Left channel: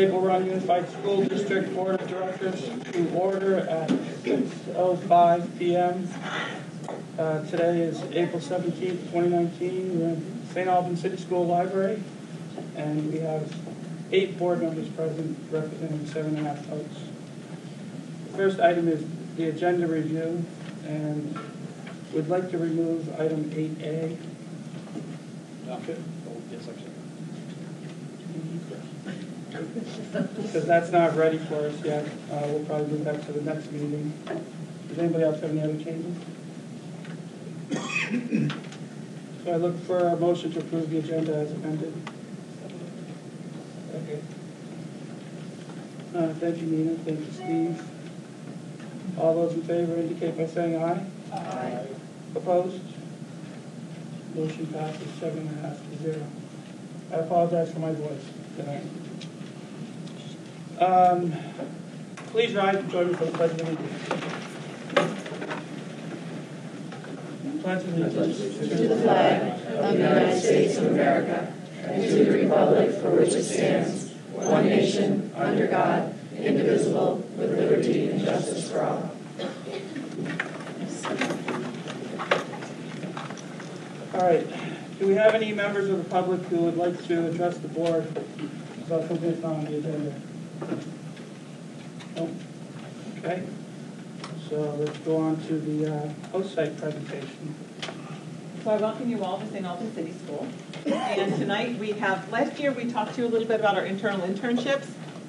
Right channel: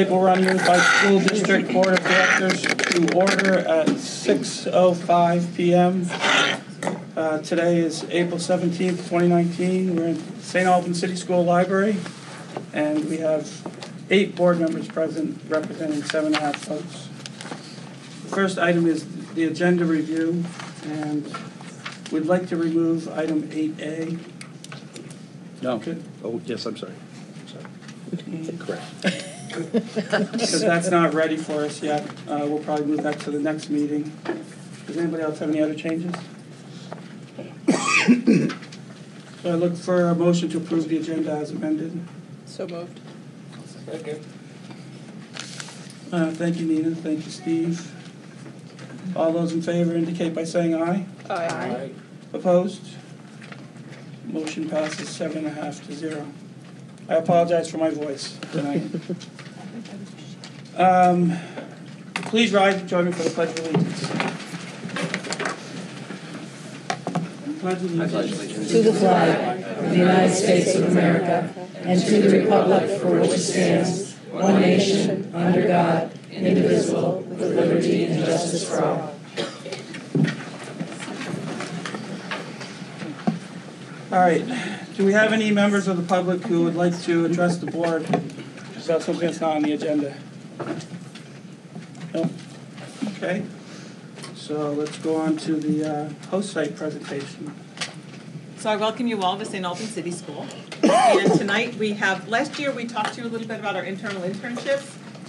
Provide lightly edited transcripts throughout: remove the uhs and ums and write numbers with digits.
Tonight we'll run moved by School District Board of Directors to order at 6:05 p.m. Today is April 17th, 2019. We're in Saint Albans City School Library, and we have 8 board members present, representing 7.5 votes. First item is the agenda review, and we'd like to remove item 8A. No. Okay. Oh, yes, I'm sorry. Correct. Because that's not ready for us yet. We'll probably move that to the next meeting. Does anybody else have any other changes? So I look for a motion to approve the agenda as amended. So moved. Second. Thank you, Nina. Thank you, Steve. All those in favor indicate by saying aye. Aye. Opposed? Motion passes 7.5 to 0. I apologize for my voice tonight. Please rise and join me for the Pledge of Allegiance. Pledge of Allegiance to the flag of the United States of America and to the republic for which it stands, one nation, under God, indivisible, with liberty and justice for all. All right. Do we have any members of the public who would like to address the board about something that's not on the agenda? No? Okay. So let's go on to the host site presentation. So I welcome you all to St. Albans City School. And tonight we have, last year we talked to you a little bit about our internal internships,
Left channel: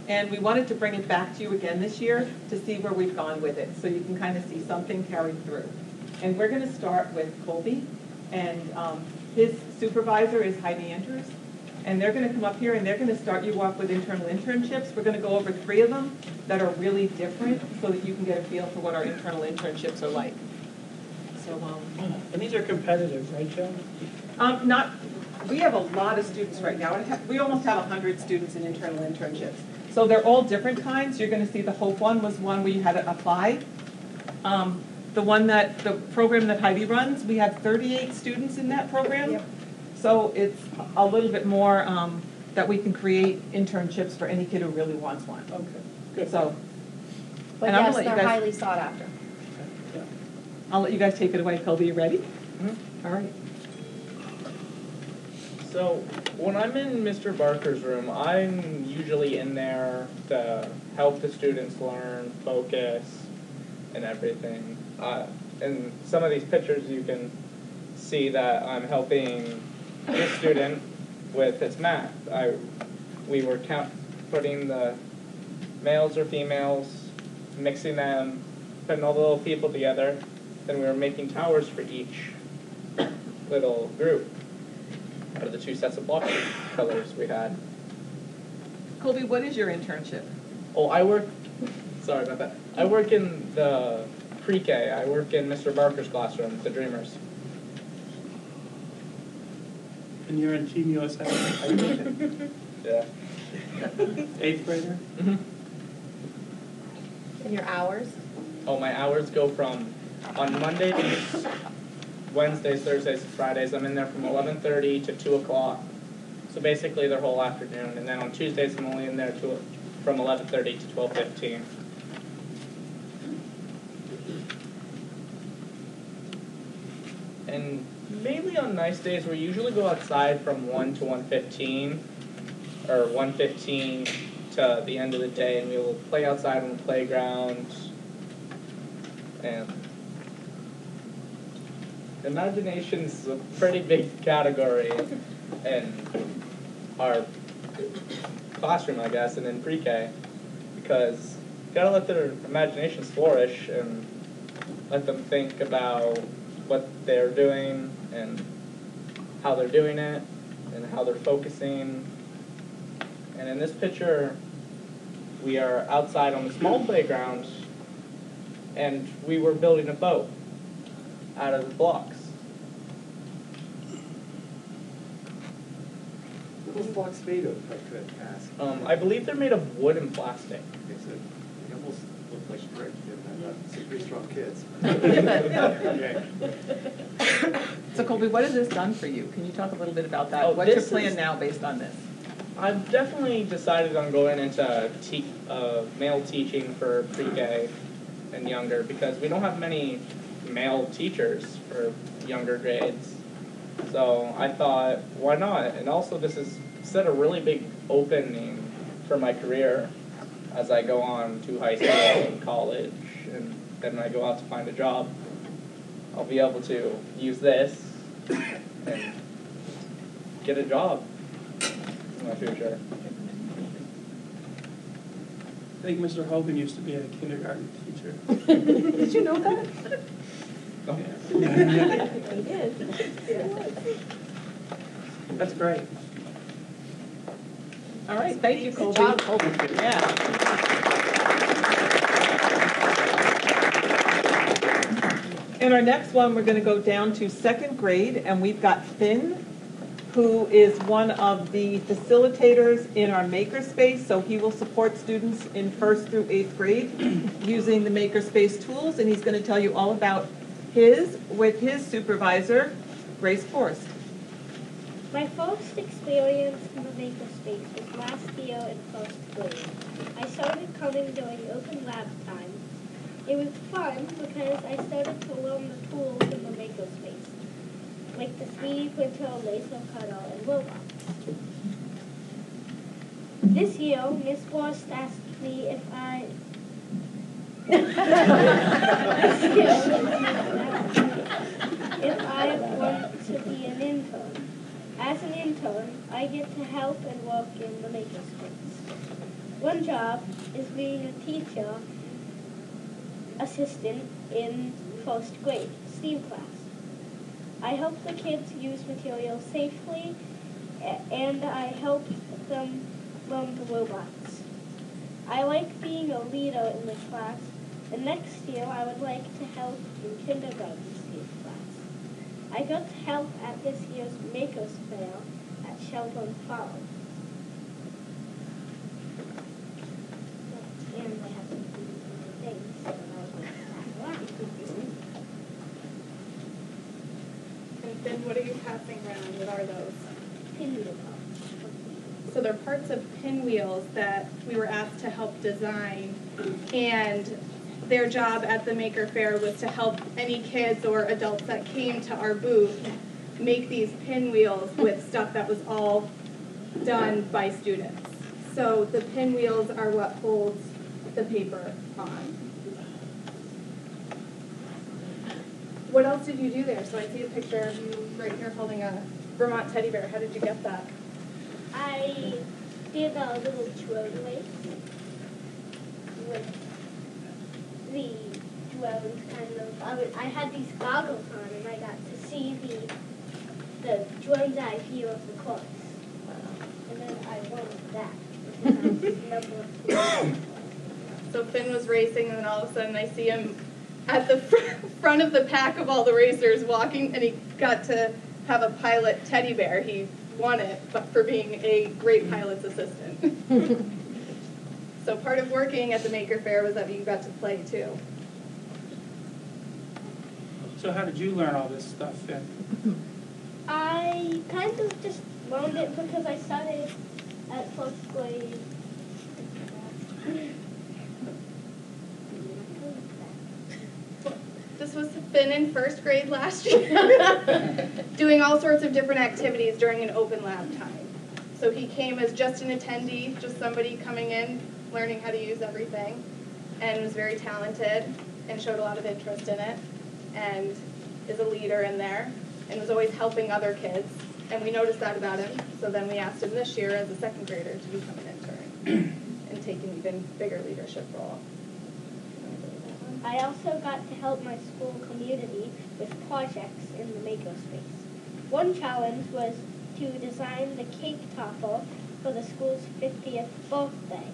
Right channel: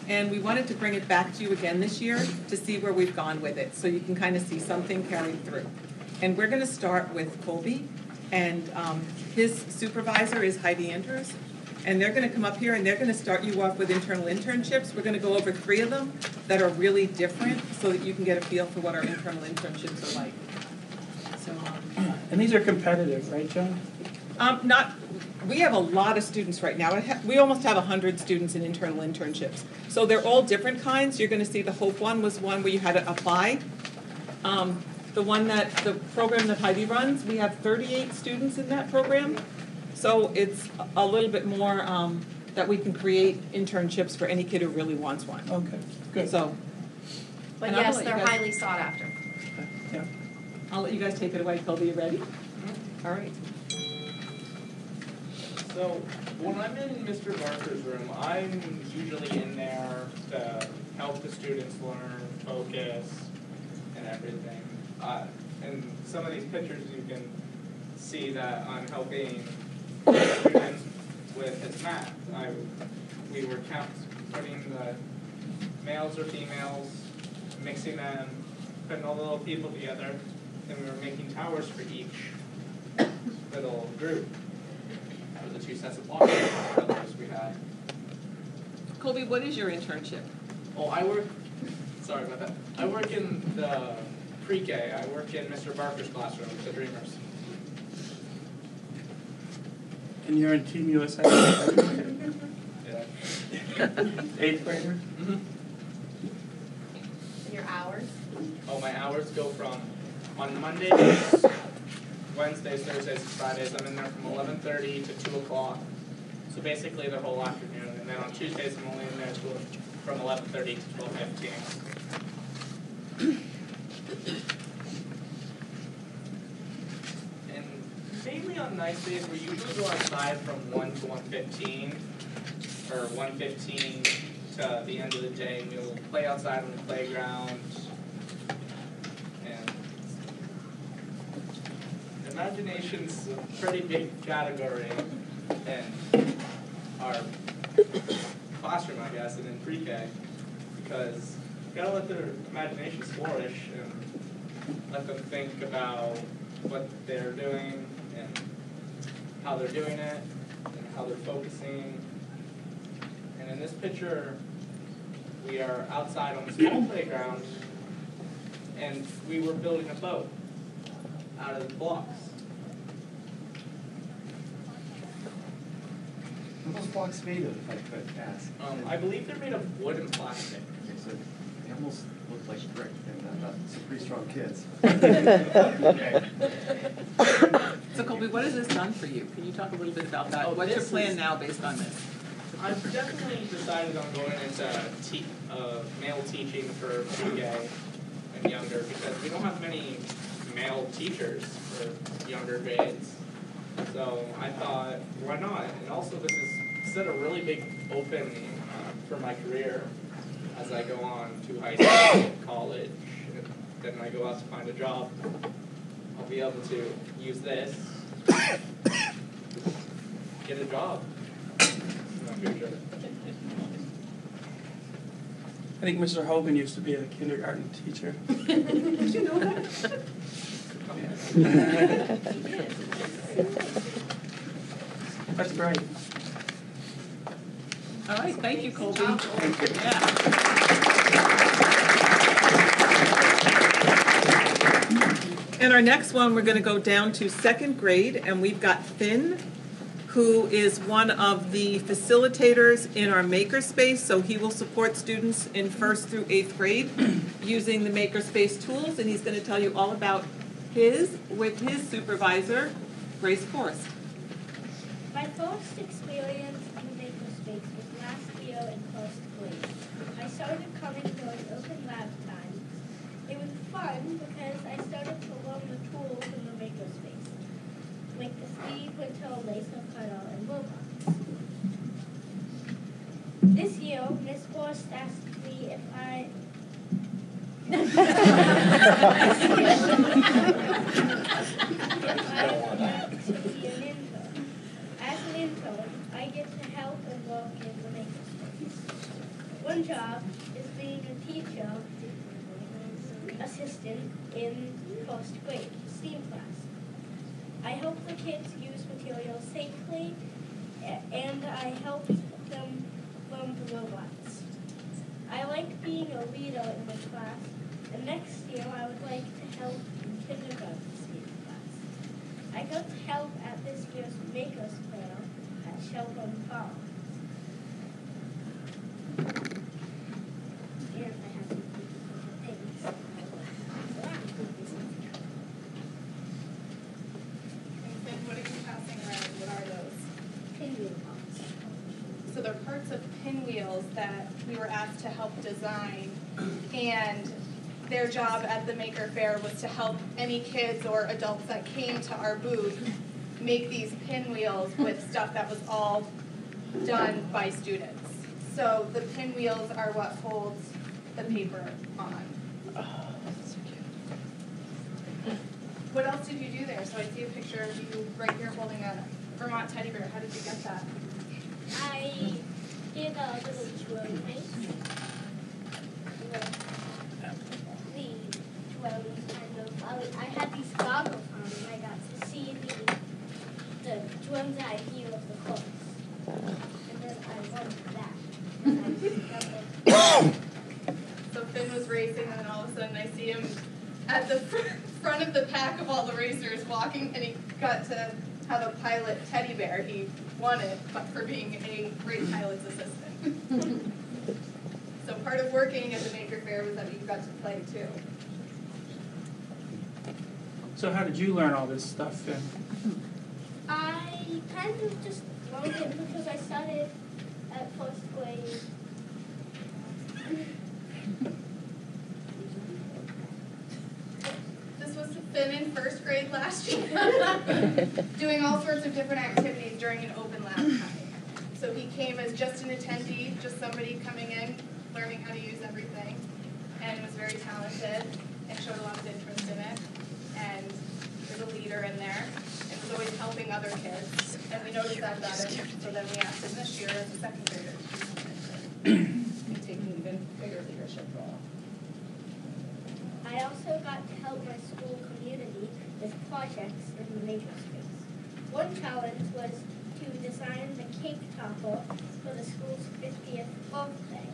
and we wanted to bring it back to you again this year to see where we've gone with it, so you can kind of see something carried through. And we're going to start with Colby, and his supervisor is Heidi Andrews. And they're going to come up here and they're going to start you off with internal internships. We're going to go over 3 of them that are really different so that you can get a feel for what our internal internships are like. So, And these are competitive, right, John? We have a lot of students right now. We almost have 100 students in internal internships. So they're all different kinds. You're going to see the Hope one was one where you had to apply. The program that Heidi runs, we have 38 students in that program. Yeah. So it's a little bit more that we can create internships for any kid who really wants one. Okay, good. So, but yes, they're highly sought after. Yeah. I'll let you guys take it away. Colby, you ready? Mm-hmm. All right. So when I'm in Mr. Barker's room, I'm usually in there to help the students learn, focus, and everything. In some of these pictures you can see that I'm helping a student with his math. We were putting the males or females, mixing them, putting all the little people together, then we were making towers for each little group out of the 2 sets of block colors we had. Colby, what is your internship? Oh, sorry about that. I work in the pre-K. I work in Mr. Barker's classroom, the Dreamers. And you're in Team USA? Yeah. 8th grader? Mm-hmm. And your hours? Oh, my hours go from, on Mondays, Wednesdays, Thursdays, Fridays, I'm in there from 11:30 to 2 o'clock. So basically their whole afternoon. And then on Tuesdays, I'm only in there from 11:30 to 12:15. And mainly on nice days, we usually go outside from 1 to 1:15, or 1:15 to the end of the day, and we will play outside on the playground. And imagination's a pretty big category in our classroom, I guess, and in pre-K, because you gotta let their imaginations flourish and let them think about what they're doing and how they're doing it and how they're focusing. And in this picture, we are outside on a small playground, and we were building a boat out of the blocks. What those blocks made of, I could ask? I believe they're made of wood and plastic. Okay, so they almost look like brick. They're not some pretty strong kids. So Colby, what has this done for you? Can you talk a little bit about that? Oh, What's your plan now based on this? I've definitely decided on going into male teaching for pre-K and younger because we don't have many male teachers for younger grades. So I thought, why not? And also this has set a really big opening for my career as I go on to high school and college, and then I go out to find a job. I'll be able to use this, get a job in my future. I think Mr. Hogan used to be a kindergarten teacher. Did you know that? That's great. All right, thank you, Colby. Yeah. And our next one, we're going to go down to second grade, and we've got Finn, who is one of the facilitators in our makerspace. So he will support students in 1st through 8th grade using the makerspace tools, and he's going to tell you all about his with his supervisor, Grace Forrest. My first experience in the makerspace was last year in 1st grade. I started coming during open lab time. It was fun because I started to learn the tools in the makerspace, like the 3D printer, laser cutter, and robots. This year, Miss Forrest asked me if I want to be an intern. As an intern, I get to help and work in the makerspace. One job is being a teacher assistant in 1st grade STEAM class. I help the kids use materials safely, and I help them learn the robots. I like being a leader in this class, and next year I would like to help in kindergarten STEAM class. I got to help at this year's Makers Fair at Sheldon Farm. And I have some things. And then what are you passing around? What are those? Pinwheel parts. So they're parts of pinwheels that we were asked to help design, and their job at the Maker Fair was to help any kids or adults that came to our booth make these pinwheels with stuff that was all done by students. So the pinwheels are what holds the paper on. What else did you do there? So I see a picture of you right here holding a Vermont teddy bear. How did you get that? I did a little twirl race with the drones kind of. I had these goggles on and I got to see the drone's eye view of the course. And then I won that. So Finn was racing, and then all of a sudden I see him at the front of the pack of all the racers walking, and he got to have a pilot teddy bear. He won it, but for being a great pilot's assistant. So part of working at the Maker Fair was that you got to play too. So how did you learn all this stuff, Finn? I kind of just learned it because I started at 1st grade. This was Finn in 1st grade last year, doing all sorts of different activities during an open lab time. So he came as just an attendee, just somebody coming in, learning how to use everything, and was very talented and showed a lot of interest in it, and is a leader in there, and was always helping other kids. And we noticed that about him, so then we asked him this year as a 2nd grader to do some mentoring and take an even bigger leadership role. I also got to help my school community with projects in the makerspace. One challenge was to design the cake topper for the school's 50th birthday.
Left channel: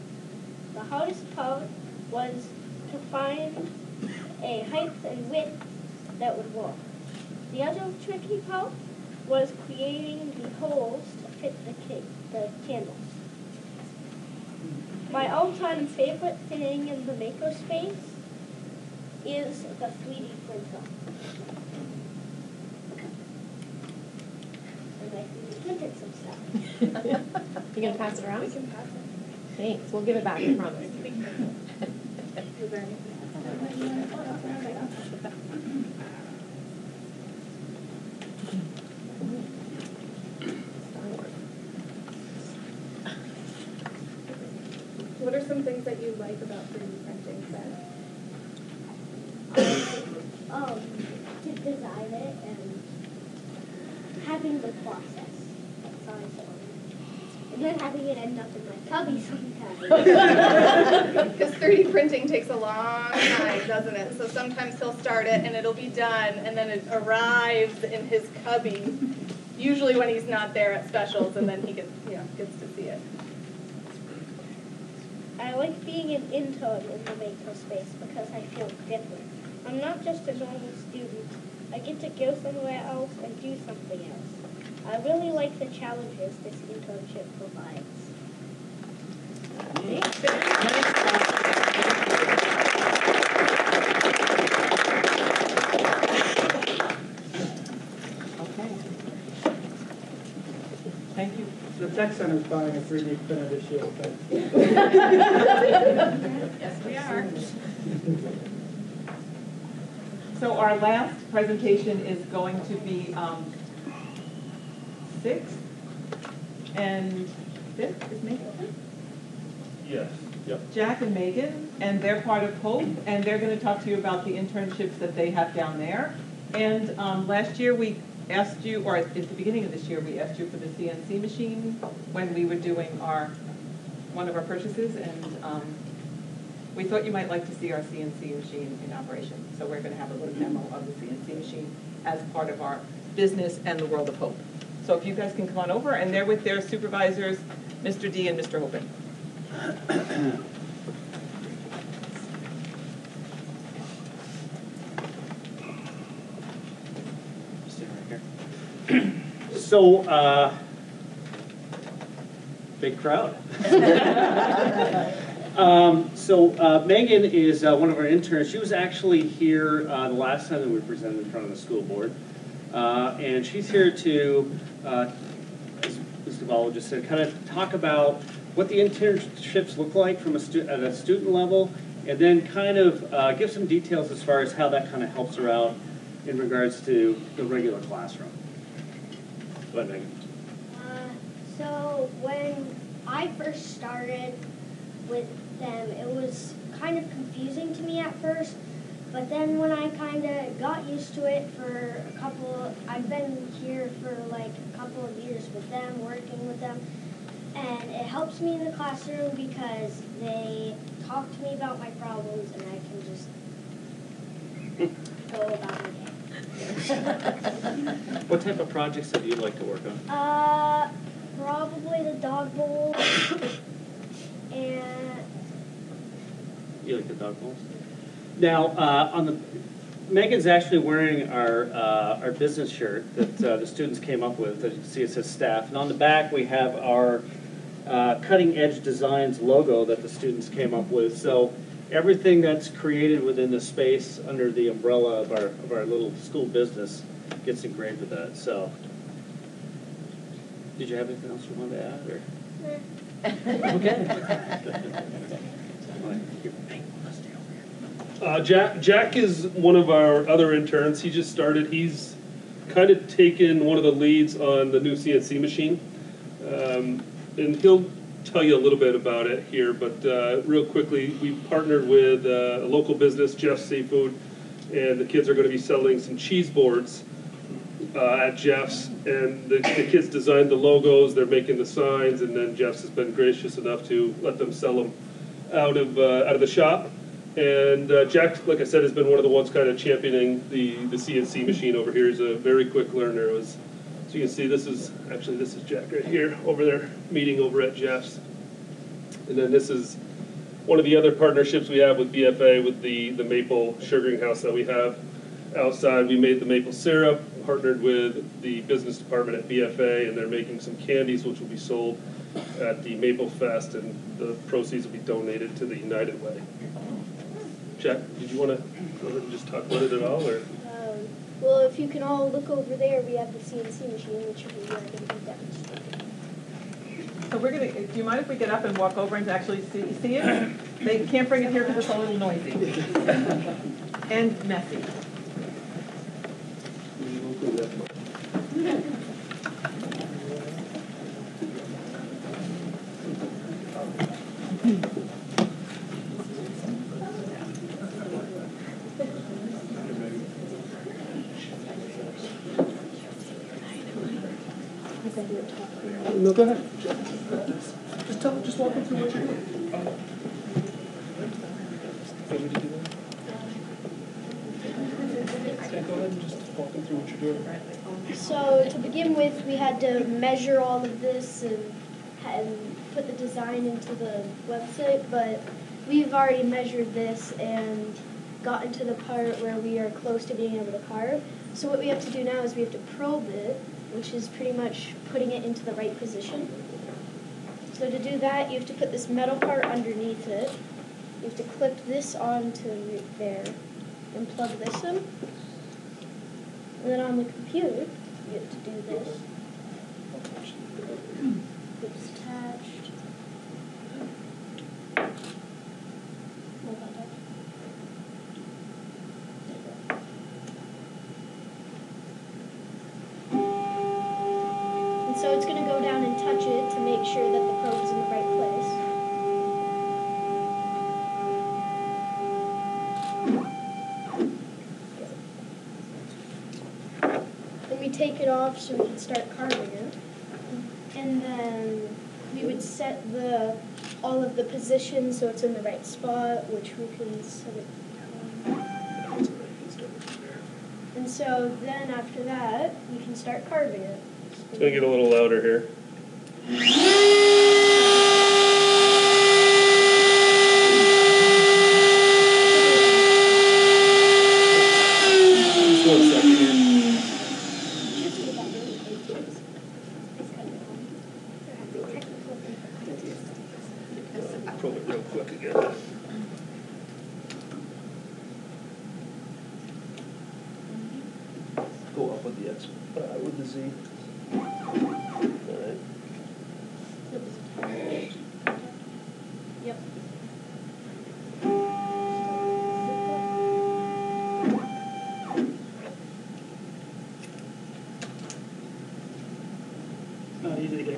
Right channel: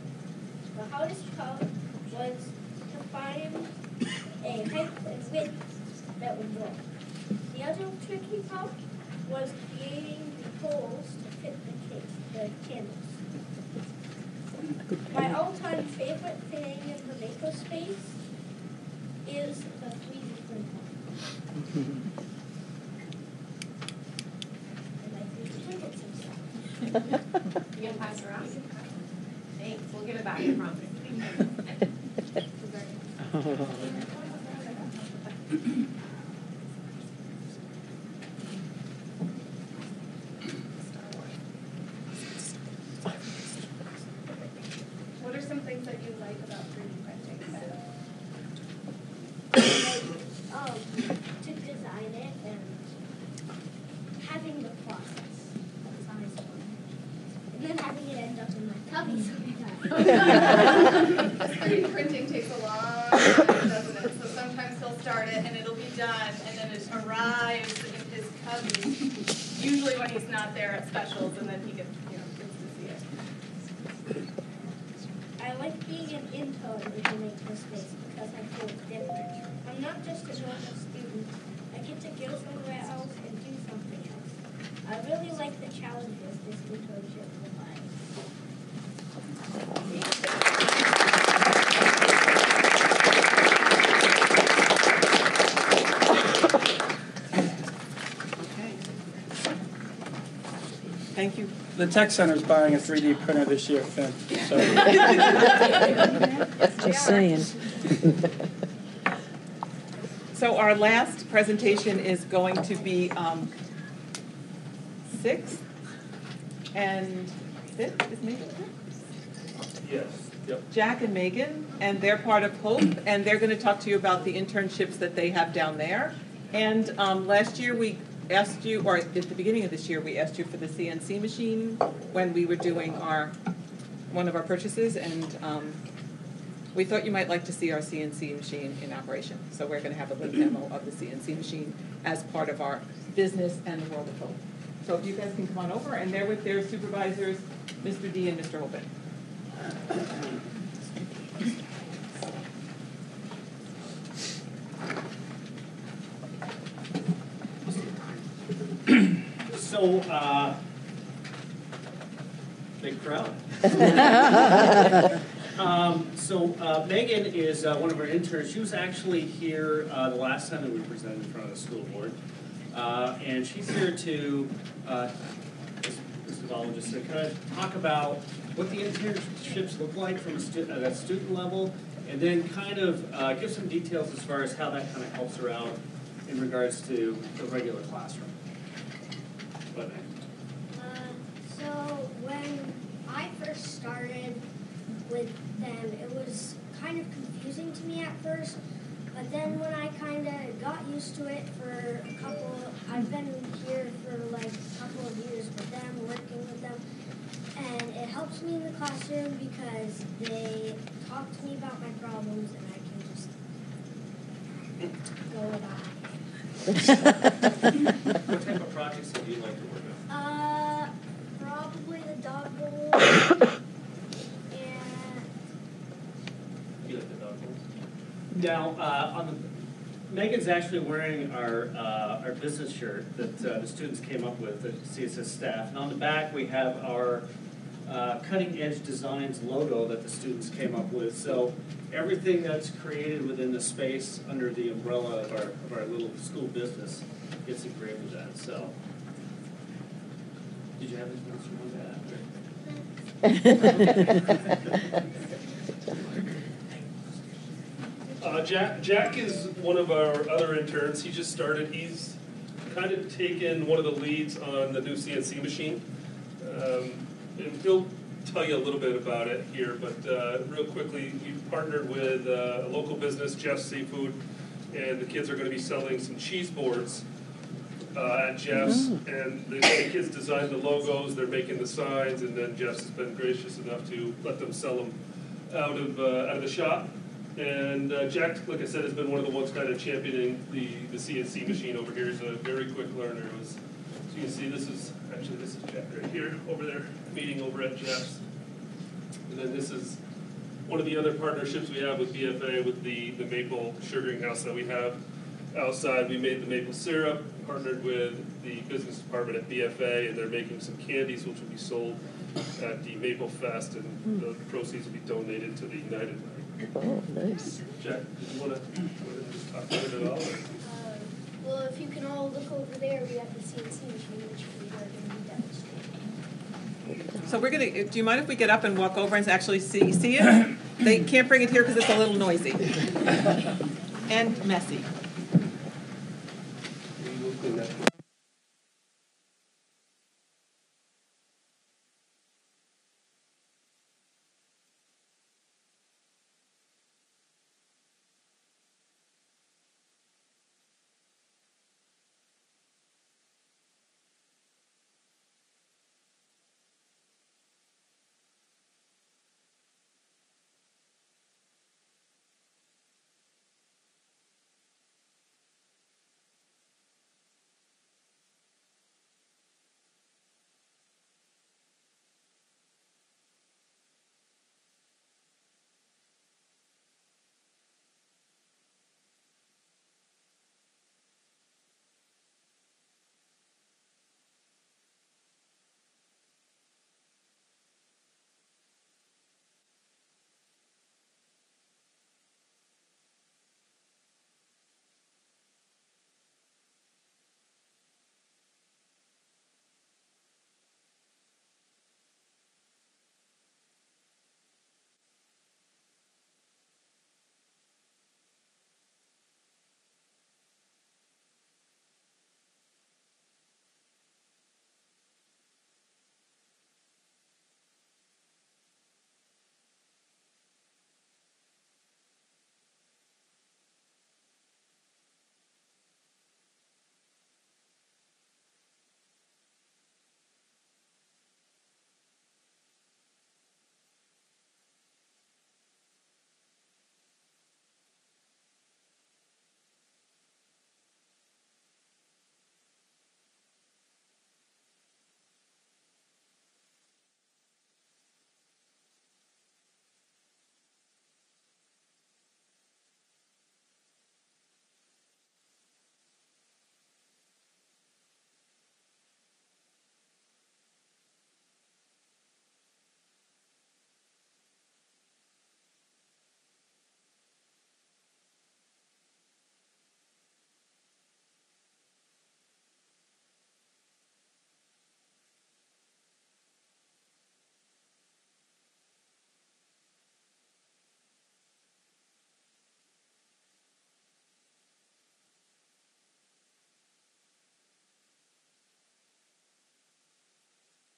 The hardest part was to find a height and width that would work. The other tricky part was creating the holes to fit the candles. My all-time favorite thing in the makerspace is the 3D printer. And I 3D printed some stuff. You gonna pass it around? We can pass it. Thanks, we'll give it back, I promise. Was there- What are some things that you like about 3D printing? To design it and having the process. That's always fun. And then having it end up in my tummy sometimes. Because 3D printing takes a long time, doesn't it? So sometimes he'll start it and it'll be done, and then it arrives in his cubby, usually when he's not there at specials, and then he gets to see it. I like being an intern in the makerspace because I feel different. I'm not just a normal student. I get to go somewhere else and do something else. I really like the challenges this internship provides. Okay. Thank you. The Tech Center's buying a 3D printer this year, Finn. Just saying. So our last presentation is going to be 6th and 5th is Megan? Yes. Yep. Jack and Megan, and they're part of Hope, and they're going to talk to you about the internships that they have down there. And last year we asked you, or at the beginning of this year, we asked you for the CNC machine when we were doing one of our purchases, and we thought you might like to see our CNC machine in operation. So we're going to have a little demo of the CNC machine as part of our business and the World of Hope. So if you guys can come on over, and they're with their supervisors, Mr. D and Mr. Holben. So, big crowd. Megan is one of our interns. She was actually here the last time that we presented in front of the school board. And she's here to, as Mr. Ball just said, kind of talk about what the internships look like from at a student level, and then kind of give some details as far as how that kind of helps her out in regards to the regular classroom. What, Megan? So when I first started with them, it was kind of confusing to me at first, but then when I kind of got used to it for I've been here for like a couple of years with them, working with them, and it helps me in the classroom because they talk to me about my problems and I can just go about my day. What type of projects do you like to work on? Probably the dog bowl and You like the dog bowls? Now, Megan's actually wearing our business shirt that the students came up with. That you see it says staff, and on the back we have our Cutting Edge Designs logo that the students came up with. So everything that's created within the space under the umbrella of our little school business gets engraved with that. So, did you have anything else you wanted to add? Jack is one of our other interns. He just started. He's kind of taken one of the leads on the new CNC machine. And he'll tell you a little bit about it here, but real quickly, we partnered with a local business, Jeff's Seafood, and the kids are going to be selling some cheese boards at Jeff's, and the kids designed the logos, they're making the signs, and then Jeff's has been gracious enough to let them sell them out of the shop. And Jack, like I said, has been one of the ones kind of championing the CNC machine over here. He's a very quick learner. So you can see this is Jack right here over there, meeting over at Jeff's. And then this is one of the other partnerships we have with BFA with the maple sugaring house that we have outside. We made the maple syrup, partnered with the business department at BFA, and they're making some candies which will be sold at the Maple Fest, and the proceeds will be donated to the United Way. Oh, nice. Jack, did you want to just talk about it at all? Or? well, if you can all look over there, we have the CNC machine, which we are going to be demonstrating. So we're gonna, do you mind if we get up and walk over and actually see it? They can't bring it here because it's a little noisy. And messy. No, go ahead. Just walk them through what you're doing. Want me to do that? Okay, go ahead and just walk them through what you're doing. So to begin with, we had to measure all of this and put the design into the website, but we've already measured this and gotten to the part where we are close to being able to carve. So what we have to do now is we have to probe it, which is pretty much putting it into the right position. So to do that, you have to put this metal part underneath it. You have to clip this onto there and plug this in. And then on the computer, you have to do this. It's attached. And so it's going to go down and touch it to make sure that the probe's in the right place. Then we take it off so we can start carving it. And then we would set all of the positions so it's in the right spot, which we can set it. And so then after that, we can start carving it. It's going to get a little louder here. Just 1 second here. Probe it real quick again. Go up with the X, with the Z. Alright. Yep. Not easy to get.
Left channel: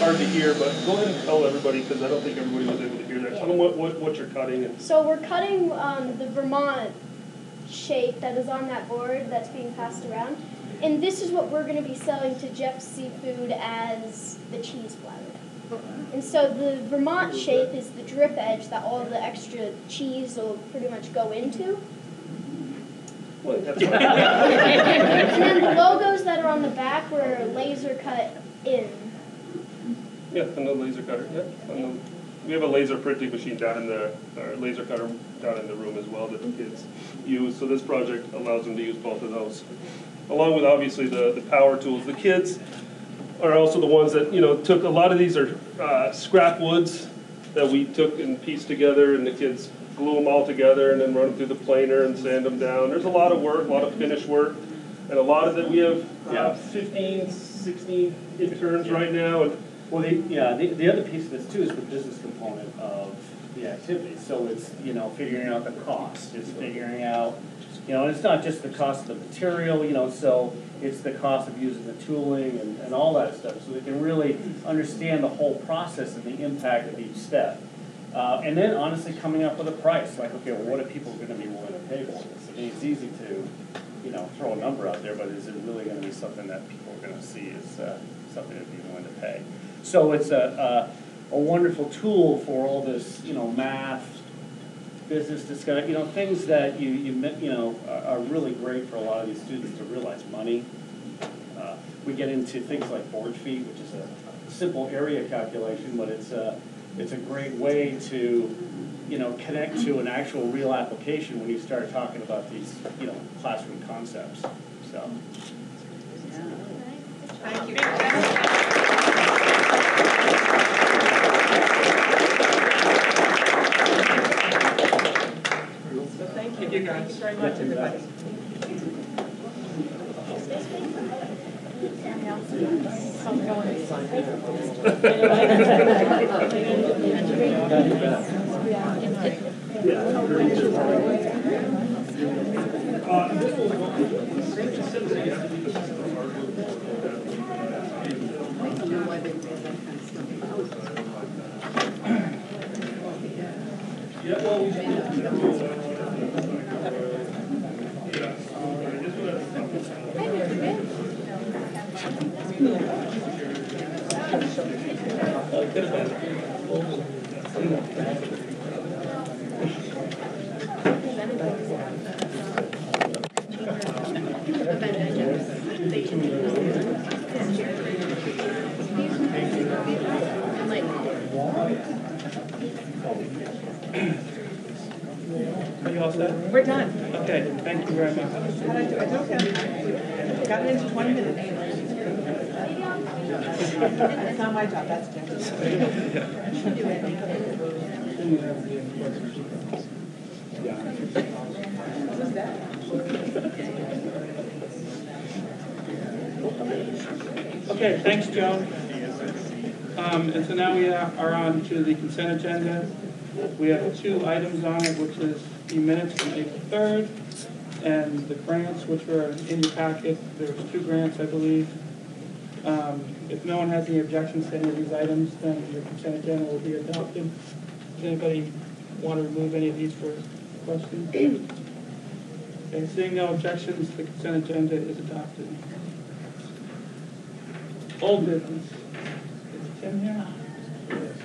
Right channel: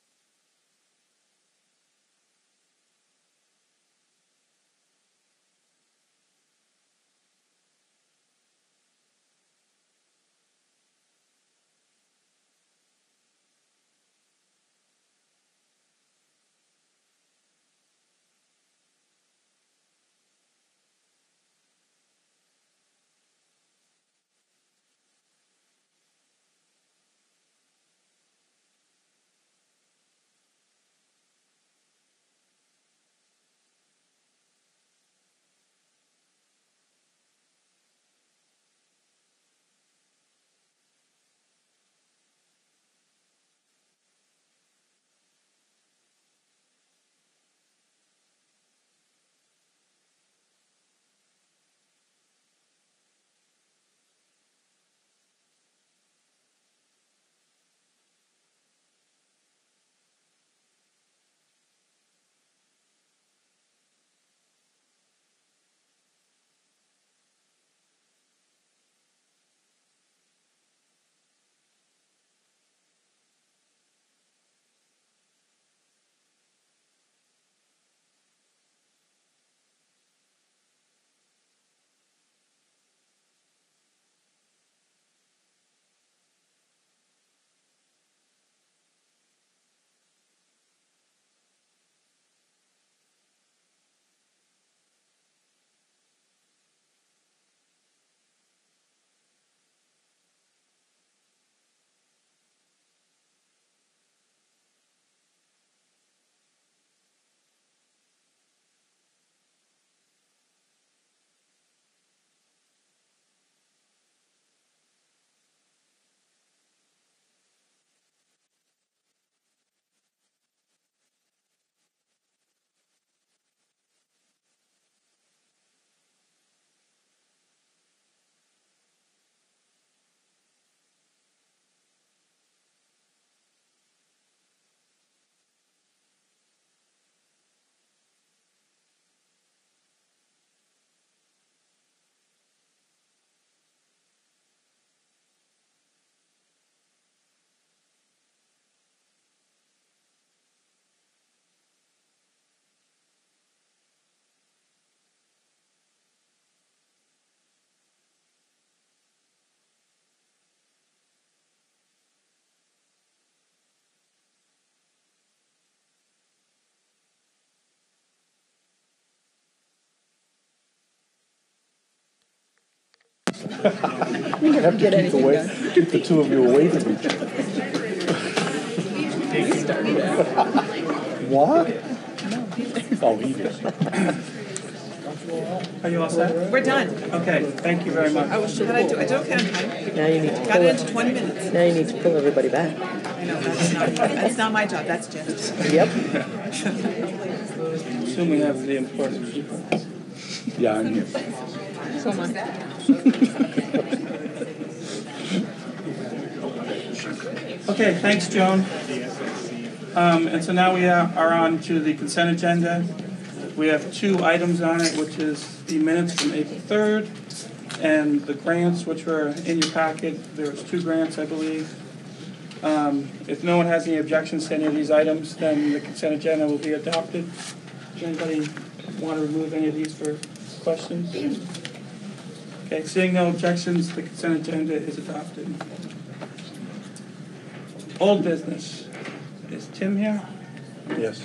Hard to hear, but go ahead and tell everybody, because I don't think everybody was able to hear that. Tell them what you're cutting. And So we're cutting the Vermont shape that is on that board that's being passed around. And this is what we're going to be selling to Jeff's Seafood as the cheese platter. And so the Vermont shape is the drip edge that all the extra cheese will pretty much go into. well, that's And then the logos that are on the back were laser cut in. yeah, and the laser cutter. Yeah, and we have a laser printing machine down in the laser cutter down in the room as well that the kids use. So this project allows them to use both of those, along with obviously the power tools. The kids are also the ones that took a lot of these are scrap woods that we took and pieced together, and the kids glue them all together and then run them through the planer and sand them down. There's a lot of work, a lot of finish work. And a lot of them, we have 15, 16 interns right now. And Well, the other piece of this too is the business component of the activity. So it's, figuring out the cost, it's figuring out, and it's not just the cost of the material, so it's the cost of using the tooling and all that stuff. So they can really understand the whole process and the impact of each step. And then honestly coming up with a price, like, okay, well, what are people going to be willing to pay for this? I mean, it's easy to, throw a number out there, but is it really going to be something that people are going to see as something to be willing to pay? So it's a wonderful tool for all this, math, business discussion, things that are really great for a lot of these students to realize money. We get into things like board fee, which is a simple area calculation, but it's a great way to, connect to an actual real application when you start talking about these, classroom concepts. So. Thank you. So thank you guys. Thank you very much, everybody. You have to keep the two of you away from each other. What? I'll leave you. Are you all set? We're done. Okay, thank you very much. What did I do? I did okay on time. Now you need to Got it into 20 minutes. Now you need to pull everybody back. That's not my job, that's Jim's. Yep. Assume we have the important people. Yeah, I mean, Someone's that. Okay, thanks, Joan. And so now we are on to the consent agenda. We have 2 items on it, which is the minutes from April 3rd and the grants, which were in your packet. There was 2 grants, I believe. If no one has any objections to any of these items, then the consent agenda will be adopted. Does anybody want to remove any of these for questions? Okay, seeing no objections, the consent agenda is adopted. Old business. Is Tim here? yes.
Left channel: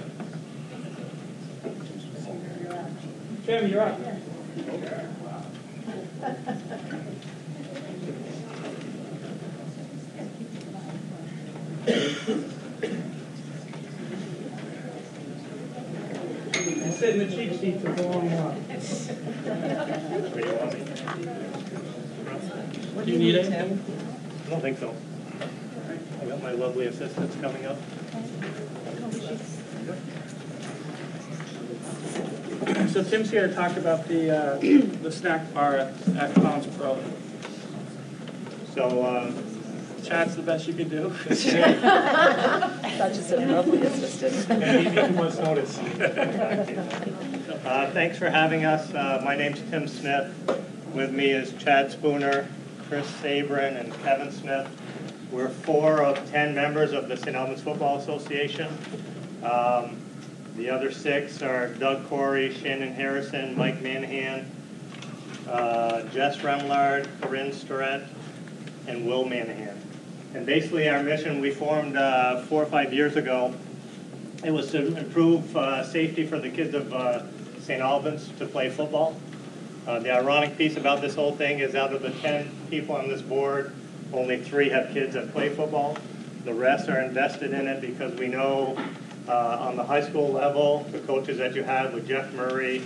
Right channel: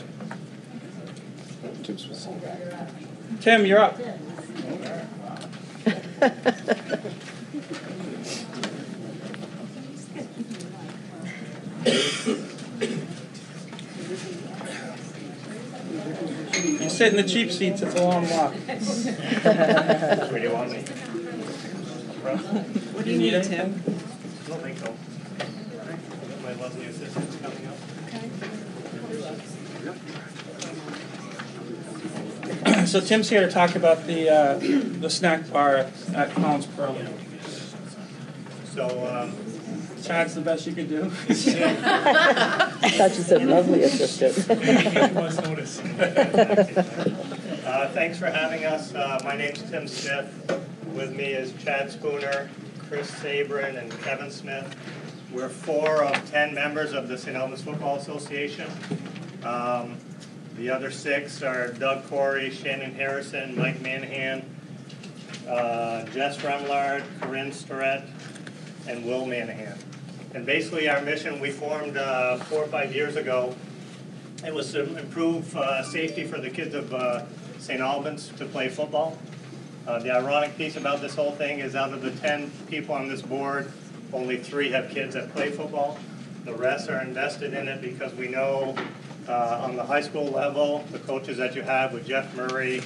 Tim, you're up. You sit in the cheap seats, it's a long walk. Where do you want me? Do you need anything? I don't think so. Got my lovely assistants coming up. So Tim's here to talk about the snack bar at Collins Pro. So, Chad's the best you could do. I thought you said lovely assistant. notice. Thanks for having us. My name's Tim Smith. With me is Chad Spooner, Chris Sabrin, and Kevin Smith. We're 4 of 10 members of the Saint Albans Football Association. The other 6 are Doug Corey, Shannon Harrison, Mike Manahan, Jess Remlard, Corinne Storette, and Will Manahan. And basically our mission, we formed 4 or 5 years ago. It was to improve safety for the kids of St. Albans to play football. The ironic piece about this whole thing is out of the 10 people on this board, only 3 have kids that play football. The rest are invested in it because we know on the high school level, the coaches that you have with Jeff Murray,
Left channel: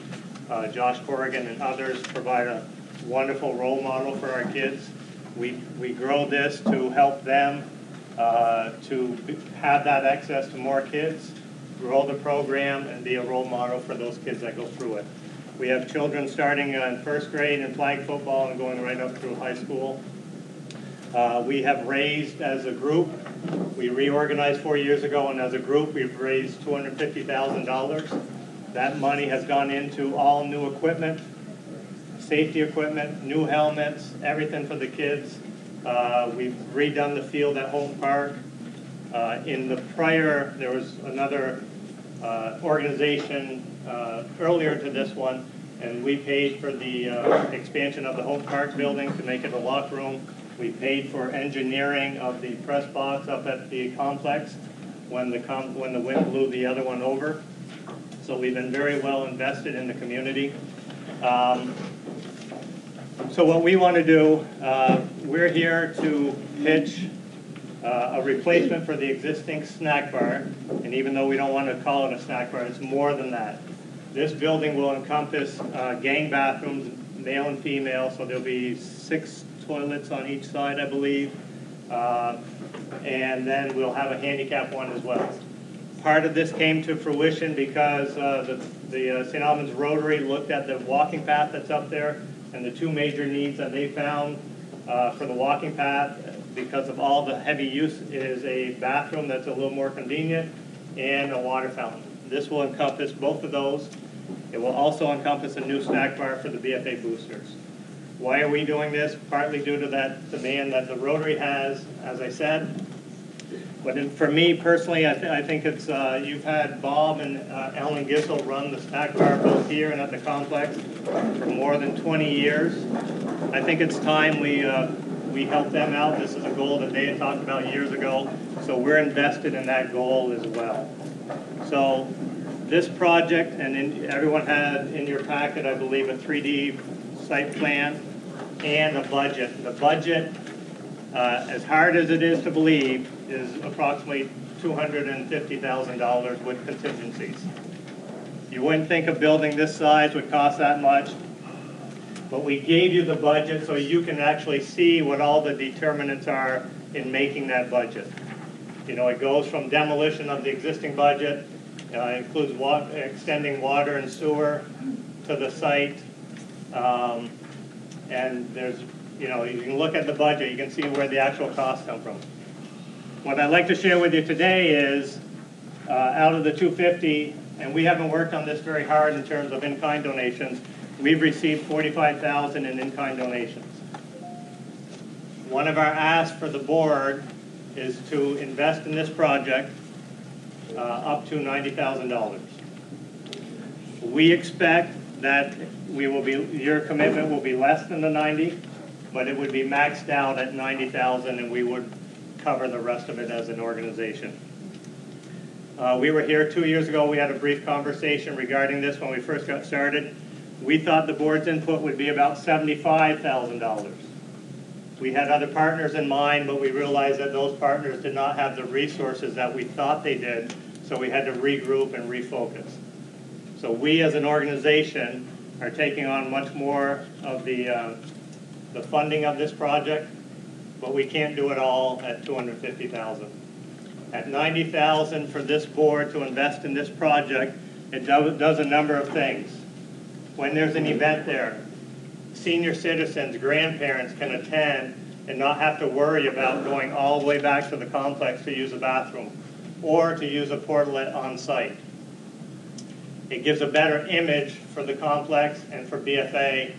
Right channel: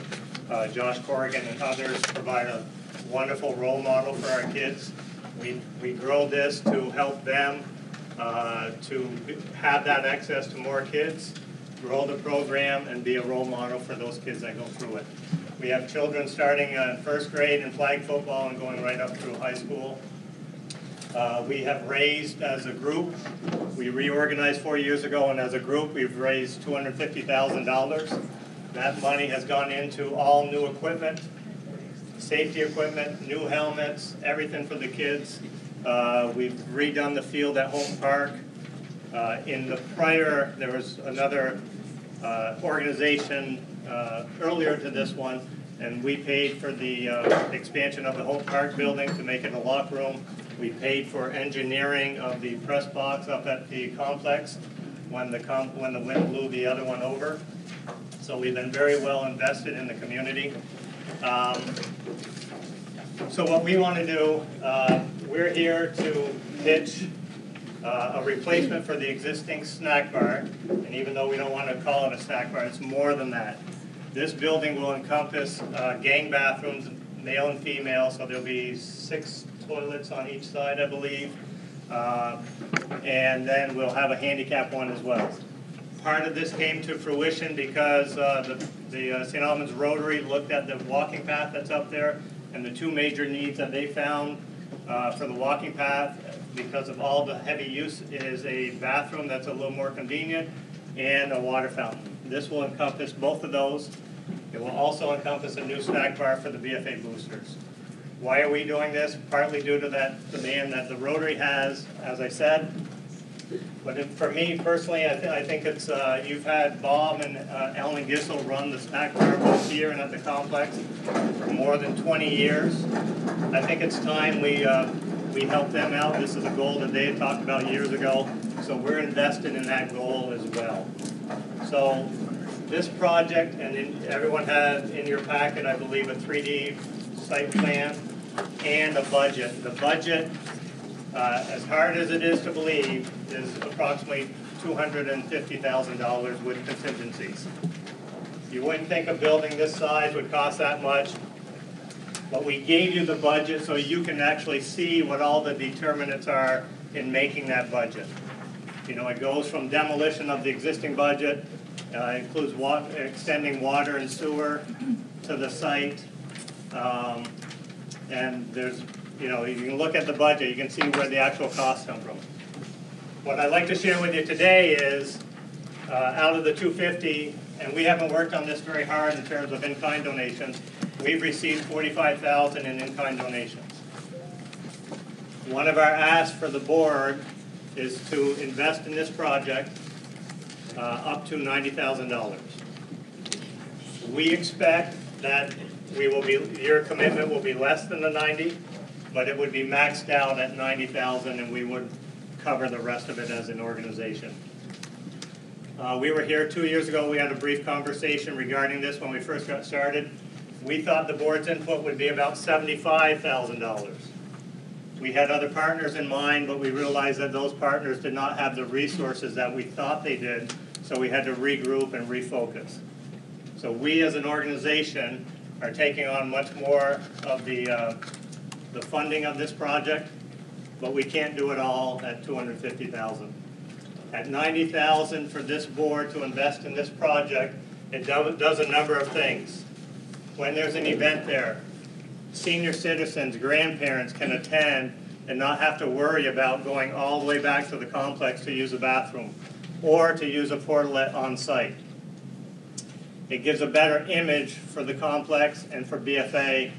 Josh Corrigan, and others provide a wonderful role model for our kids. We grow this to help them to have that access to more kids, grow the program, and be a role model for those kids that go through it. We have children starting in 1st grade in flag football and going right up through high school. We have raised as a group, we reorganized 4 years ago, and as a group we've raised $250,000. That money has gone into all new equipment, safety equipment, new helmets, everything for the kids. We've redone the field at Home Park. In the prior, there was another organization earlier to this one, and we paid for the expansion of the Home Park building to make it a locker room. We paid for engineering of the press box up at the complex when the wind blew the other one over. So we've been very well invested in the community. So what we want to do, we're here to pitch a replacement for the existing snack bar, and even though we don't want to call it a snack bar, it's more than that. This building will encompass gang bathrooms, male and female, so there'll be 6 toilets on each side, I believe, and then we'll have a handicap one as well. Part of this came to fruition because the St. Albans Rotary looked at the walking path that's up there, and the 2 major needs that they found for the walking path, because of all the heavy use, is a bathroom that's a little more convenient and a water fountain. This will encompass both of those. It will also encompass a new snack bar for the BFA boosters. Why are we doing this? Partly due to that demand that the Rotary has, as I said. But for me personally, I think it's, you've had Bob and Ellen Gissel run the snack bar both here and at the complex for more than 20 years. I think it's time we help them out. This is a goal that they had talked about years ago, so we're invested in that goal as well. So this project, and everyone had in your packet, I believe, a 3D site plan and a budget. The budget, as hard as it is to believe, is approximately $250,000 with contingencies. You wouldn't think a building this size would cost that much, but we gave you the budget so you can actually see what all the determinants are in making that budget. You know, it goes from demolition of the existing budget, includes extending water and sewer to the site, and there's, you know, you can look at the budget, you can see where the actual costs come from. What I'd like to share with you today is, out of the 250, and we haven't worked on this very hard in terms of in-kind donations, we've received $45,000 in in-kind donations. One of our asks for the board is to invest in this project up to $90,000. We expect that your commitment will be less than the 90, but it would be maxed out at $90,000, and we would cover the rest of it as an organization. We were here 2 years ago. We had a brief conversation regarding this when we first got started. We thought the board's input would be about $75,000. We had other partners in mind, but we realized that those partners did not have the resources that we thought they did, so we had to regroup and refocus. So we as an organization are taking on much more of the funding of this project, but we can't do it all at $250,000. At $90,000 for this board to invest in this project, it does a number of things. When there's an event there, senior citizens, grandparents can attend and not have to worry about going all the way back to the complex to use a bathroom or to use a portalet on site. It gives a better image for the complex and for BFA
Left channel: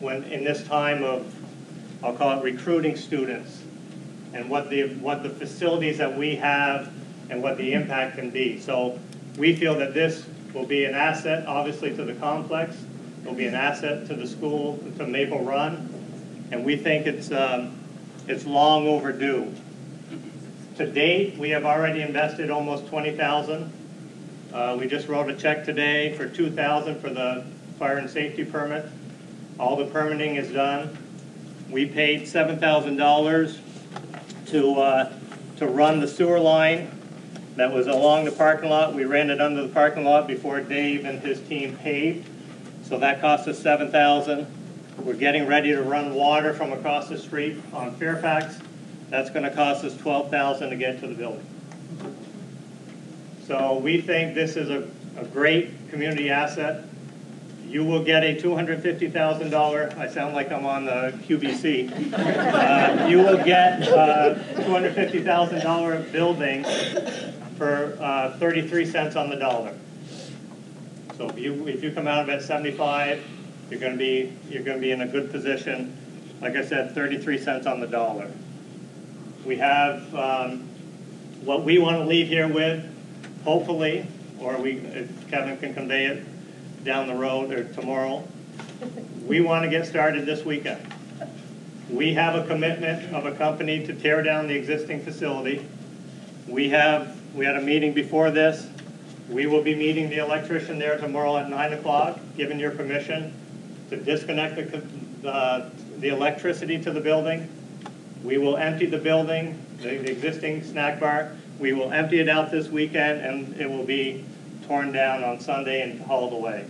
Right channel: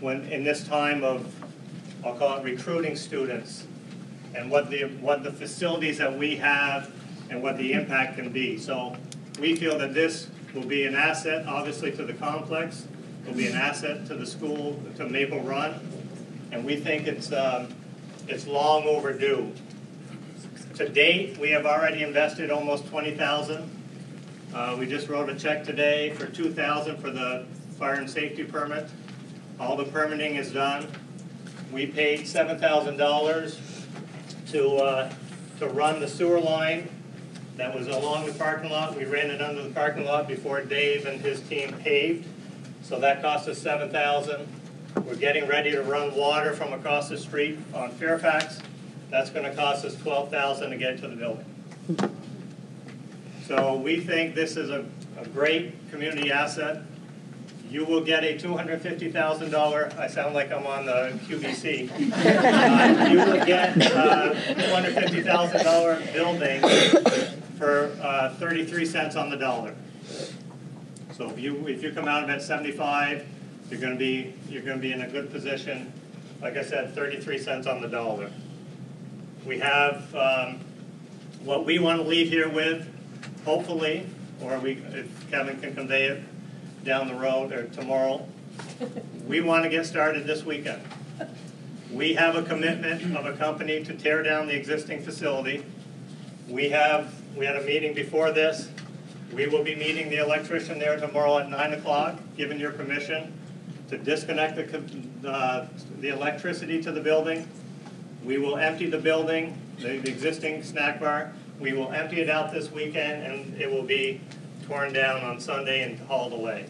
when in this time of, I'll call it recruiting students, and what the facilities that we have and what the impact can be. So we feel that this will be an asset, obviously, to the complex. It will be an asset to the school, to Maple Run, and we think it's long overdue. To date, we have already invested almost $20,000. We just wrote a check today for $2,000 for the fire and safety permit. All the permitting is done. We paid $7,000 to run the sewer line that was along the parking lot. We ran it under the parking lot before Dave and his team paved. So that cost us $7,000. We're getting ready to run water from across the street on Fairfax. That's going to cost us $12,000 to get to the building. So we think this is a great community asset. you will get a $250,000, I sound like I'm on the QVC. You will get a $250,000 building for 33 cents on the dollar. So if you come out of it at 75, you're going to be in a good position. Like I said, 33 cents on the dollar. We have what we want to leave here with, hopefully, or if Kevin can convey it down the road or tomorrow. We want to get started this weekend. We have a commitment of a company to tear down the existing facility. We had a meeting before this. We will be meeting the electrician there tomorrow at 9 o'clock, given your permission to disconnect the electricity to the building. We will empty the building, the existing snack bar. We will empty it out this weekend, and it will be torn down on Sunday and hauled away.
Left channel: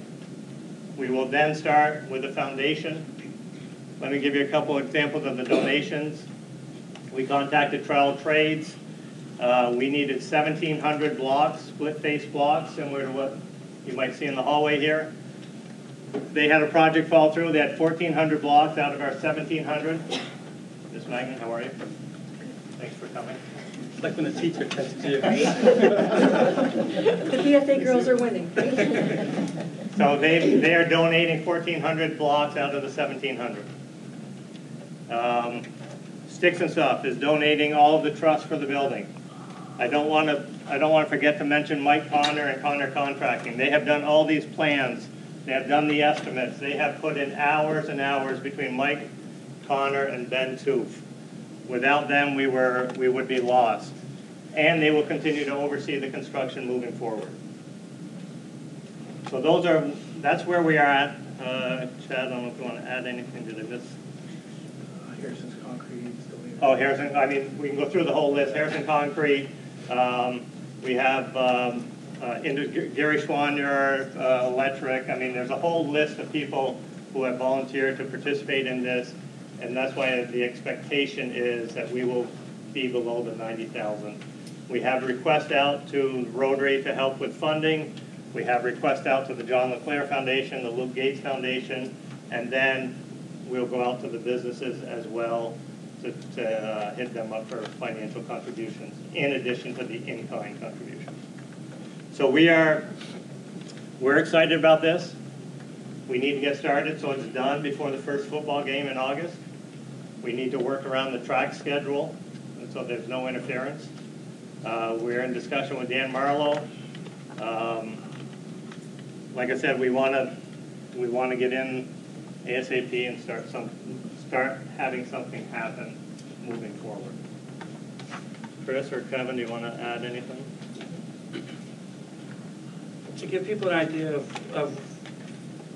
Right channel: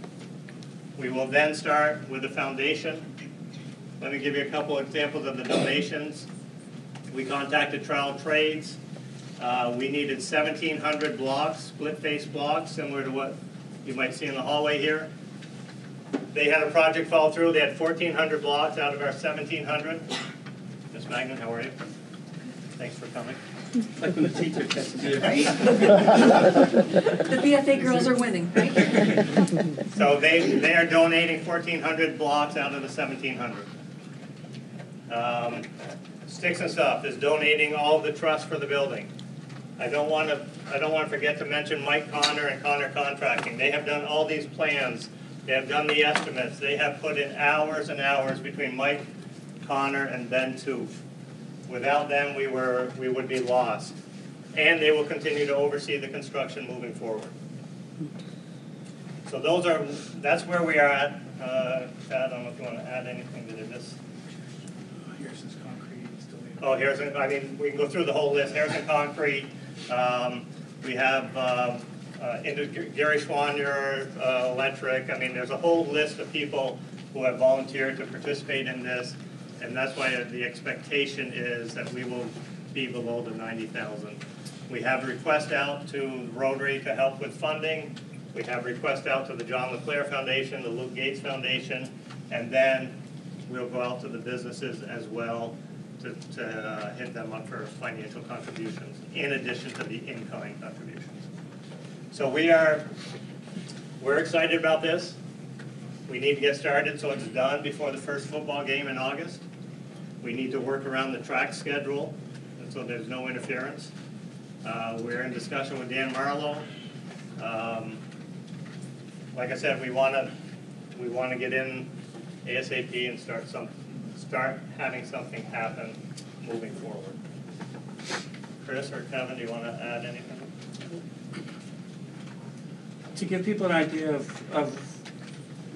We will then start with the foundation. Let me give you a couple examples of the donations. We contacted Trial Trades. We needed 1,700 blocks, split-face blocks, similar to what you might see in the hallway here. They had a project fall through. They had 1,400 blocks out of our 1,700. Miss Magnan, how are you? Thanks for coming. It's like when the teacher gets to you. The BFA girls are winning, right? So they are donating 1,400 blocks out of the 1,700. Sticks and Stuff is donating all of the trust for the building. I don't want to forget to mention Mike Connor and Connor Contracting. They have done all these plans. They have done the estimates. They have put in hours and hours between Mike, Connor, and Ben Toof. Without them, we would be lost. And they will continue to oversee the construction moving forward. So that's where we are at. Chad, I don't know if you want to add anything to this. Harrison's Concrete. Oh, Harrison, I mean, we can go through the whole list. Harrison Concrete. We have Gary Schwanier, Electric. I mean, there's a whole list of people who have volunteered to participate in this. And that's why the expectation is that we will be below the 90,000. We have a request out to Rotary to help with funding. We have a request out to the John LeClaire Foundation, the Luke Gates Foundation, and then we'll go out to the businesses as well to hit them up for financial contributions, in addition to the in-kind contributions. So we're excited about this. We need to get started so it's done before the first football game in August. We need to work around the track schedule so there's no interference. We're in discussion with Dan Marlowe. Like I said, we want to get in ASAP and start having something happen moving forward. Chris or Kevin, do you want to add anything? To give people an idea of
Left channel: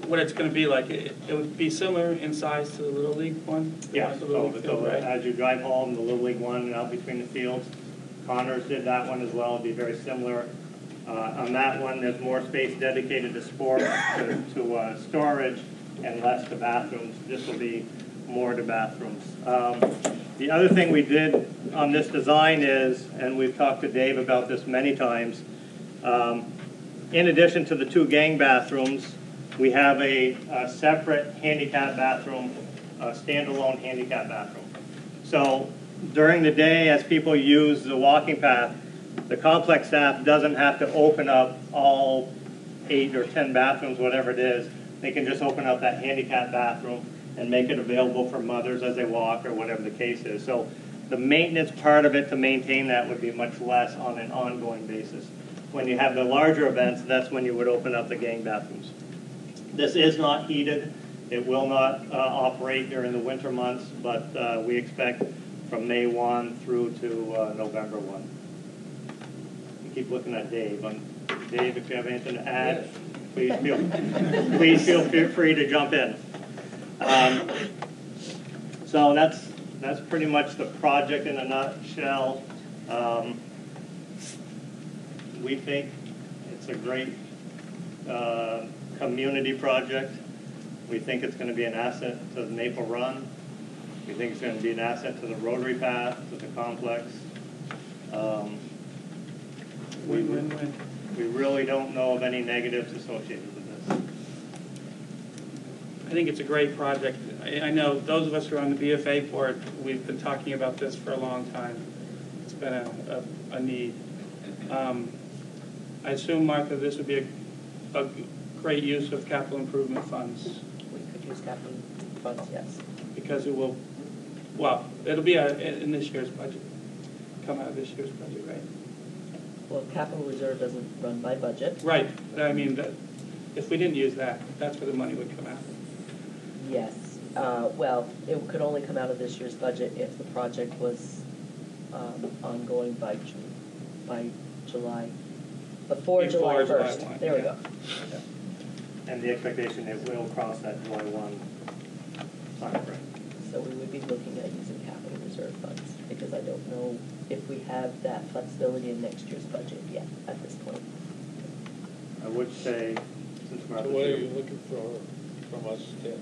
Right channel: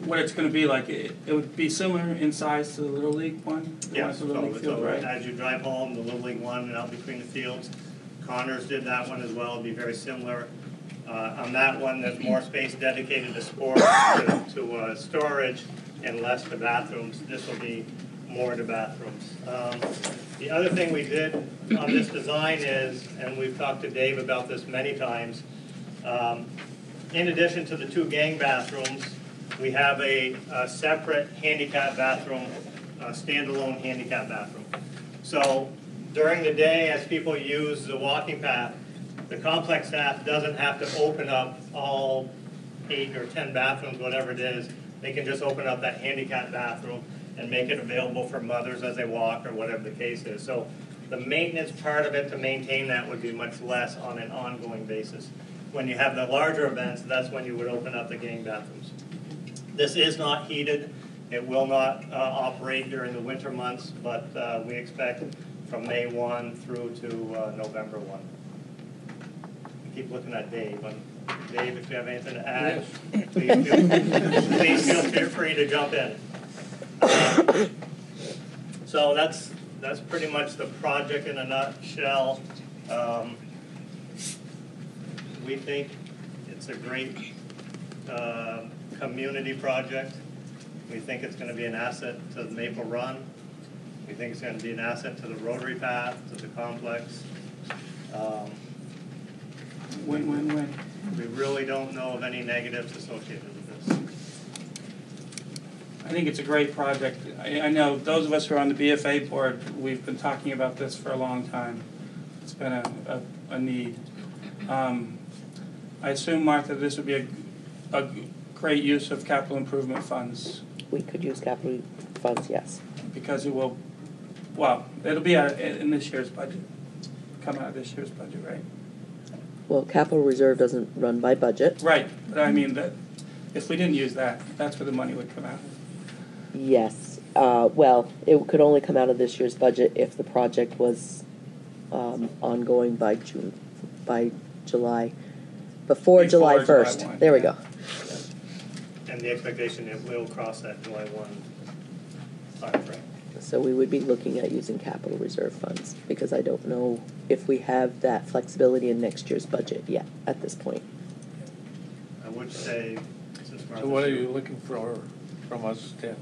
what it's going to be like, it would be similar in size to the Little League one? Yeah, the Little League field, right? As you drive home, the Little League one and out between the fields. Connors did that one as well. It'd be very similar. On that one, there's more space dedicated to sports, to storage, and less to bathrooms. This will be more to bathrooms. The other thing we did on this design is, and we've talked to Dave about this many times, in addition to the 2 gang bathrooms, we have a separate handicap bathroom, a standalone handicap bathroom. So during the day, as people use the walking path, the complex staff doesn't have to open up all 8 or 10 bathrooms, whatever it is. They can just open up that handicap bathroom and make it available for mothers as they walk or whatever the case is. So the maintenance part of it to maintain that would be much less on an ongoing basis. When you have the larger events, that's when you would open up the gang bathrooms. This is not heated. It will not operate during the winter months, but we expect from May 1 through to November 1. We keep looking at Dave. Dave, if you have anything to add, yes. please feel free to jump in. So that's pretty much the project in a nutshell. We think it's a great community project. We think it's going to be an asset to the Maple Run. We think it's going to be an asset to the Rotary Path, to the complex. Win-win-win. We really don't know of any negatives associated with this. I think it's a great project. I know those of us who are on the BFA board, we've been talking about this for a long time. It's been a need. I assume, Martha, this would be a great use of capital improvement funds. We could use capital funds, yes. Because it will, well, it'll be in this year's budget, come out of this year's budget, right? Well, capital reserve doesn't run by budget. Right, but I mean, but if we didn't use that, that's where the money would come out. Yes. Well, it could only come out of this year's budget if the project was ongoing by July, before July 1st. July 1. There we go. And the expectation it will cross that July 1 timeframe. So we would be looking at using capital reserve funds, because I don't know if we have that flexibility in next year's budget yet at this point. I would say, since Martha. So what are you looking for from us, Tim?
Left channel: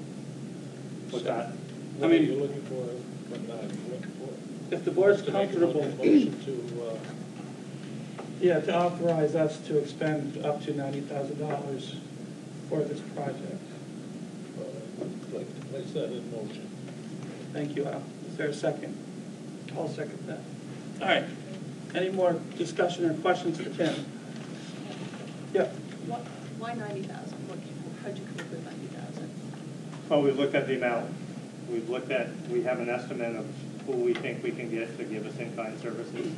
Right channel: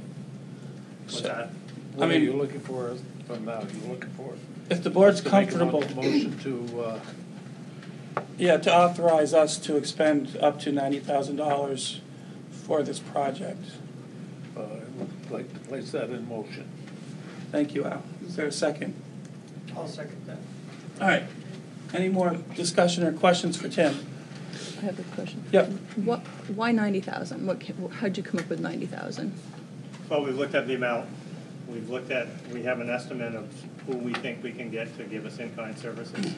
What's that? What are you looking for us from now? You looking for? If the board's To make a comfortable, motion to, yeah, to authorize us to expend up to $90,000 for this project. I would like to place that in motion. Thank you, Al. Is there a second? I'll second that. All right. Any more discussion or questions for Tim? I have a question. Yep. Why 90,000? How'd you come up with 90,000? Well, we've looked at the amount. We have an estimate of who we think we can get to give us in-kind services.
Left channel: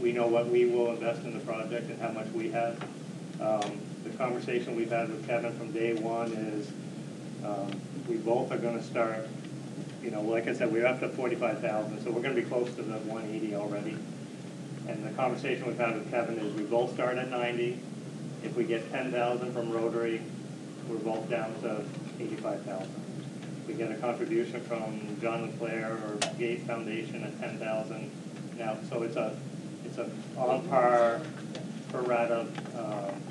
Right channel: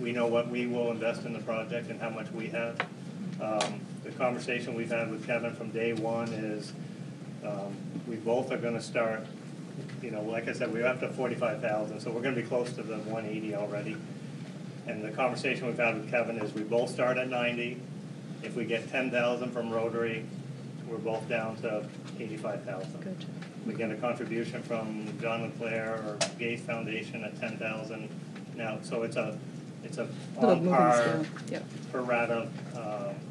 We know what we will invest in the project and how much we have. The conversation we've had with Kevin from day one is we both are going to start, like I said, we're up to 45,000, so we're going to be close to the 180 already. And the conversation we've had with Kevin is we both start at 90. If we get 10,000 from Rotary, we're both down to 85,000. We get a contribution from John Leclerc or Gates Foundation at 10,000. Now, so it's a on par per rata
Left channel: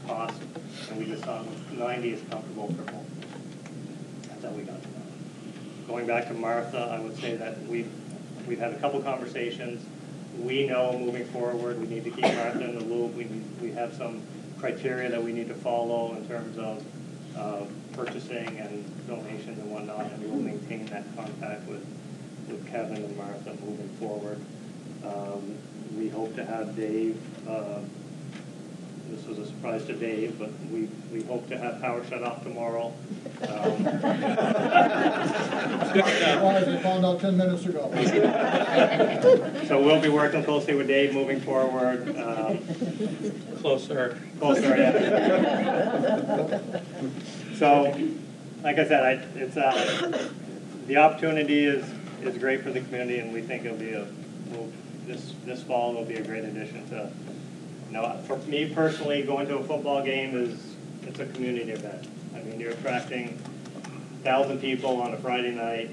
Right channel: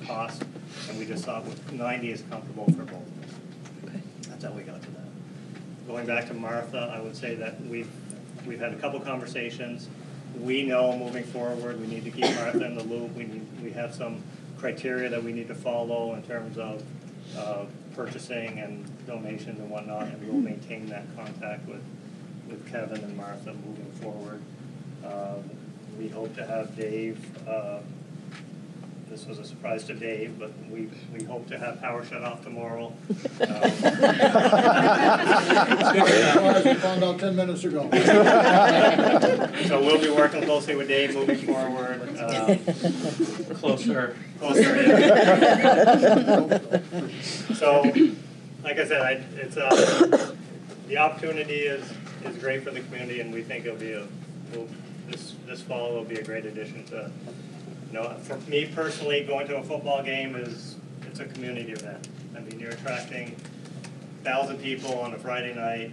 cost, and we just thought 90 is comfortable for both. That's how we got to that. Going back to Martha, I would say that we've had a couple conversations. We know moving forward we need to keep Martha in the loop. We have some criteria that we need to follow in terms of purchasing and donations and whatnot, and we will maintain that contact with Kevin and Martha moving forward. We hope to have Dave, this was a surprise to Dave, but we hope to have power shut off tomorrow. Found out 10 minutes ago. So we'll be working closely with Dave moving forward. Closer, yeah. So, like I said, it's the opportunity is great for the community, and we think it'll be this fall will be a great addition to. For me personally, going to a football game it's a community event. I mean, you're attracting 1,000 people on a Friday night.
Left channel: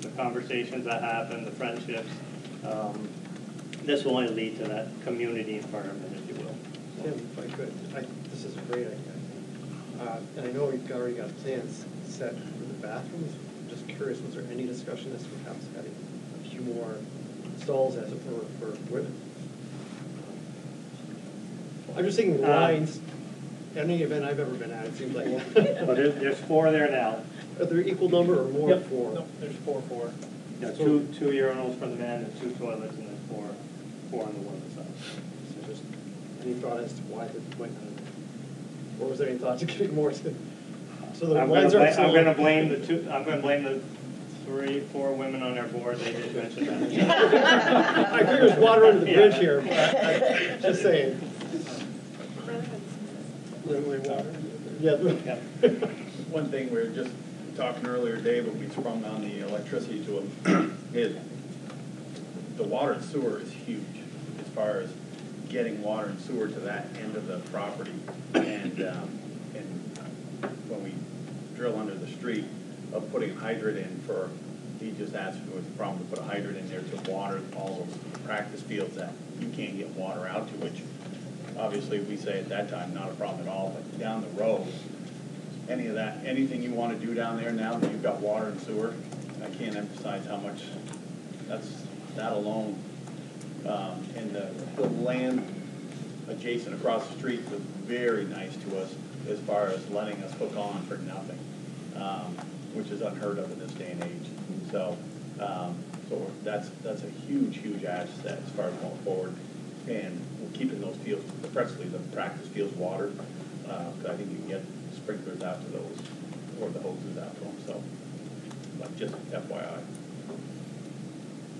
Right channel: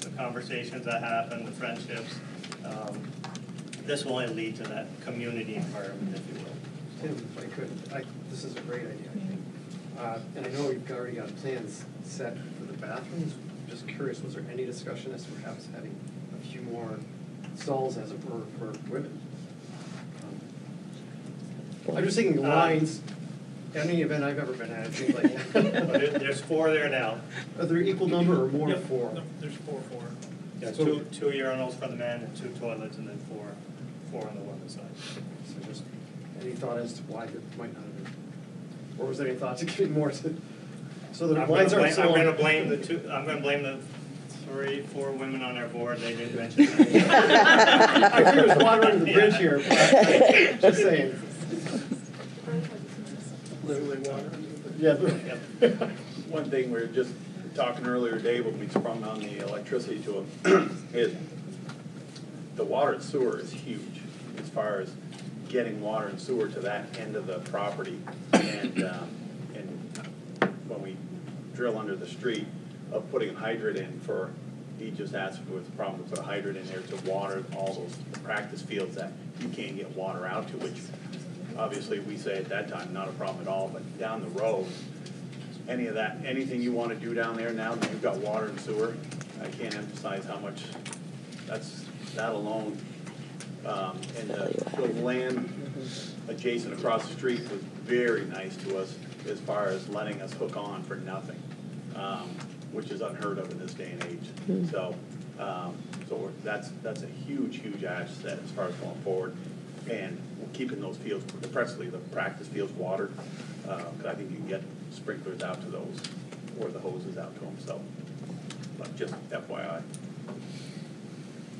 The conversations that happen, the friendships. This will only lead to that community environment, if you will. Tim, if I could, this is a great idea, I think. And I know you've already got plans set for the bathrooms. I'm just curious, was there any discussion as perhaps adding a few more stalls, as it were, for women? I'm just thinking lines. Any event I've ever been at, it seems like. Well, there's 4 there now. Are there equal number or more? Yep. 4? No, there's 4. Yeah, two urinals for the men and 2 toilets, and then four on the women's side. So just any thought as to why that might not? Or was there any thought to giving more to? So the lines aren't similar. I'm going to blame the 3-4 women on our board. They did mention that. I agree with water under the bridge here, but just saying. Yeah. One thing we were just talking earlier, Dave, when we sprung on the electricity to him, is the water and sewer is huge as far as getting water and sewer to that end of the property. And when we drill under the street, of putting a hydrant in he just asked if it was a problem to put a hydrant in there to water all those practice fields that you can't get water out to, which obviously we say at that time not a problem at all, but down the road, anything you want to do down there now that you've got water and sewer, I can't emphasize how much that alone, and the land adjacent across the street was very nice to us as far as letting us hook on for nothing. which is unheard of in this day and age. So, that's a huge asset as far as going forward, and keeping those fields, precisely the practice fields watered. I think you can get sprinklers out to those, or the hoses out to them. So, but just FYI.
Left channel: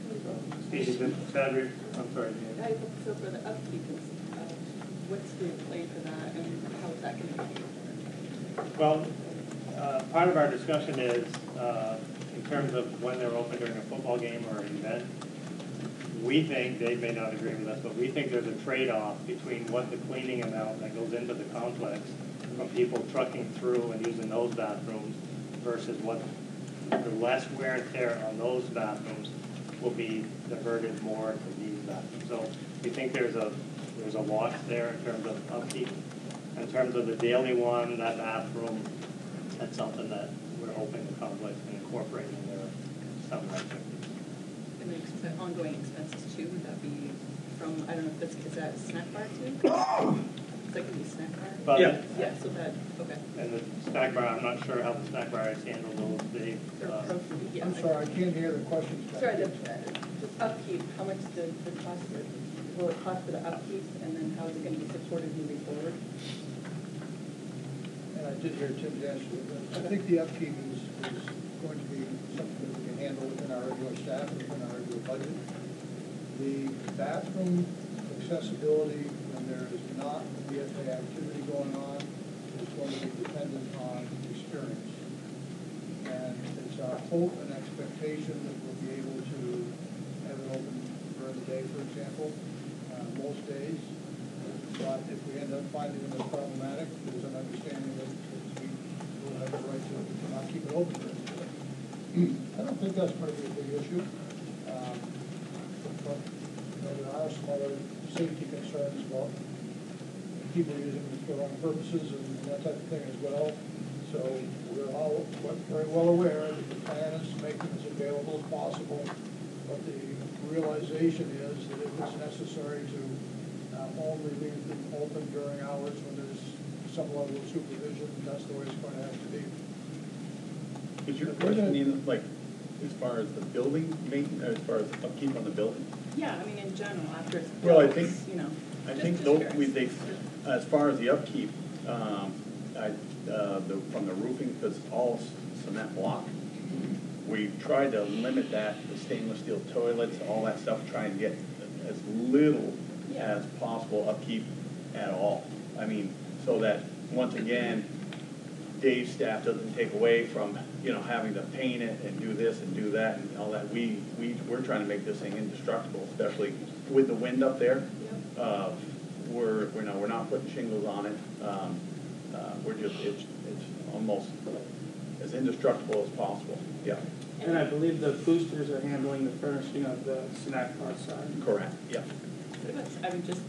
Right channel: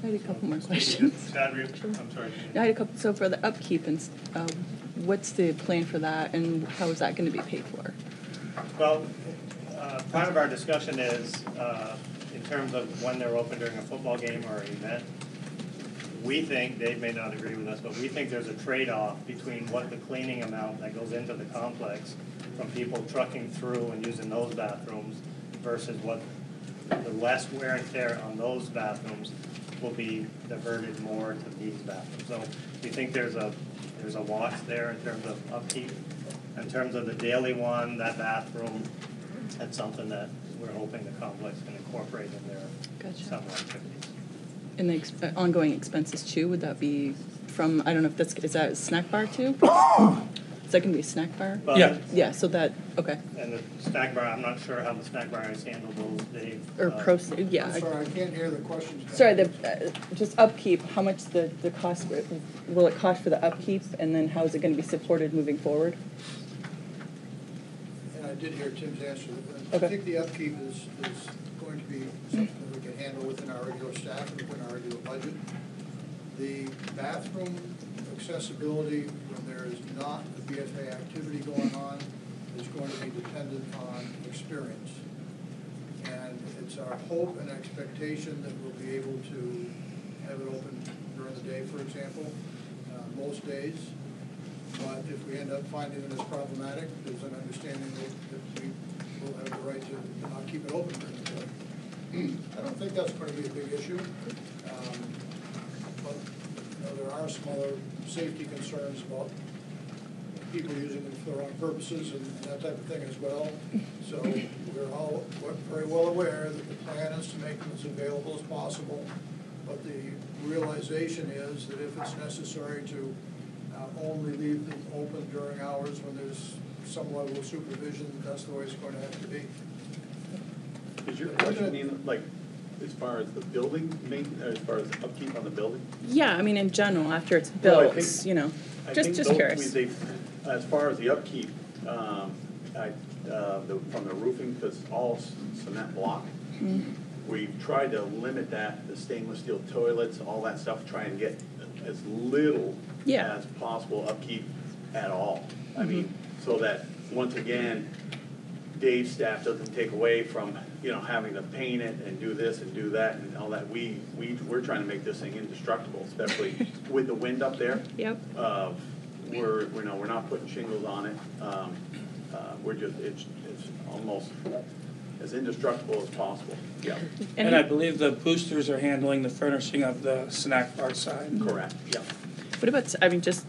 I had a couple more questions. I'm sorry. I had a couple, so for the upkeep, and what's the plan for that, and how is that going to be paid for? Well, part of our discussion is, in terms of when they're open during a football game or an event, we think, Dave may not agree with us, but we think there's a trade-off between what the cleaning amount that goes into the complex from people trucking through and using those bathrooms versus what the less wear and tear on those bathrooms will be diverted more into these bathrooms. So we think there's a wash there in terms of upkeep. In terms of the daily one, that bathroom, that's something that we're hoping the complex can incorporate in their summer activities. And the ongoing expenses too, would that be from, I don't know if that's, is that a snack bar too? Is that going to be a snack bar? But Yeah. Yeah, so that, okay. And the snack bar, I'm not sure how the snack bar is handled those days. Or yeah. I'm sorry, I can't hear the questions. Sorry, just upkeep, how much the cost, will it cost for the upkeep, and then how is it going to be supported moving forward? And I did hear Tim's answer, but Okay. I think the upkeep is going to be something that we can handle within our regular staff, and within our regular budget. The bathroom accessibility, when there is not a BFA activity going on, is going to be dependent on experience. And it's our hope and expectation that we'll be able to have it open during the day, for example, most days. But if we end up finding it as problematic, there's an understanding that we will have the right to not keep it open. I don't think that's going to be a big issue. But there are some other safety concerns about people using them for wrong purposes and that type of thing as well. So we're all very well aware that the plan is to make them as available as possible. But the realization is that if it's necessary to only leave them open during hours when there's some level of supervision, that's the way it's going to have to be. Is your question even, like, as far as the building maintenance, as far as the upkeep on the building? Yeah, I mean, in general, after it's Well, I built, think- you know, I just think curious. as far as the upkeep, from the roofing, because all cement block, we tried to limit that, the stainless steel toilets, all that stuff, try and get as little as possible upkeep at all. I mean, so that, once again, Dave's staff doesn't take away from, having to paint it and do this and do that and all that. We're trying to make this thing indestructible, especially with the wind up there. Yep. We're not putting shingles on it. It's almost as indestructible as possible. Yeah. And I believe the boosters are handling the furnishing of the snack bar side. Correct. Yep. What about, I mean, just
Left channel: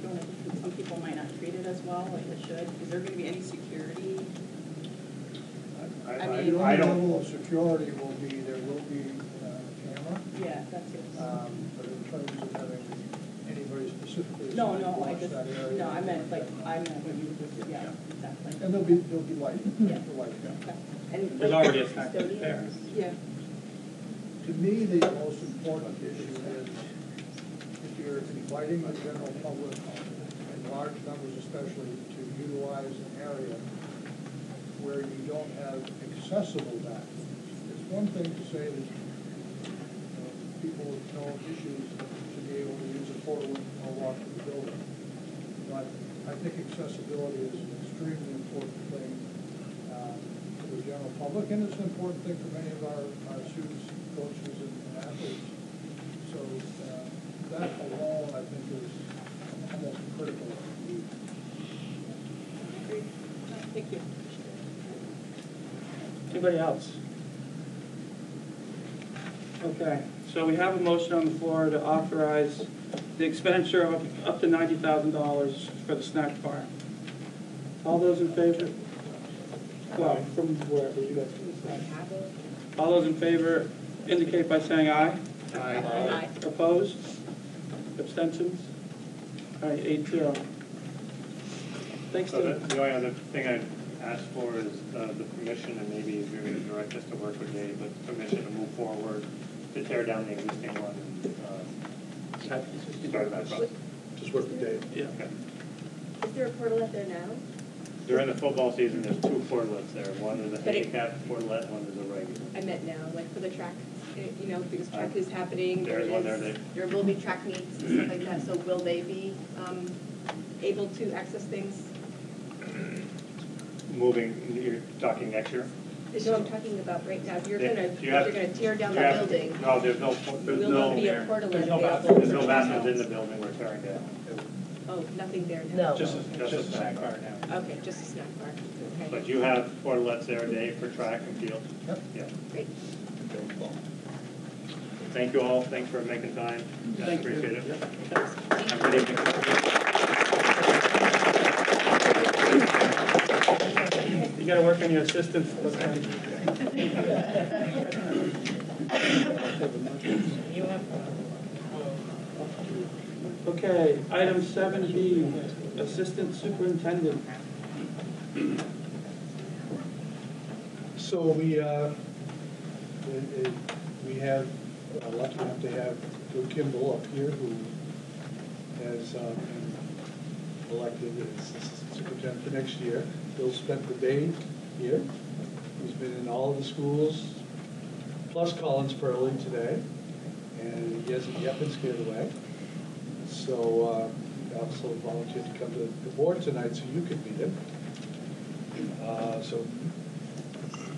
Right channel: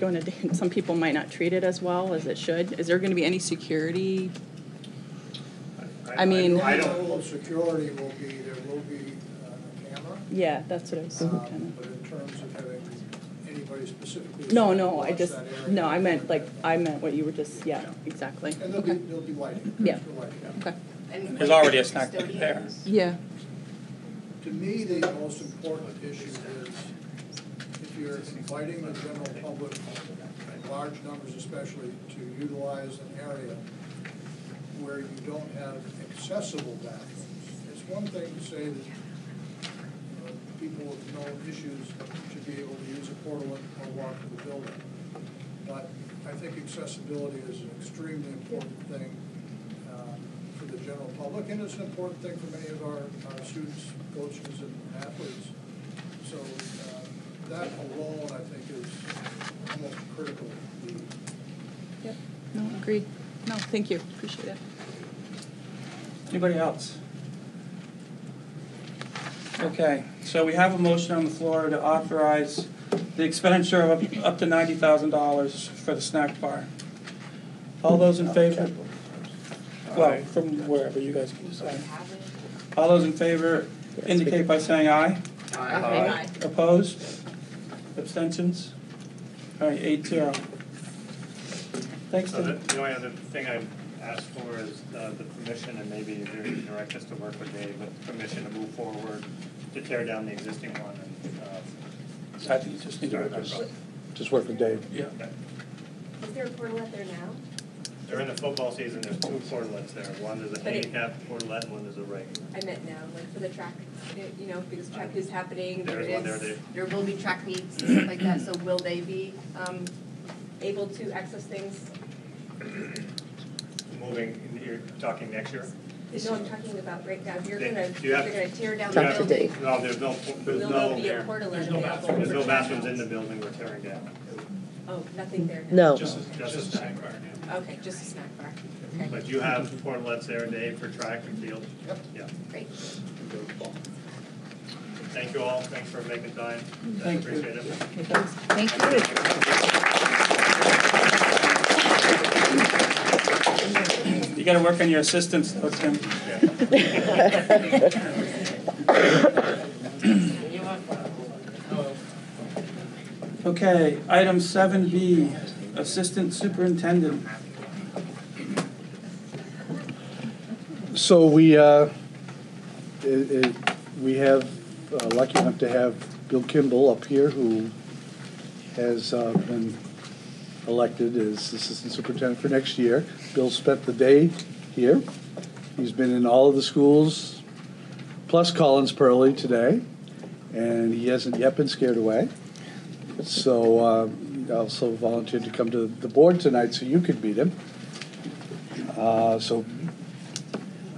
going to, some people might not treat it as well as it should. Is there going to be any security? I mean, the only level of security will be, there will be a camera. Yeah, that's what I was thinking. But in terms of having anybody specifically. No, I meant what you were just, yeah, exactly. And there'll be lighting. Yeah. Okay. There's already a snack bar there. Yeah. To me, the most important issue is if you're inviting the general public, in large numbers especially, to utilize an area where you don't have accessible bathrooms. It's one thing to say that people with no issues should be able to use a portal or walk to the building. But I think accessibility is an extremely important thing for the general public, and it's an important thing for many of our students, coaches, and athletes. So that alone, I think, is most critical. Yep. No, agreed. No, thank you. Appreciate it. Anybody else? Okay, so we have a motion on the floor to authorize the expenditure of up to $90,000 for the snack bar. All those in favor? Well, from wherever you guys can decide. All those in favor indicate by saying aye. Aye. Opposed? Abstentions? All right, 8-0. Thanks, So Dave. the only other thing I ask for is the permission, and maybe maybe the directors to work with Dave, but permission to move forward to tear down the existing one. I think it's just need to start work that with- Just work with Dave. Yeah. Is there a portalet there now? During the football season, there's two portlets there. One is a handicap portlet, one is a regular. I meant now, like for the track, you know, because track is happening. There's one there. There will be track meets and stuff like that, so will they be able to access things? Moving, you're talking next year? No, I'm talking about right now. You're Yeah, gonna, you you're have- gonna tear down you the have- building. No, there's no Will there be a portalet available? There's no bathrooms in the building we're tearing down. Oh, nothing there now? No. Just a snack bar now. Okay, just a snack bar. Okay. But you have portlets there, Dave, for track and field? Yep. Yeah. Great. Thank you all, thanks for making time. I Thank you. appreciate it. You gotta work on your assistants, though, Tim. Okay, item 7B, Assistant Superintendent. So we have lucky enough to have Bill Kimball up here, who has been elected as Assistant Superintendent for next year. Bill spent the day here. He's been in all of the schools, plus Collins Pearly today, and he hasn't yet been scared away. So he also volunteered to come to the board tonight so you could meet him. So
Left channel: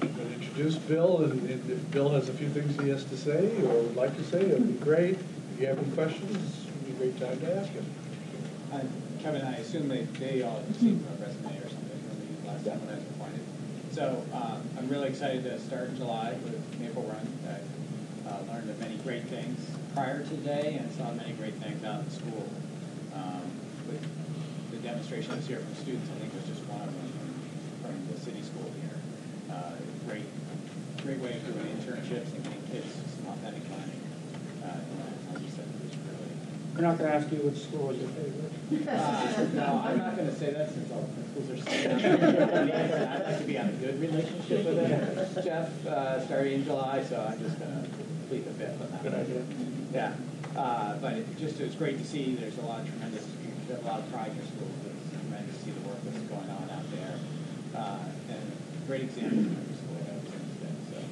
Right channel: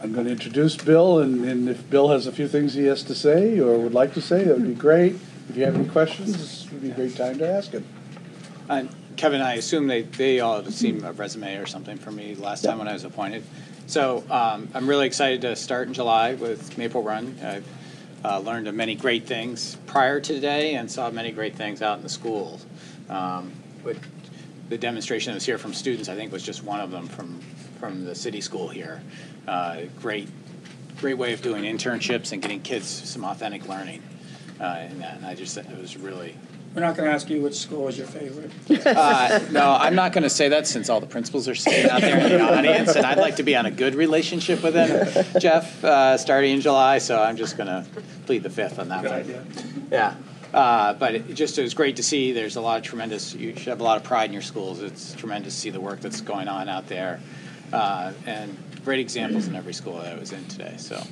I'm going to introduce Bill, and if Bill has a few things he has to say or would like to say, that would be great. If you have any questions, this would be a great time to ask him. Kevin, I assume they all have seen a resume or something for me last time when I was appointed. So I'm really excited to start in July with Maple Run. I've learned of many great things prior to today and saw many great things out in the schools. But the demonstration that was here from students, I think, was just one of them from the city school here. Great way of doing internships and getting kids some authentic learning. And I just said it was really. We're not gonna ask you which school is your favorite. No, I'm not going to say that since all the principals are sitting out there in the audience, and I'd like to be on a good relationship with them, Jeff, starting in July, so I'm just going to plead the fifth on that Good one. idea. Yeah. But it was great to see. There's a lot of you should have a lot of pride in your schools. It's tremendous to see the work that's going on out there. And great examples in every school that I was in today. So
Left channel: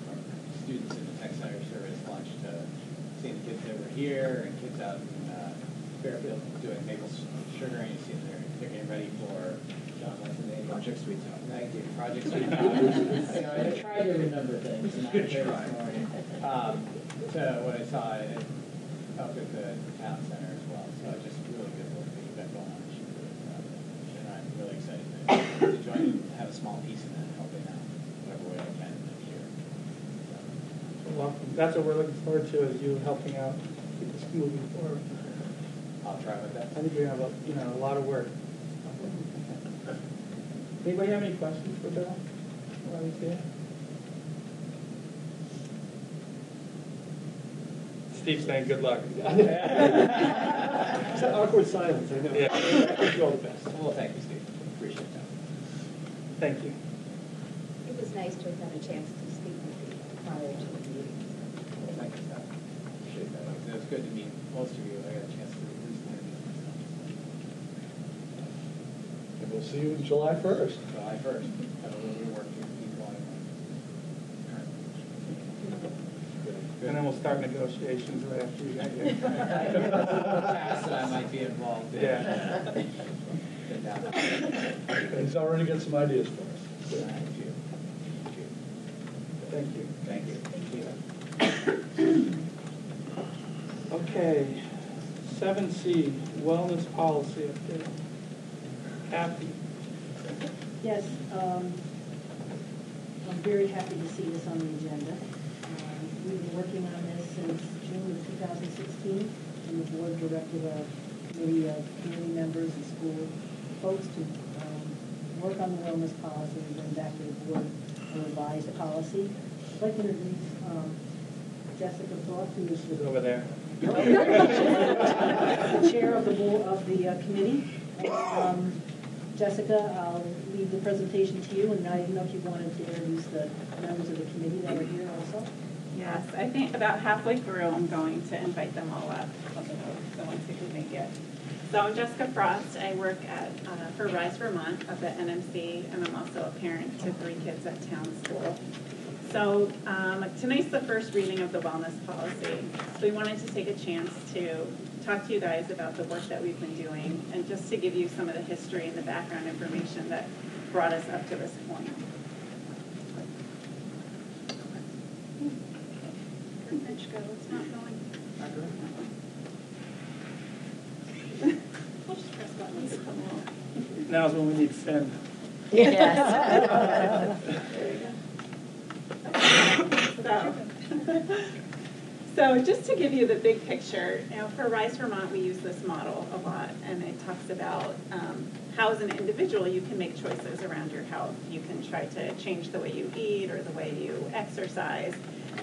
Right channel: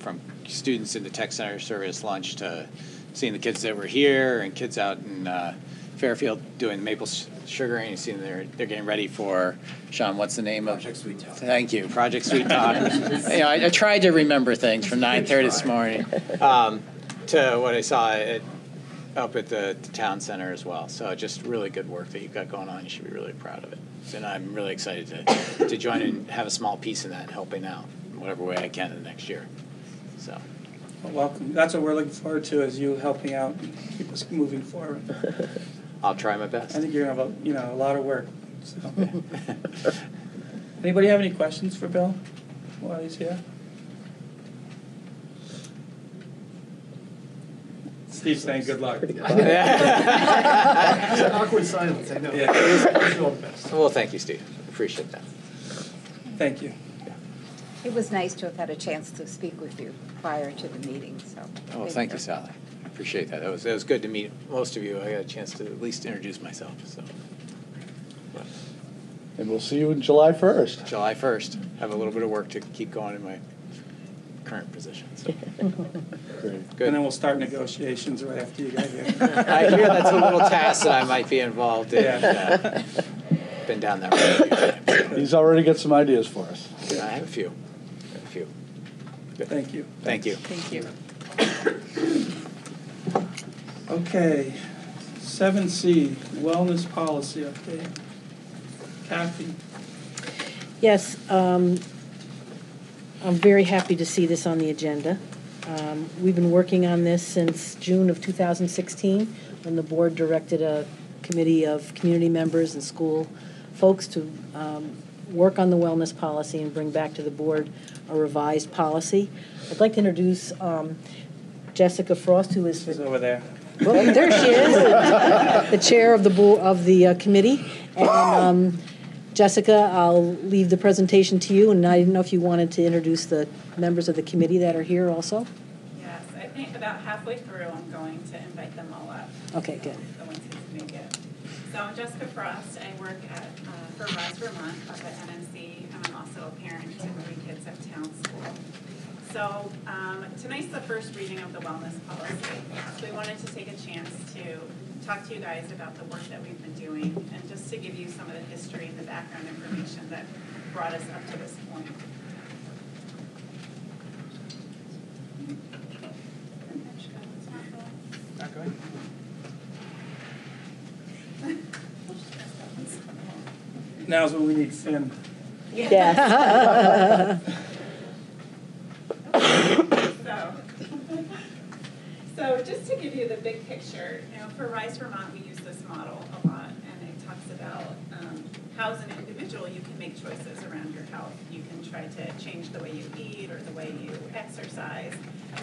from students in the tech center service lunch to seeing the kids that were here and kids out in Fairfield doing maple sugaring. You see they're getting ready for, Sean, what's the name of? Project Sweet Talk. Thank you, Project Sweet Talk. I tried to remember things from 9:30 this morning to what I saw up at the town center as well. So just really good work that you've got going on. You should be really proud of it. And I'm really excited to join and have a small piece in that, helping out whatever way I can in the next year. So. Well, welcome. That's what we're looking forward to, is you helping out, keep us moving forward. I'll try my best. I think you're gonna have a lot of work. So. Anybody have any questions for Bill while he's here? Steve's saying good luck. It's an awkward silence, I know. Yeah. I wish you all the best. Well, thank you, Steve. Appreciate that. Thank you. It was nice to have had a chance to speak with you prior to the meeting, so. Oh, thank you, Sally. Appreciate that. It was good to meet most of you. I got a chance to at least introduce myself. So. And we'll see you on July 1st. July 1st. Have a little bit of work to keep going in my current position. So. Good. And then we'll start negotiations right after you get here. I hear that's a little task that I might be involved in. Yeah. Been down that road. He's already got some ideas for us. I have a few. Good. Thank you. Thank you. Thank you. Okay, 7C, wellness policy update. Kathy. Yes, I'm very happy to see this on the agenda. We've been working on this since June of 2016, when the board directed a committee of community members and school folks to work on the wellness policy and bring back to the board a revised policy. I'd like to introduce Jessica Frost, who is She's over there. Oh, there she is, the chair of the committee, and Jessica, I'll leave the presentation to you, and I didn't know if you wanted to introduce the members of the committee that are here also? Yes, I think about halfway through I'm going to invite them all up. Okay, good. So once you can make it. So I'm Jessica Frost. I work at for Rise Vermont at the NMC, and I'm also a parent to 3 kids at Town School. So tonight's the first reading of the wellness policy. So we wanted to take a chance to talk to you guys about the work that we've been doing and just to give you some of the history and the background information that brought us up to this point. Now's when we need Finn. Yeah. So just to give you the big picture, for Rise Vermont, we use this model a lot, and it talks about how as an individual you can make choices around your health. You can try to change the way you eat or the way you exercise,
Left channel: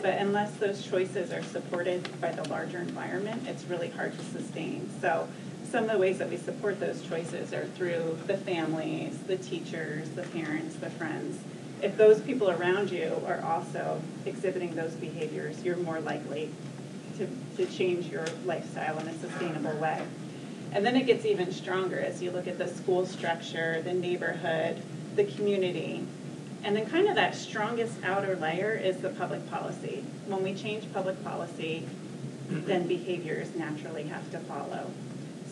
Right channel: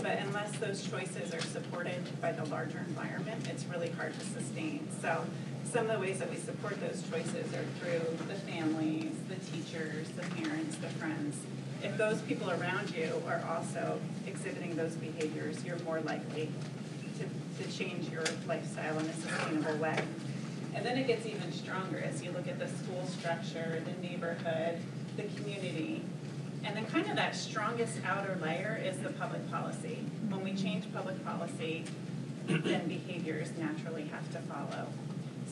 but unless those choices are supported by the larger environment, it's really hard to sustain. So some of the ways that we support those choices are through the families, the teachers, the parents, the friends. If those people around you are also exhibiting those behaviors, you're more likely to change your lifestyle in a sustainable way. And then it gets even stronger as you look at the school structure, the neighborhood, the community. And then kind of that strongest outer layer is the public policy. When we change public policy, then behaviors naturally have to follow.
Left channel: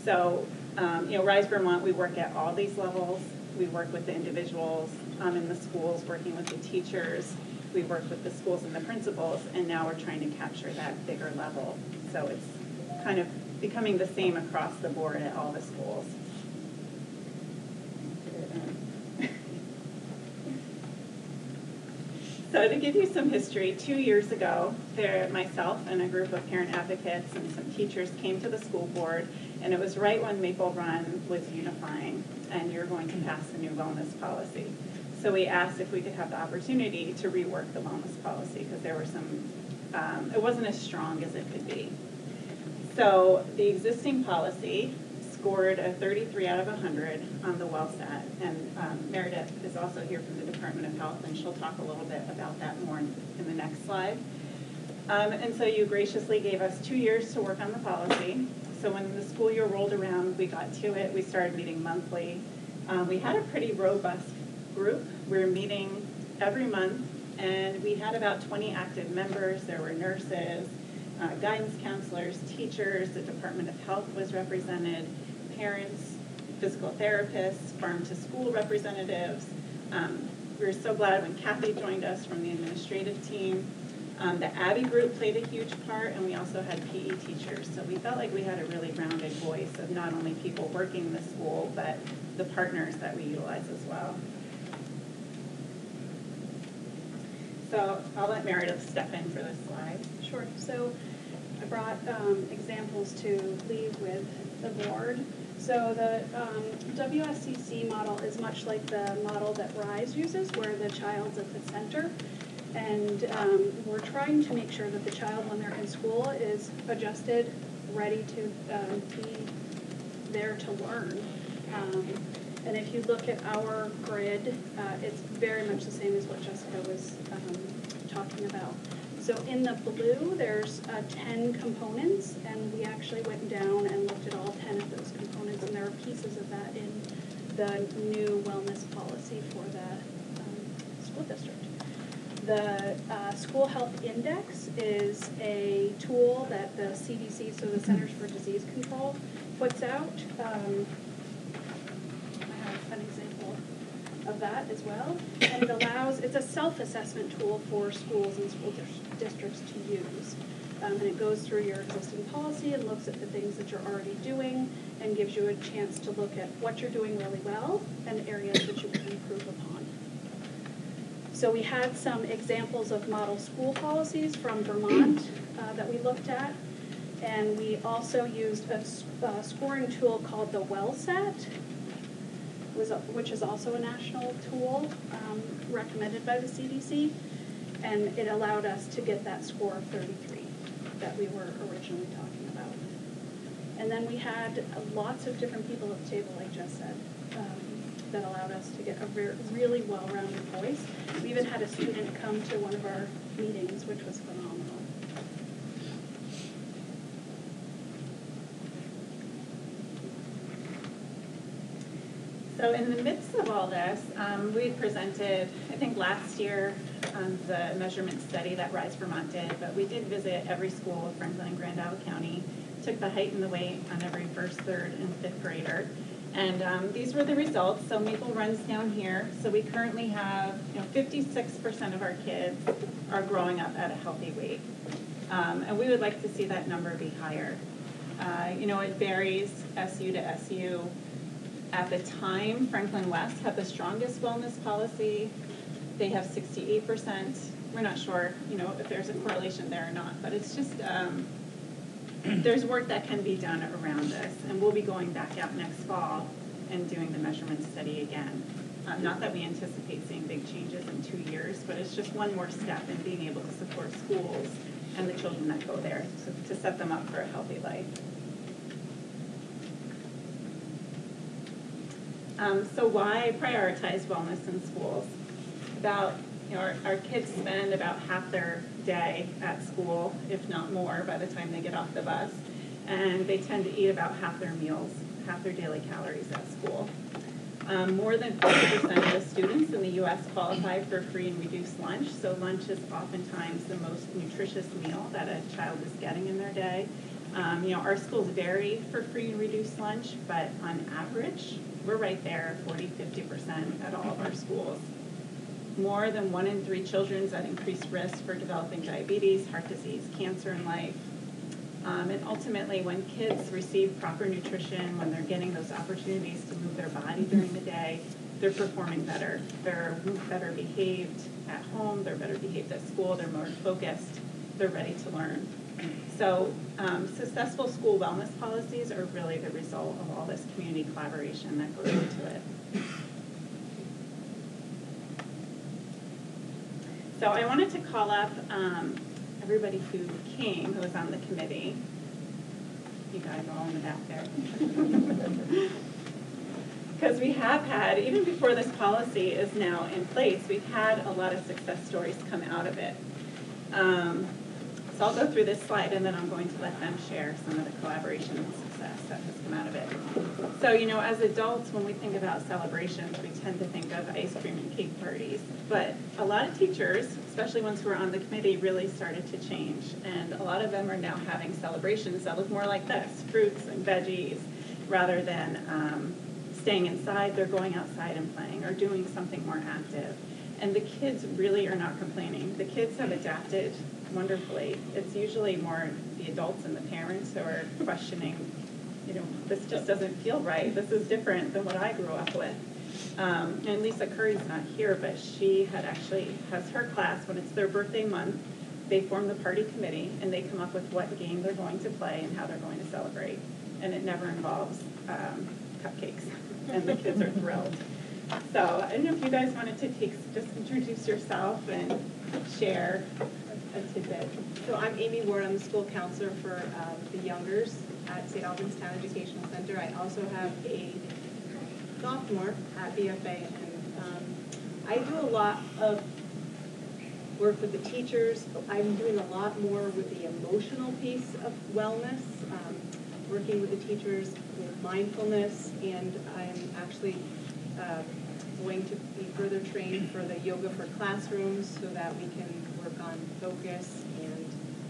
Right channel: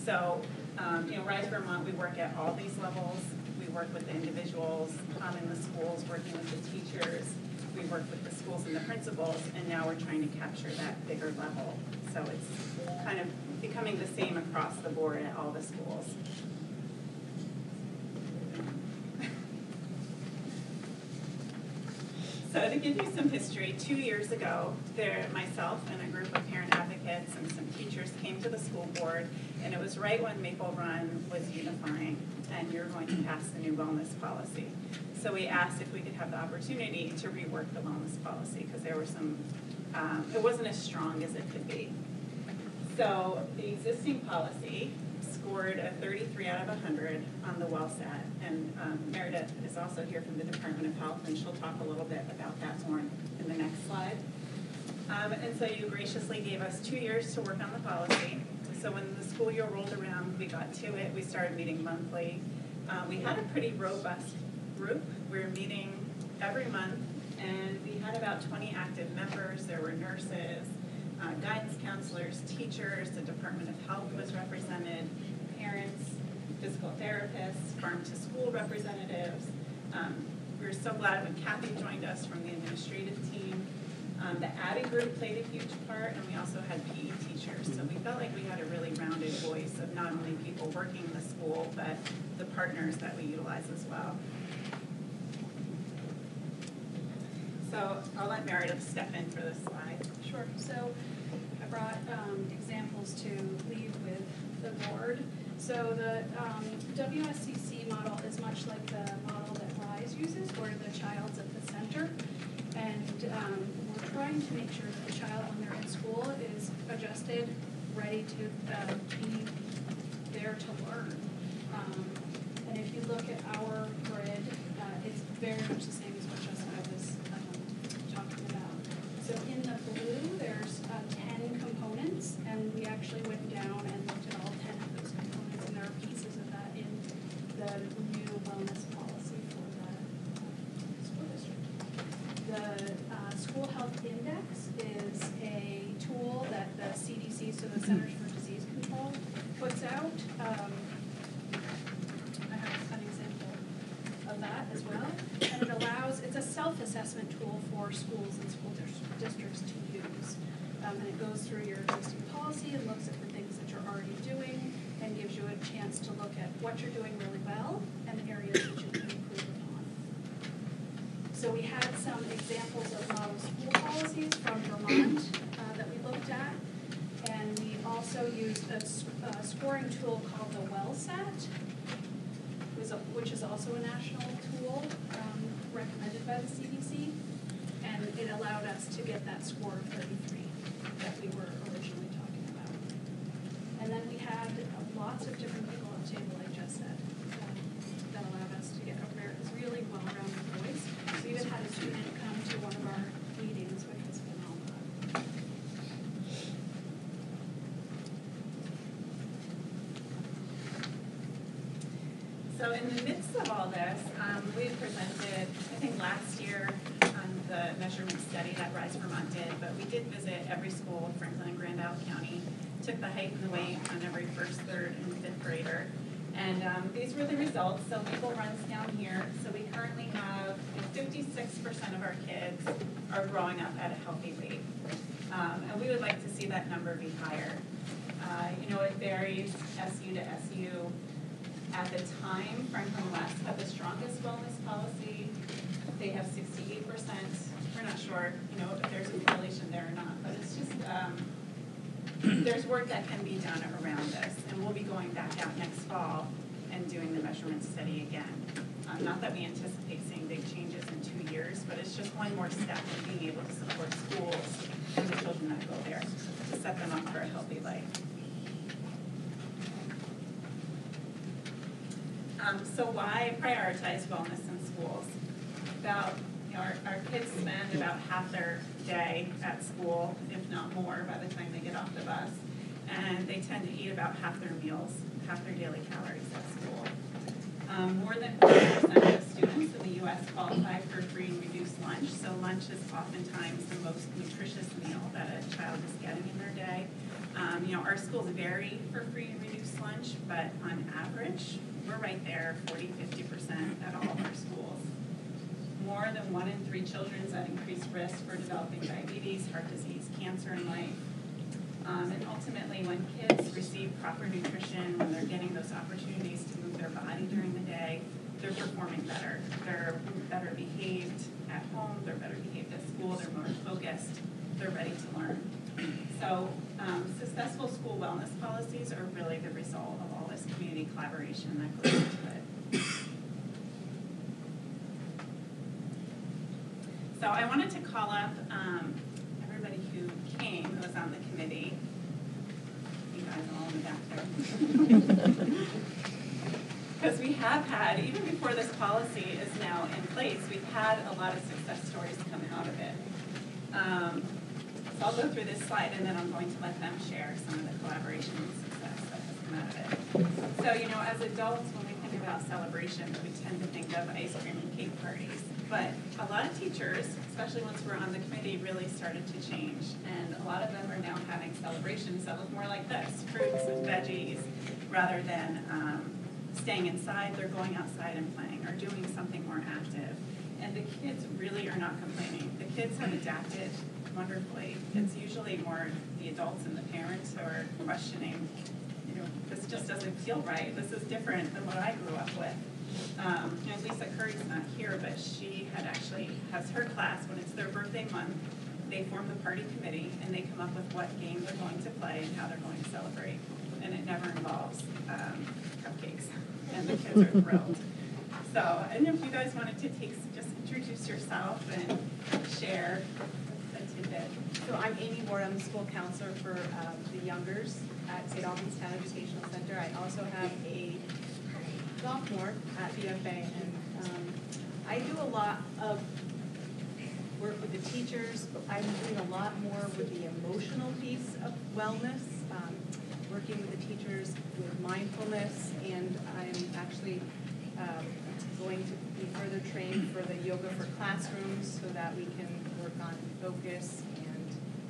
So, Rise Vermont, we work at all these levels. We work with the individuals in the schools, working with the teachers. We work with the schools and the principals, and now we're trying to capture that bigger level. So it's kind of becoming the same across the board at all the schools. So to give you some history, 2 years ago, myself and a group of parent advocates and some teachers came to the school board, and it was right when Maple Run was unifying, and you're going to pass the new wellness policy. So we asked if we could have the opportunity to rework the wellness policy, because there were some, it wasn't as strong as it could be. So the existing policy scored a 33 out of 100 on the WellSat, and Meredith is also here from the Department of Health, and she'll talk a little bit about that more in the next slide. And so you graciously gave us 2 years to work on the policy. So when the school year rolled around, we got to it. We started meeting monthly. We had a pretty robust group. We were meeting every month, and we had about 20 active members. There were nurses, guidance counselors, teachers, the Department of Health was represented, parents, physical therapists, farm-to-school representatives. We were so glad when Kathy joined us from the administrative team. The Abby group played a huge part, and we also had PE teachers. So we felt like we had a really rounded voice of not only people working in the school, but the partners that we utilize as well. So I'll let Meredith step in for this slide. Sure. So I brought examples to leave with the board. So the WSCC model is much like the model that RISE uses, where the child's at the center. And we're trying to make sure that the child, when they're in school, is adjusted, ready to be there to learn. And if you look at our grid, it's very much the same as what Jessica was talking about. So in the blue, there's 10 components, and we actually went down and looked at all 10 of those components, and there are pieces of that in the new wellness policy for the school district. The School Health Index is a tool that the CDC, so the Centers for Disease Control, puts out. I have an example of that as well. And it allows, it's a self-assessment tool for schools and school districts to use. And it goes through your existing policy and looks at the things that you're already doing and gives you a chance to look at what you're doing really well and areas that you can improve upon. So we had some examples of model school policies from Vermont that we looked at. And we also used a scoring tool called the WellSat, which is also a national tool recommended by the CDC. And it allowed us to get that score of 33 that we were originally talking about. And then we had lots of different people at the table, like Jess said. that allowed us to get a really well-rounded voice. We even had a student come to one of our meetings, which was phenomenal. So in the midst of all this, we presented, I think last year, the measurement study that Rise Vermont did, but we did visit every school in Franklin and Grand Isle County, took the height and the weight on every first, third, and fifth grader. And these were the results. So Maple Run's down here. So we currently have 56% of our kids are growing up at a healthy weight. And we would like to see that number be higher. It varies SU to SU. At the time, Franklin West had the strongest wellness policy. They have 68%. We're not sure, if there's a correlation there or not, but it's just, there's work that can be done around this, and we'll be going back out next fall and doing the measurement study again. Not that we anticipate seeing big changes in 2 years, but it's just one more step in being able to support schools and the children that go there to set them up for a healthy life. So why prioritize wellness in schools? Our kids spend about half their day at school, if not more, by the time they get off the bus. And they tend to eat about half their meals, half their daily calories at school. More than 50% of students in the U.S. qualify for free and reduced lunch. So lunch is oftentimes the most nutritious meal that a child is getting in their day. Our schools vary for free and reduced lunch, but on average, we're right there, 40, 50% at all of our schools. More than 1 in 3 children is at increased risk for developing diabetes, heart disease, cancer in life. And ultimately, when kids receive proper nutrition, when they're getting those opportunities to move their body during the day, they're performing better. They're better behaved at home, they're better behaved at school, they're more focused, they're ready to learn. So successful school wellness policies are really the result of all this community collaboration that goes into it. So I wanted to call up everybody who came, who was on the committee. You got it all in the back there. Because we have had, even before this policy is now in place, we've had a lot of success stories come out of it. So I'll go through this slide, and then I'm going to let them share some of the collaboration and success that has come out of it. So, as adults, when we think about celebrations, we tend to think of ice cream and cake parties. But a lot of teachers, especially ones who are on the committee, really started to change. And a lot of them are now having celebrations that look more like this, fruits and veggies, rather than staying inside. They're going outside and playing or doing something more active. And the kids really are not complaining. The kids have adapted wonderfully. It's usually more the adults and the parents who are questioning, this just doesn't feel right. This is different than what I grew up with. And Lisa Curry's not here, but she has her class, when it's their birthday month, they form the party committee and they come up with what game they're going to play and how they're going to celebrate. And it never involves cupcakes. And the kids are thrilled. So I don't know if you guys wanted to just introduce yourself and share a tidbit. So I'm Amy Ward. I'm the school counselor for the Youngers at Saint Albans Town Educational Center. I also have a sophomore at BFA, and I do a lot of work with the teachers. I'm doing a lot more with the emotional piece of wellness, working with the teachers with mindfulness, and I am actually going to be further trained for the yoga for classrooms so that we can work on focus and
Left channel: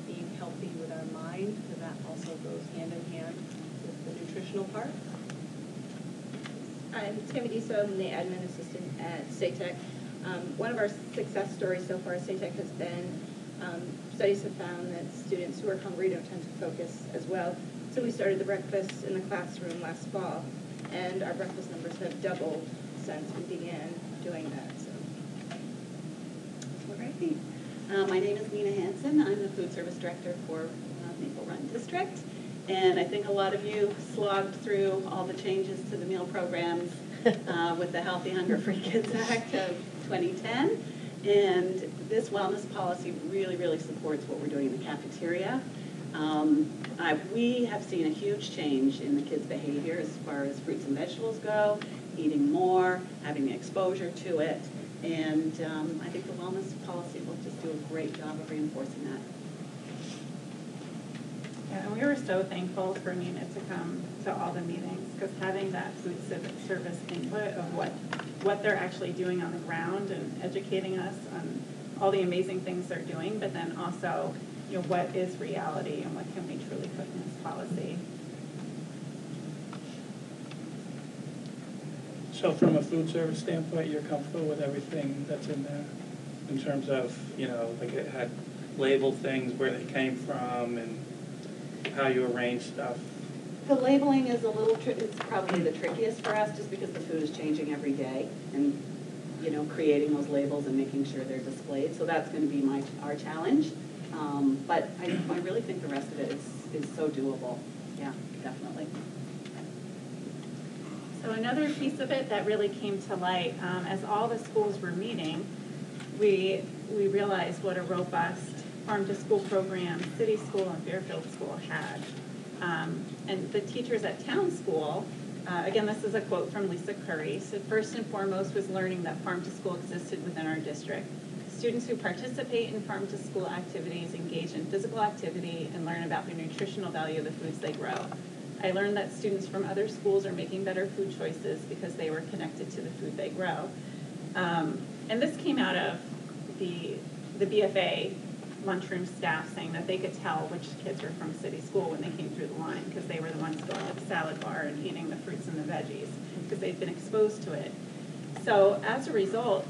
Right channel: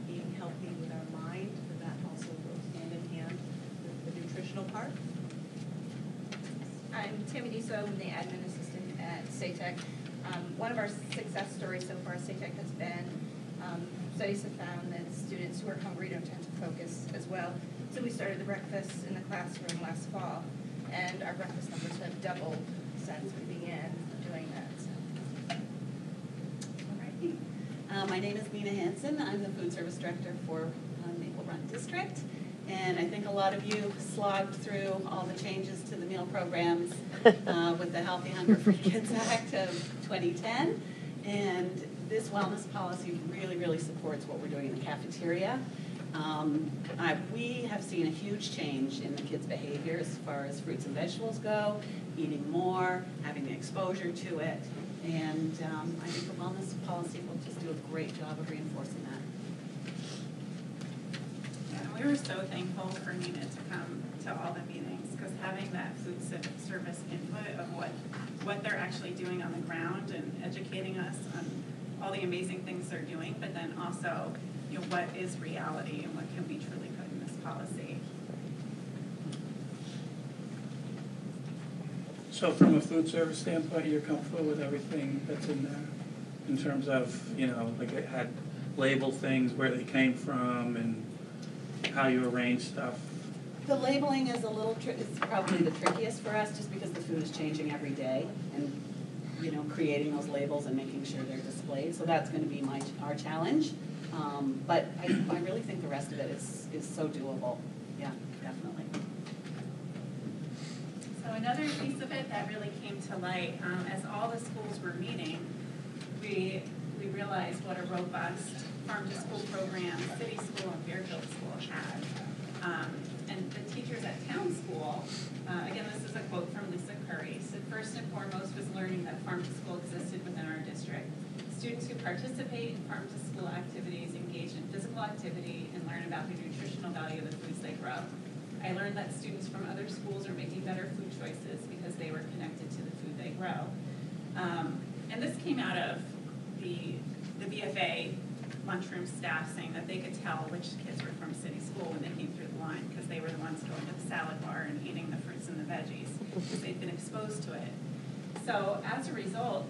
being healthy with our mind, so that also goes hand in hand with the nutritional part. I'm Tammy Diso. I'm the admin assistant at SATEC. One of our success stories so far at SATEC has been studies have found that students who are hungry don't tend to focus as well. So we started the breakfast in the classroom last fall, and our breakfast numbers have doubled since we began doing that. So. Alrighty. My name is Lena Hansen. I'm the food service director for Maple Run District. And I think a lot of you slogged through all the changes to the meal programs with the Healthy Hunger Free Kids Act of 2010. And this wellness policy really, really supports what we're doing in the cafeteria. We have seen a huge change in the kids' behavior as far as fruits and vegetables go, eating more, having the exposure to it, and I think the wellness policy will just do a great job of reinforcing that. Yeah, and we were so thankful for Nina to come to all the meetings, because having that food service input of what they're actually doing on the ground and educating us on all the amazing things they're doing, but then also, you know, what is reality and what can we truly put in this policy. So from a food service standpoint, you're comfortable with everything that's in there in terms of, you know, like it had labeled things, where they came from and how you arrange stuff? The labeling is is probably the trickiest for us, just because the food is changing every day, and you know, creating those labels and making sure they're displayed. So that's going to be our challenge. But I really think the rest of it is so doable. Yeah, definitely. So another piece of it that really came to light, as all the schools were meeting, we realized what a robust farm-to-school program City School and Fairfield School had. And the teachers at Town School, again, this is a quote from Lisa Curry, said, "First and foremost was learning that farm-to-school existed within our district. Students who participate in farm-to-school activities engage in physical activity and learn about the nutritional value of the foods they grow. I learned that students from other schools are making better food choices because they were connected to the food they grow." And this came out of the BFA lunchroom staff saying that they could tell which kids were from City School when they came through the line, because they were the ones going to the salad bar and eating the fruits and the veggies, because they've been exposed to it. So as a result,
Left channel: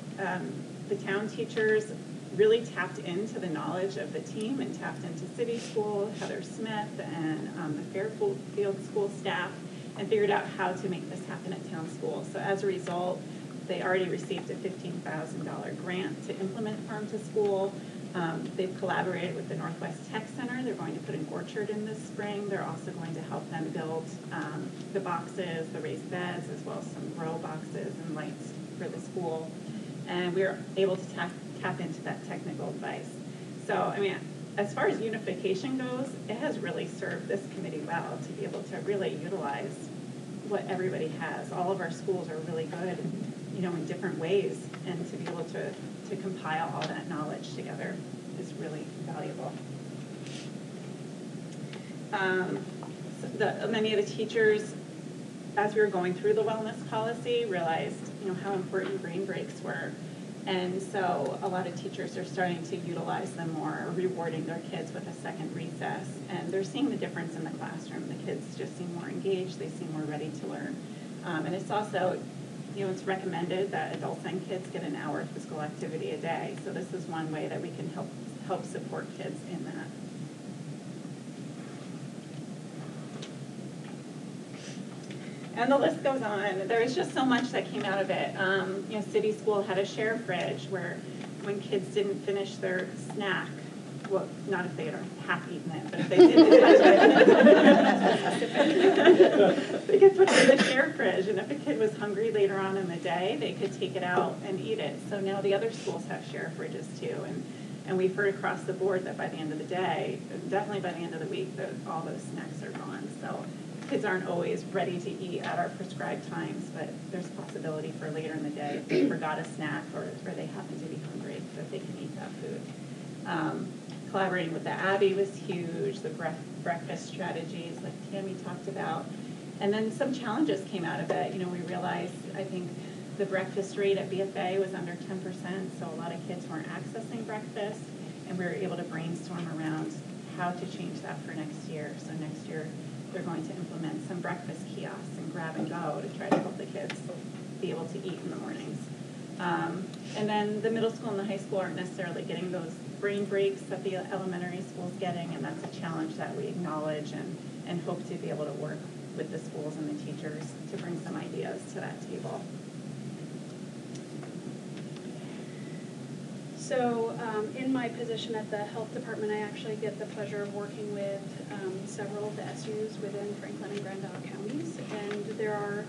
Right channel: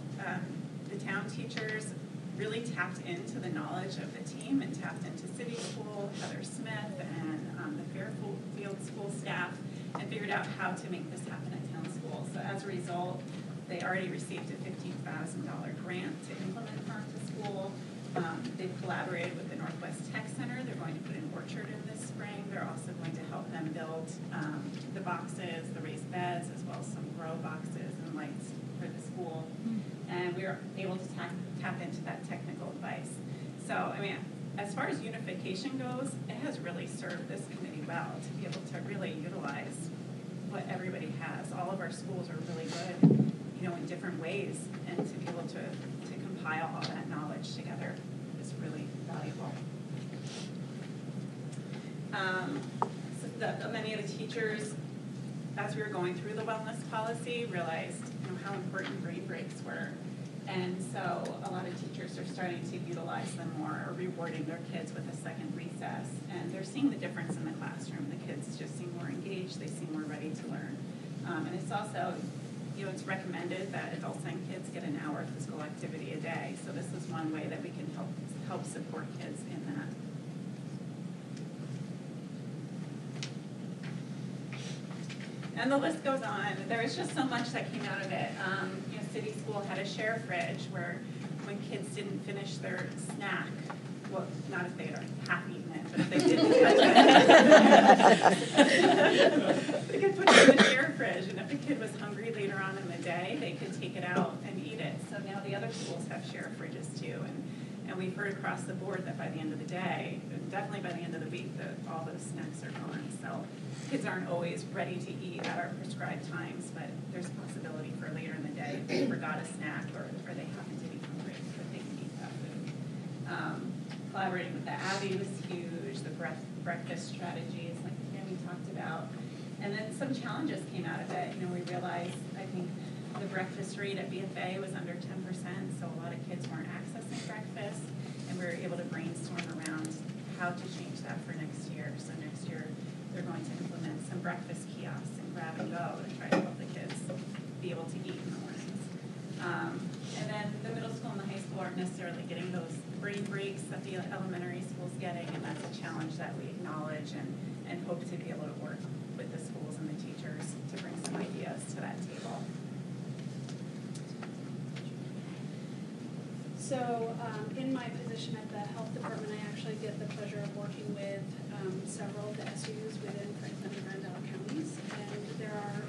the town teachers really tapped into the knowledge of the team and tapped into City School, Heather Smith, and the Fairfield School staff, and figured out how to make this happen at Town School. So as a result, they already received a $15,000 grant to implement Farm to School. They've collaborated with the Northwest Tech Center. They're going to put an orchard in this spring. They're also going to help them build the boxes, the raised beds, as well as some grow boxes and lights for the school. And we were able to tap into that technical advice. So, I mean, as far as unification goes, it has really served this committee well to be able to really utilize what everybody has. All of our schools are really good, you know, in different ways, and to be able to compile all that knowledge together is really valuable. So many of the teachers, as we were going through the wellness policy, realized, you know, how important brain breaks were. And so a lot of teachers are starting to utilize them more, rewarding their kids with a second recess. And they're seeing the difference in the classroom. The kids just seem more engaged. They seem more ready to learn. And it's also, you know, it's recommended that adults and kids get an hour of physical activity a day. So this is one way that we can help support kids in that. And the list goes on. There was just so much that came out of it. You know, City School had a share fridge where when kids didn't finish their snack, well, not if they had half eaten it, but if they didn't, they could put it in the share fridge. And if a kid was hungry later on in the day, they could take it out and eat it. So now the other schools have share fridges too. And we've heard across the board that by the end of the day, and definitely by the end of the week, that all those snacks are gone. So kids aren't always ready to eat at our prescribed times, but there's a possibility for later in the day if they forgot a snack or they happen to be hungry, that they can eat that food. Collaborating with the Abbey was huge, the breakfast strategies like Tammy talked about. And then some challenges came out of it. You know, we realized, I think, the breakfast rate at BFA was under 10%, so a lot of kids weren't accessing breakfast, and we were able to brainstorm around how to change that for next year. So next year, they're going to implement some breakfast kiosks and grab and go to try to help the kids be able to eat in the mornings. And then the middle school and the high school aren't necessarily getting those brain breaks that the elementary school's getting, and that's a challenge that we acknowledge and hope to be able to work with the schools and the teachers to bring some ideas to that table. So in my position at the health department, I actually get the pleasure of working with several of the SUs within Franklin and Grand Isle counties, and there are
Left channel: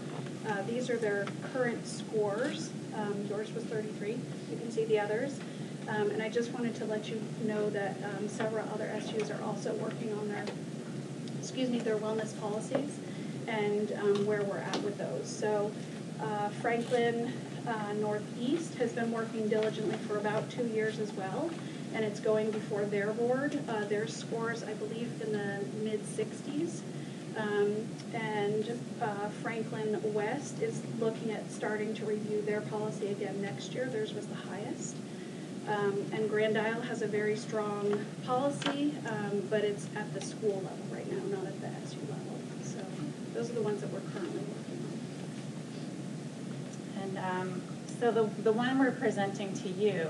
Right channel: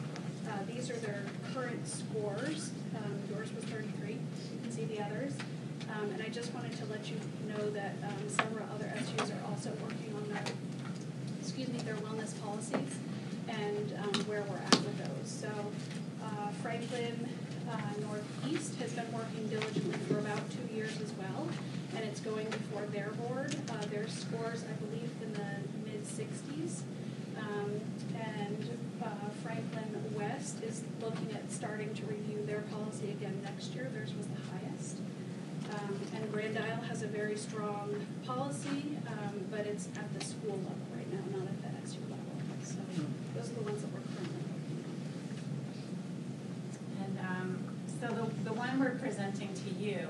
these are their current scores. Yours was 33. You can see the others. And I just wanted to let you know that several other SUs are also working on their wellness policies and where we're at with those. So Franklin Northeast has been working diligently for about 2 years as well, and it's going before their board. Their scores, I believe, in the mid-60s. And Franklin West is looking at starting to review their policy again next year. Theirs was the highest. And Grand Isle has a very strong policy, but it's at the school level right now, not at the SU level. So those are the ones that we're currently working on. And so the one we're presenting to you,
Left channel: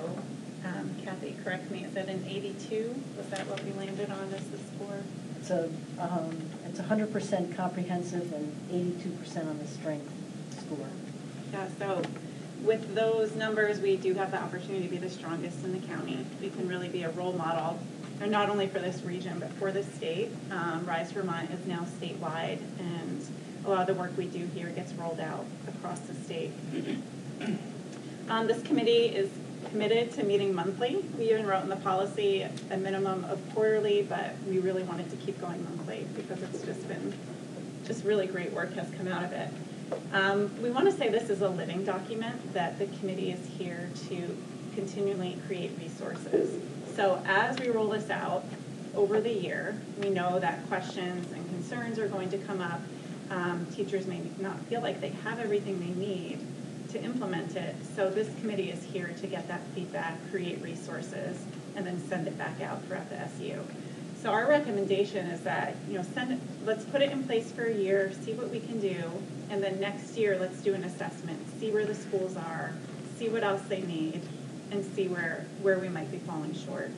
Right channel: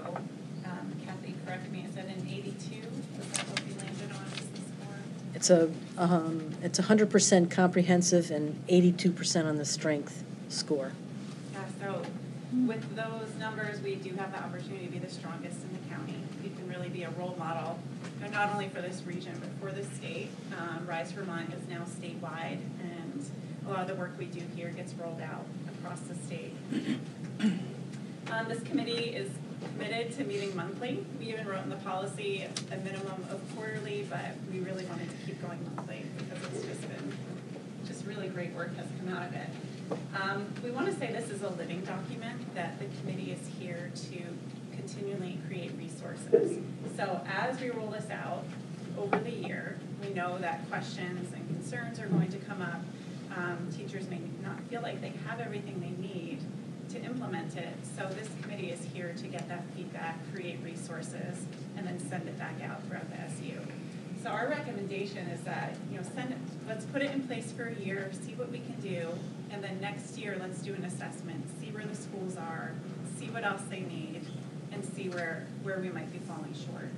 Kathy, correct me, is that an 82? Was that what we landed on as the score? It's 100% comprehensive and 82% on the strength score. Yeah, so with those numbers, we do have the opportunity to be the strongest in the county. We can really be a role model, and not only for this region, but for the state. Rise Vermont is now statewide, and a lot of the work we do here gets rolled out across the state. This committee is committed to meeting monthly. We even wrote in the policy a minimum of quarterly, but we really wanted to keep going monthly because it's just really great work has come out of it. We want to say this is a living document, that the committee is here to continually create resources. So as we roll this out over the year, we know that questions and concerns are going to come up. Teachers may not feel like they have everything they need to implement it. So this committee is here to get that feedback, create resources, and then send it back out throughout the SU. So our recommendation is that, let's put it in place for a year, see what we can do, and then next year let's do an assessment, see where the schools are, see what else they need, and see where we might be falling short.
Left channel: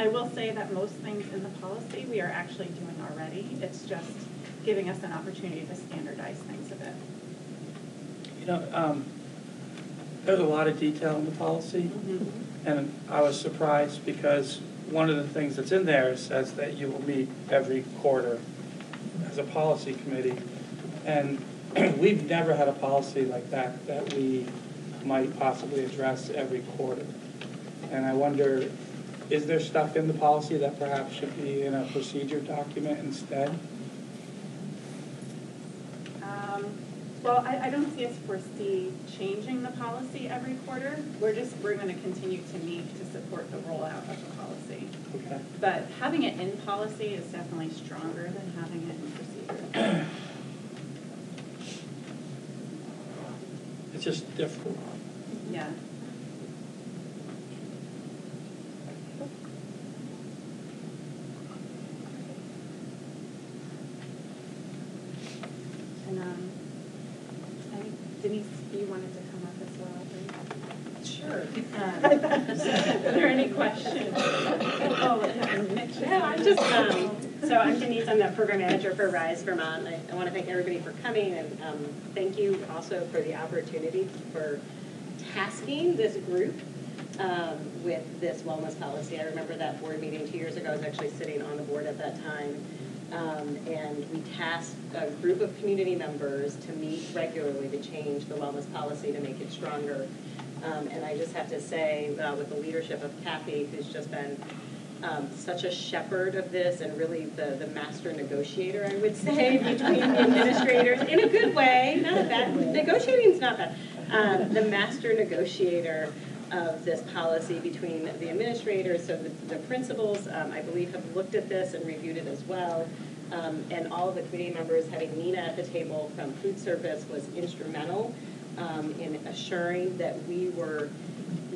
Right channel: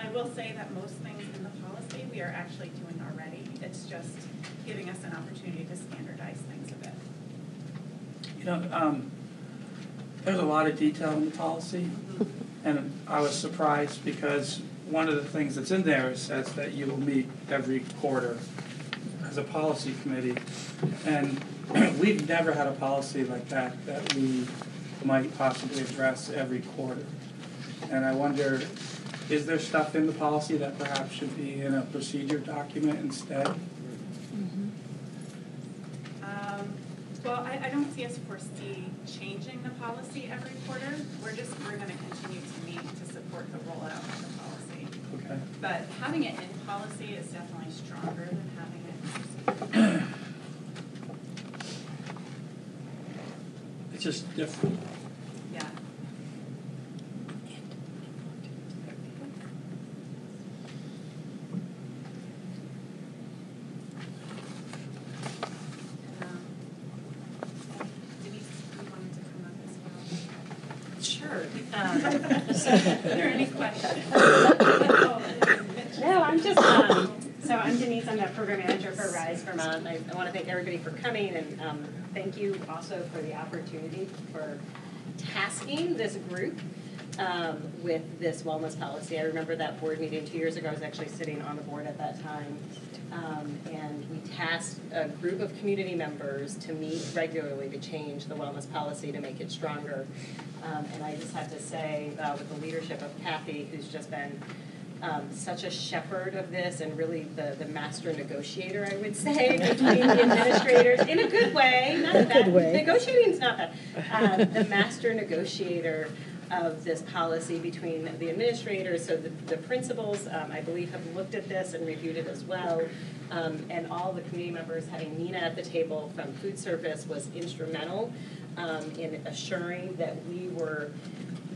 I will say that most things in the policy we are actually doing already. It's just giving us an opportunity to standardize things a bit. There's a lot of detail in the policy, and I was surprised because one of the things that's in there says that you will meet every quarter as a policy committee, and we've never had a policy like that we might possibly address every quarter. And I wonder, is there stuff in the policy that perhaps should be in a procedure document instead? Well, I don't see us foresee changing the policy every quarter. We're going to continue to meet to support the rollout of the policy. Okay. But having it in policy is definitely stronger than having it in procedure. It's just different. Yeah. Denise, you wanted to come up as well? Sure. Are there any questions? No, I'm just, so I'm Denise, I'm the program manager for Rise Vermont. I want to thank everybody for coming, and thank you also for the opportunity for tasking this group with this wellness policy. I remember that board meeting 2 years ago. I was actually sitting on the board at that time. And we tasked a group of community members to meet regularly to change the wellness policy to make it stronger. And I just have to say, with the leadership of Kathy, who's just been such a shepherd of this and really the master negotiator, I would say, between the administrators, in a good way, not bad. Negotiating's not bad. The master negotiator of this policy between the administrators, so the principals, I believe, have looked at this and reviewed it as well. And all of the committee members, having Nina at the table from food service, was instrumental in assuring that we were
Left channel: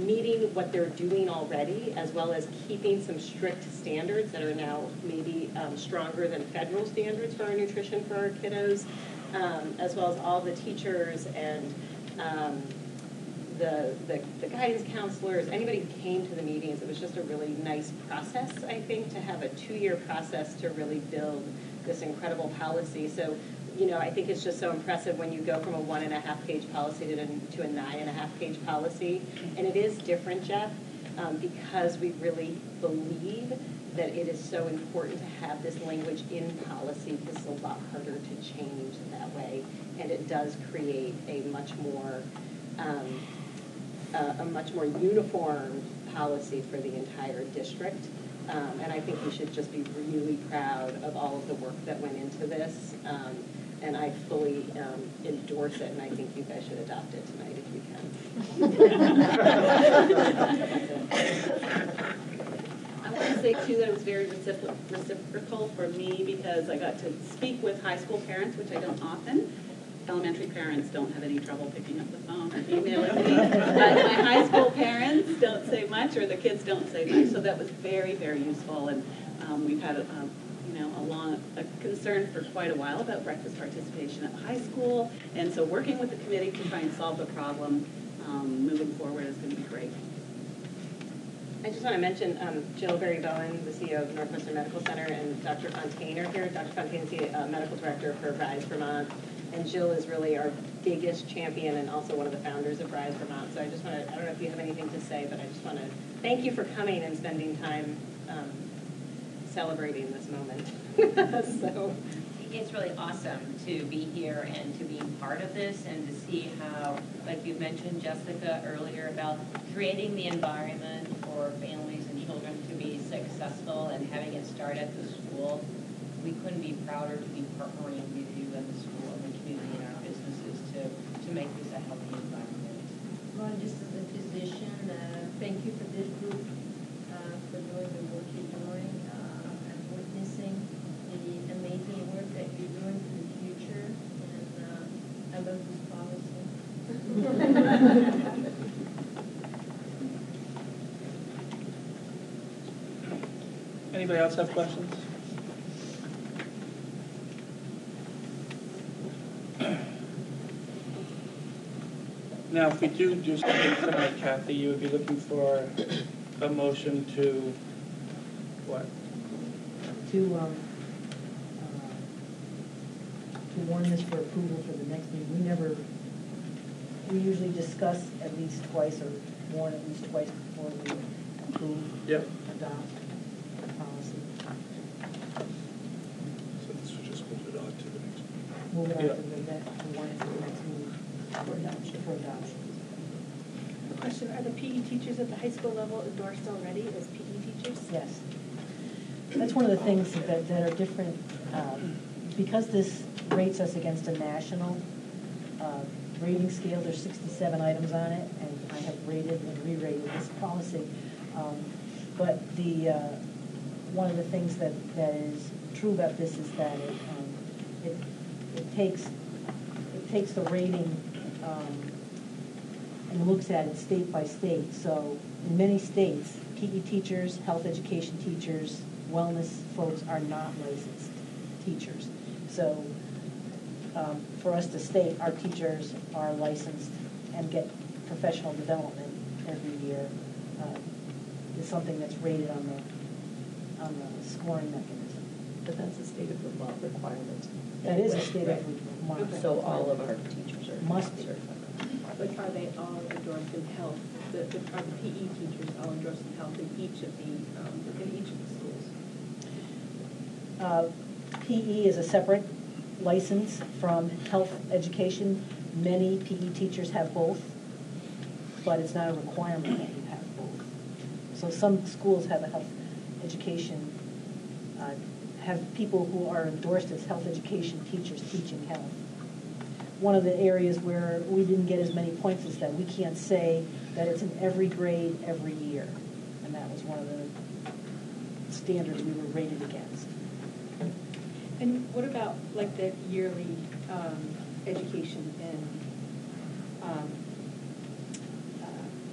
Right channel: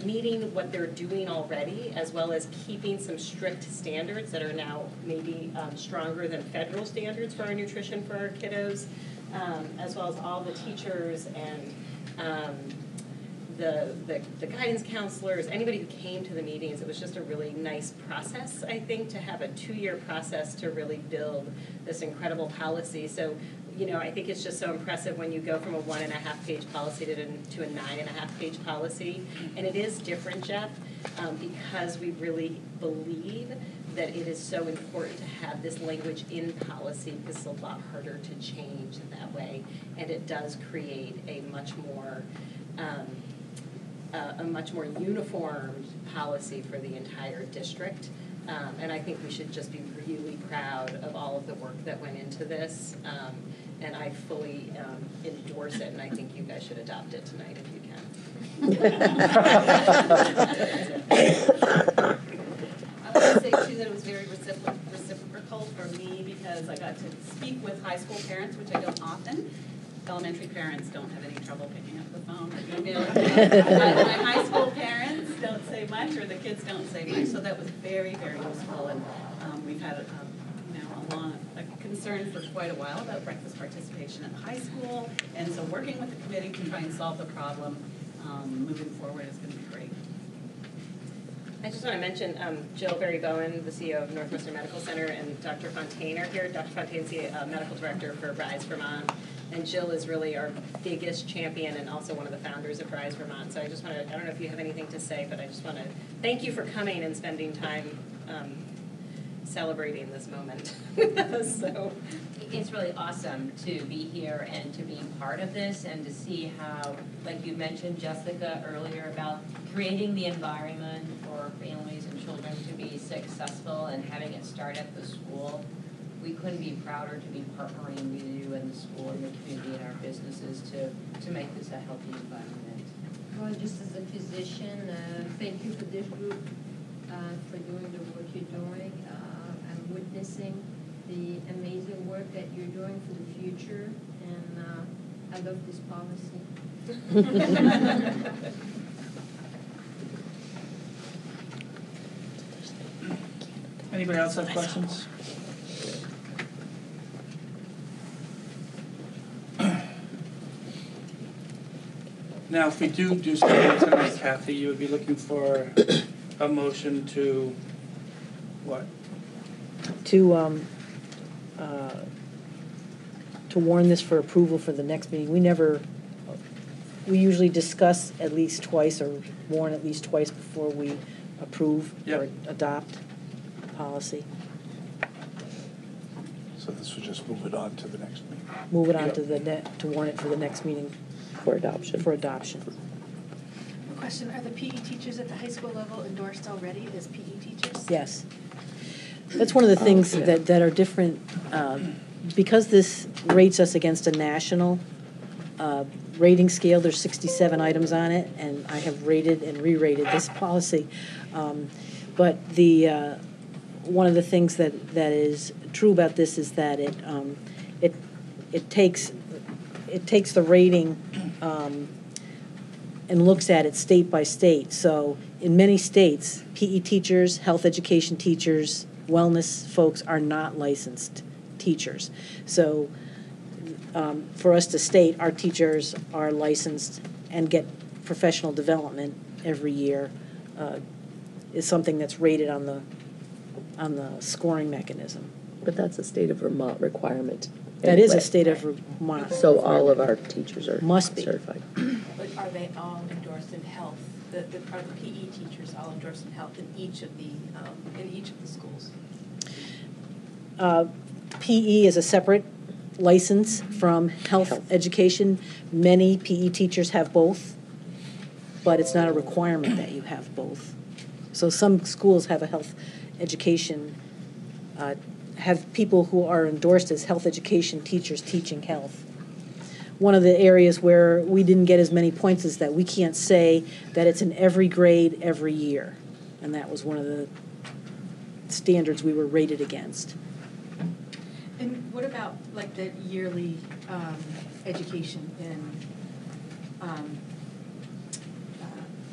meeting what they're doing already, as well as keeping some strict standards that are now maybe stronger than federal standards for our nutrition for our kiddos, as well as all the teachers and the guidance counselors, anybody who came to the meetings. It was just a really nice process, I think, to have a 2-year process to really build this incredible policy. So, I think it's just so impressive when you go from a 1.5-page policy to a 9.5-page policy. And it is different, Jeff, because we really believe that it is so important to have this language in policy, because it's a lot harder to change in that way. And it does create a much more uniform policy for the entire district. And I think we should just be really proud of all of the work that went into this. And I fully endorse it, and I think you guys should adopt it tonight if you can. I want to say, too, that it was very reciprocal for me because I got to speak with high school parents, which I don't often. Elementary parents don't have any trouble picking up the phone or emailing me. But my high school parents don't say much, or the kids don't say much, so that was very, very useful. And we've had a concern for quite a while about breakfast participation at high school, and so working with the committee to try and solve the problem moving forward is going to be great. I just want to mention Jill Berry-Bowen, the CEO of Northwestern Medical Center, and Dr. Fontaine are here. Dr. Fontaine's the medical director for Rise Vermont, and Jill is really our biggest champion and also one of the founders of Rise Vermont. So I just want to, I don't know if you have anything to say, but I just want to thank you for coming and spending time celebrating this moment. So it's really awesome to be here and to be part of this and to see how, like you mentioned, Jessica, earlier about creating the environment for families and children to be successful and having it start at the school. We couldn't be prouder to be partnering with you and the school and the community and our businesses to make this a healthy environment. Well, just as a physician, thank you for this group for doing the work you're doing. I'm witnessing the amazing work that you're doing for the future, and I love this policy. Anybody else have questions? Now, if we do something tonight, Kathy, you would be looking for a motion to what? To warn this for approval for the next meeting. We usually discuss at least twice or warn at least twice before we approve or adopt policy. So this would just move it on to the next meeting? Move it on to warn it for the next meeting. For adoption. For adoption. A question, are the PE teachers at the high school level endorsed already as PE teachers? Yes. That's one of the things that are different, because this rates us against a national rating scale. There's 67 items on it, and I have rated and re-rated this policy. But one of the things that is true about this is that it takes the rating and looks at it state by state. So in many states, PE teachers, health education teachers, wellness folks are not licensed teachers. So for us to state our teachers are licensed and get professional development every year is something that's rated on the scoring mechanism. But that's a state of Vermont requirement. That is a state of Vermont. So all of our teachers are certified. But are they all endorsed in health? Are the PE teachers all endorsed in health in each of the schools? PE is a separate license from health education. Many PE teachers have both, but it's not a requirement that you have both. So some schools have a health education, have people who are endorsed as health education teachers teaching health. One of the areas where we didn't get as many points is that we can't say that it's in every grade every year. And that was one of the standards we were rated against. And what about like the yearly education and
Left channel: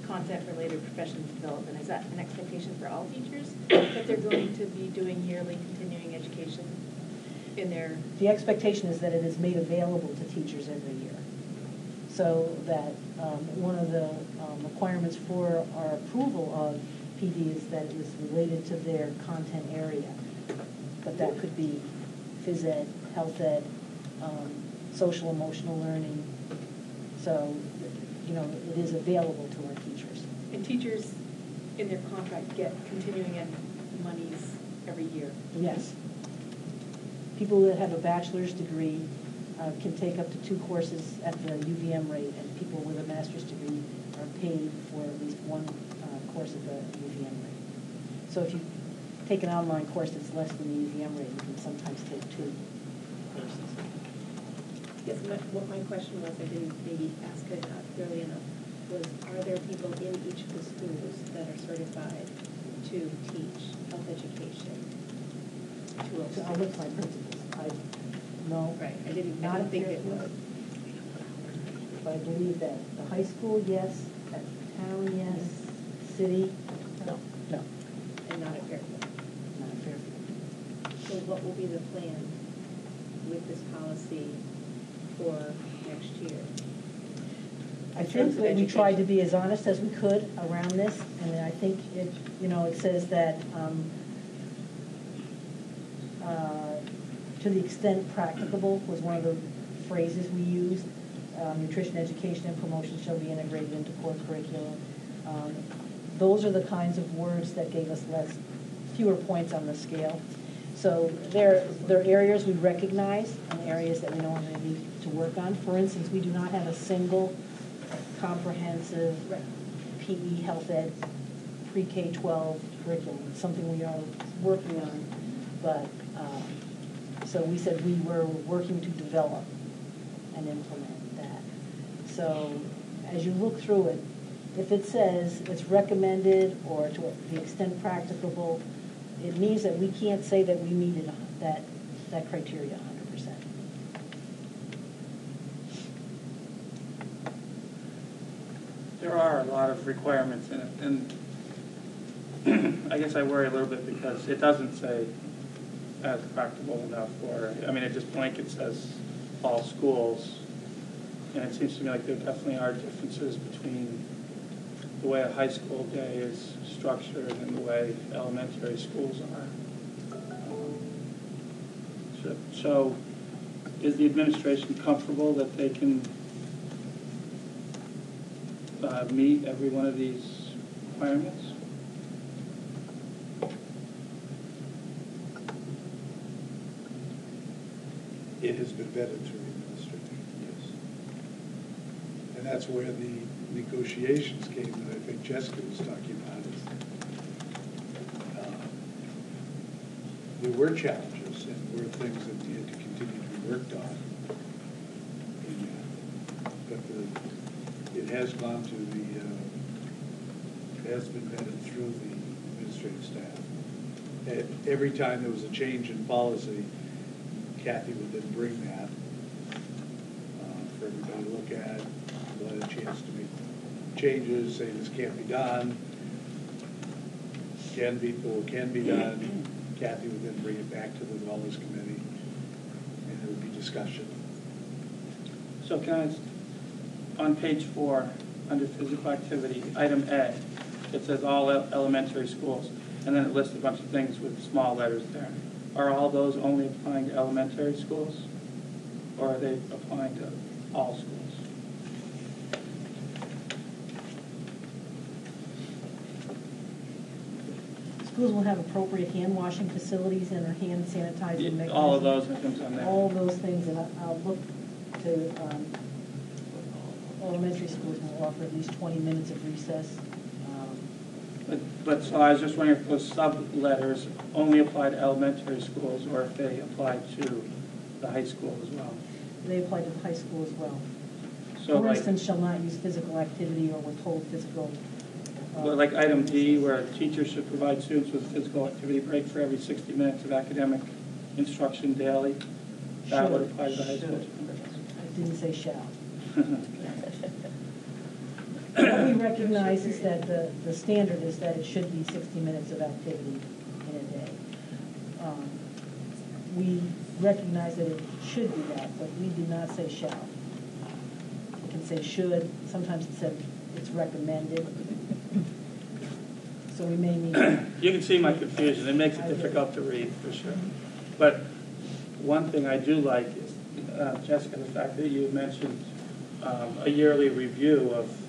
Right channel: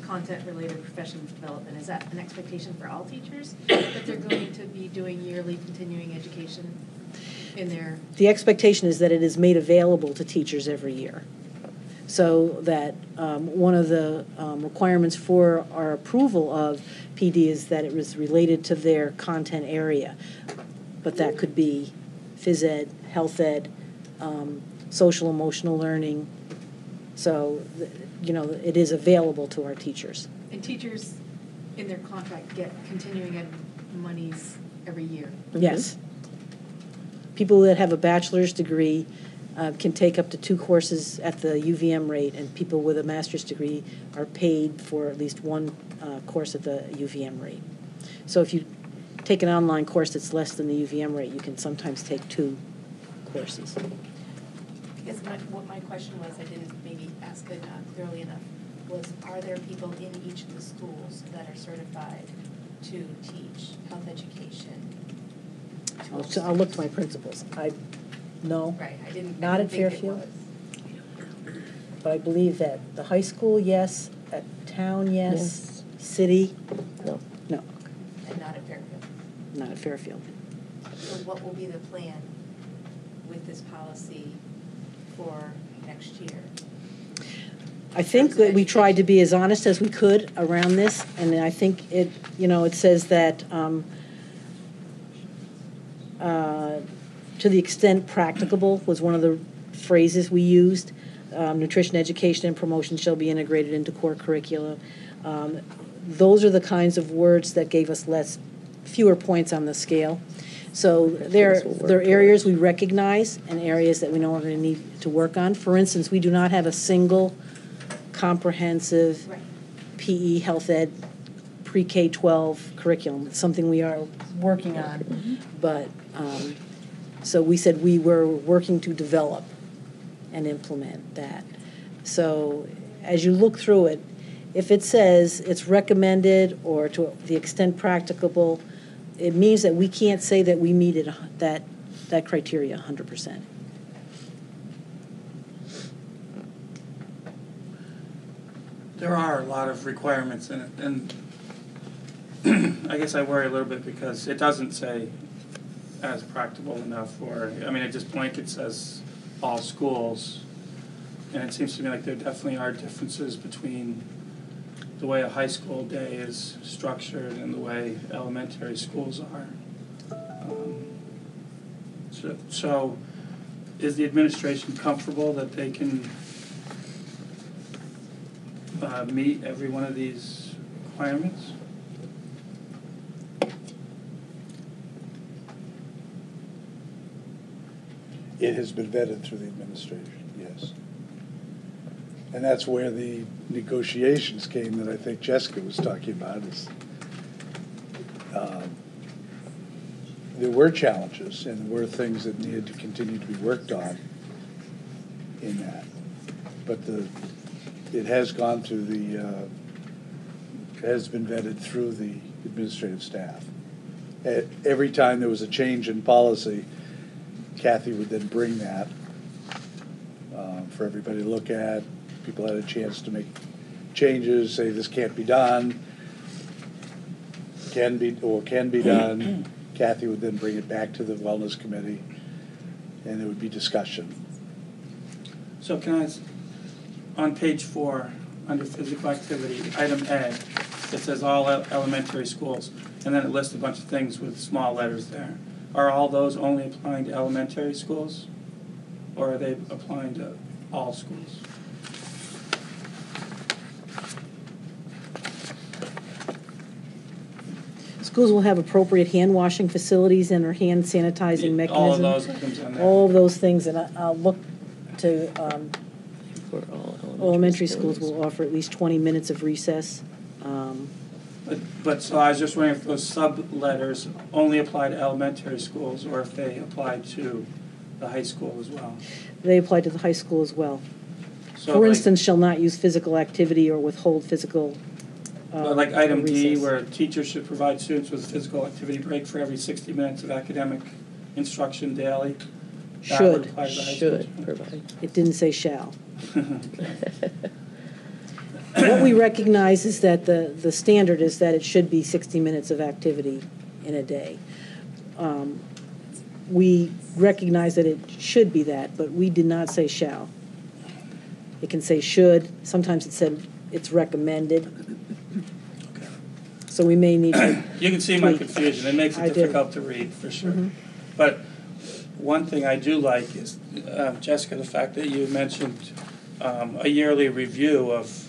content-related professional development? Is that an expectation for all teachers that they're going to be doing yearly continuing education in their? The expectation is that it is made available to teachers every year. So that one of the requirements for our approval of PD is that it was related to their content area. But that could be phys ed, health ed, social emotional learning. So, it is available to our teachers. And teachers in their contract get continuing ed monies every year? Yes. People that have a bachelor's degree can take up to 2 courses at the UVM rate, and people with a master's degree are paid for at least 1 course at the UVM rate. So if you take an online course that's less than the UVM rate, you can sometimes take 2 courses. I guess what my question was, I didn't maybe ask it clearly enough, was are there people in each of the schools that are certified to teach health education? So I'll look to my principals. No. Right, I didn't Not at think it Fairfield. was. But I believe that the high school, yes, at town, yes, city, No. no, And not at Fairfield. not at Fairfield. So what will be the plan with this policy for next year? I think that we tried to be as honest as we could around this, and I think it, it says that to the extent practicable was one of the phrases we used. Nutrition education and promotion shall be integrated into core curriculum. Those are the kinds of words that gave us fewer points on the scale. So there are areas we recognize and areas that we know we're going to need to work on. For instance, we do not have a single comprehensive PE health ed pre-K-12 curriculum. It's something we are working on, but so we said we were working to develop and implement that. So as you look through it, if it says it's recommended or to the extent practicable, it means that we can't say that we meet it, that criteria 100%. There are a lot of requirements in it, and I guess I worry a little bit because it doesn't say as practical enough, or, I mean, it just blanket says all schools, and it seems to me like there definitely are differences between the way a high school day is structured and the way elementary schools are. So is the administration comfortable that they can meet every one of these requirements? It has been vetted through the administration, yes. And that's where the negotiations came that I think Jessica was talking about. Is there were challenges and were things that needed to continue to be worked on in that. But it has gone through it has been vetted through the administrative staff. Every time there was a change in policy, Kathy would then bring that for everybody to look at. People had a chance to make changes, say this can't be done, can be done. Kathy would then bring it back to the wellness committee, and there would be discussion. So can I, on page 4, under physical activity, item A, it says all elementary schools, and then it lists a bunch of things with small letters there. Are all those only applying to elementary schools, or are they applying to all schools? Schools will have appropriate hand washing facilities and or hand sanitizing mechanisms. All of those things on there. All of those things, and I'll look to elementary schools will offer at least 20 minutes of recess. But so I was just wondering if those sub-letters only apply to elementary schools or if they apply to the high school as well. They apply to the high school as well. So For like, instance, shall not use physical activity or withhold physical like item D, recess. where teachers should provide students with a physical activity break for every 60 minutes of academic instruction daily. That would apply to the high school. It didn't say shall. What we recognize is that the standard is that it should be 60 minutes of activity in a day. We recognize that it should be that, but we did not say shall. It can say should. Sometimes it said it's recommended. So we may need to... You can see my confusion. It makes it difficult to read, for sure. Mm-hmm. But one thing I do like is, Jessica, the fact that you mentioned a yearly review of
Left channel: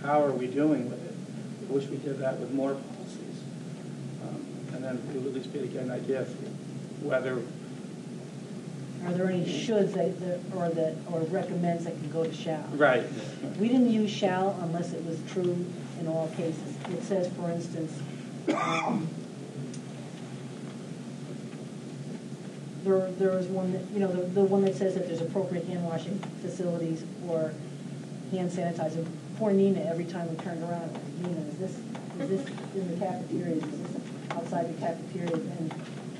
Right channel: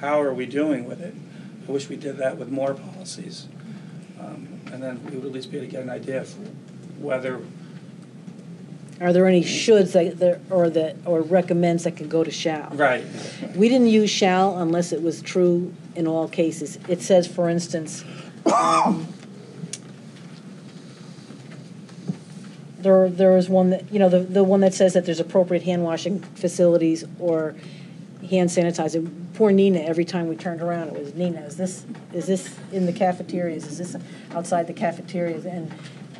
how are we doing with it. I wish we did that with more policies. And then we would at least be able to get an idea of whether... Are there any shoulds or recommends that can go to shall? Right. We didn't use shall unless it was true in all cases. It says, for instance, there is one that, the one that says that there's appropriate hand washing facilities or hand sanitizer. Poor Nina, every time we turned around, it was, Nina, is this in the cafeterias? Is this outside the cafeterias?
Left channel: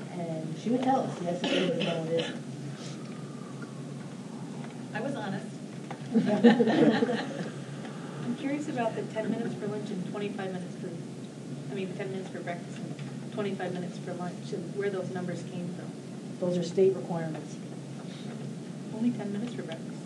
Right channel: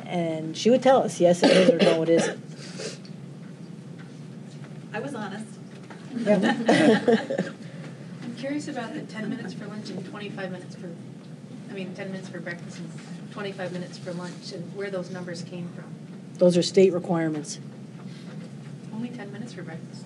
And she would tell us, yes, it is, or no, it isn't. I was honest. I'm curious about the 10 minutes for lunch and 25 minutes for, 10 minutes for breakfast and 25 minutes for lunch, and where those numbers came from. Those are state requirements. Only 10 minutes for breakfast?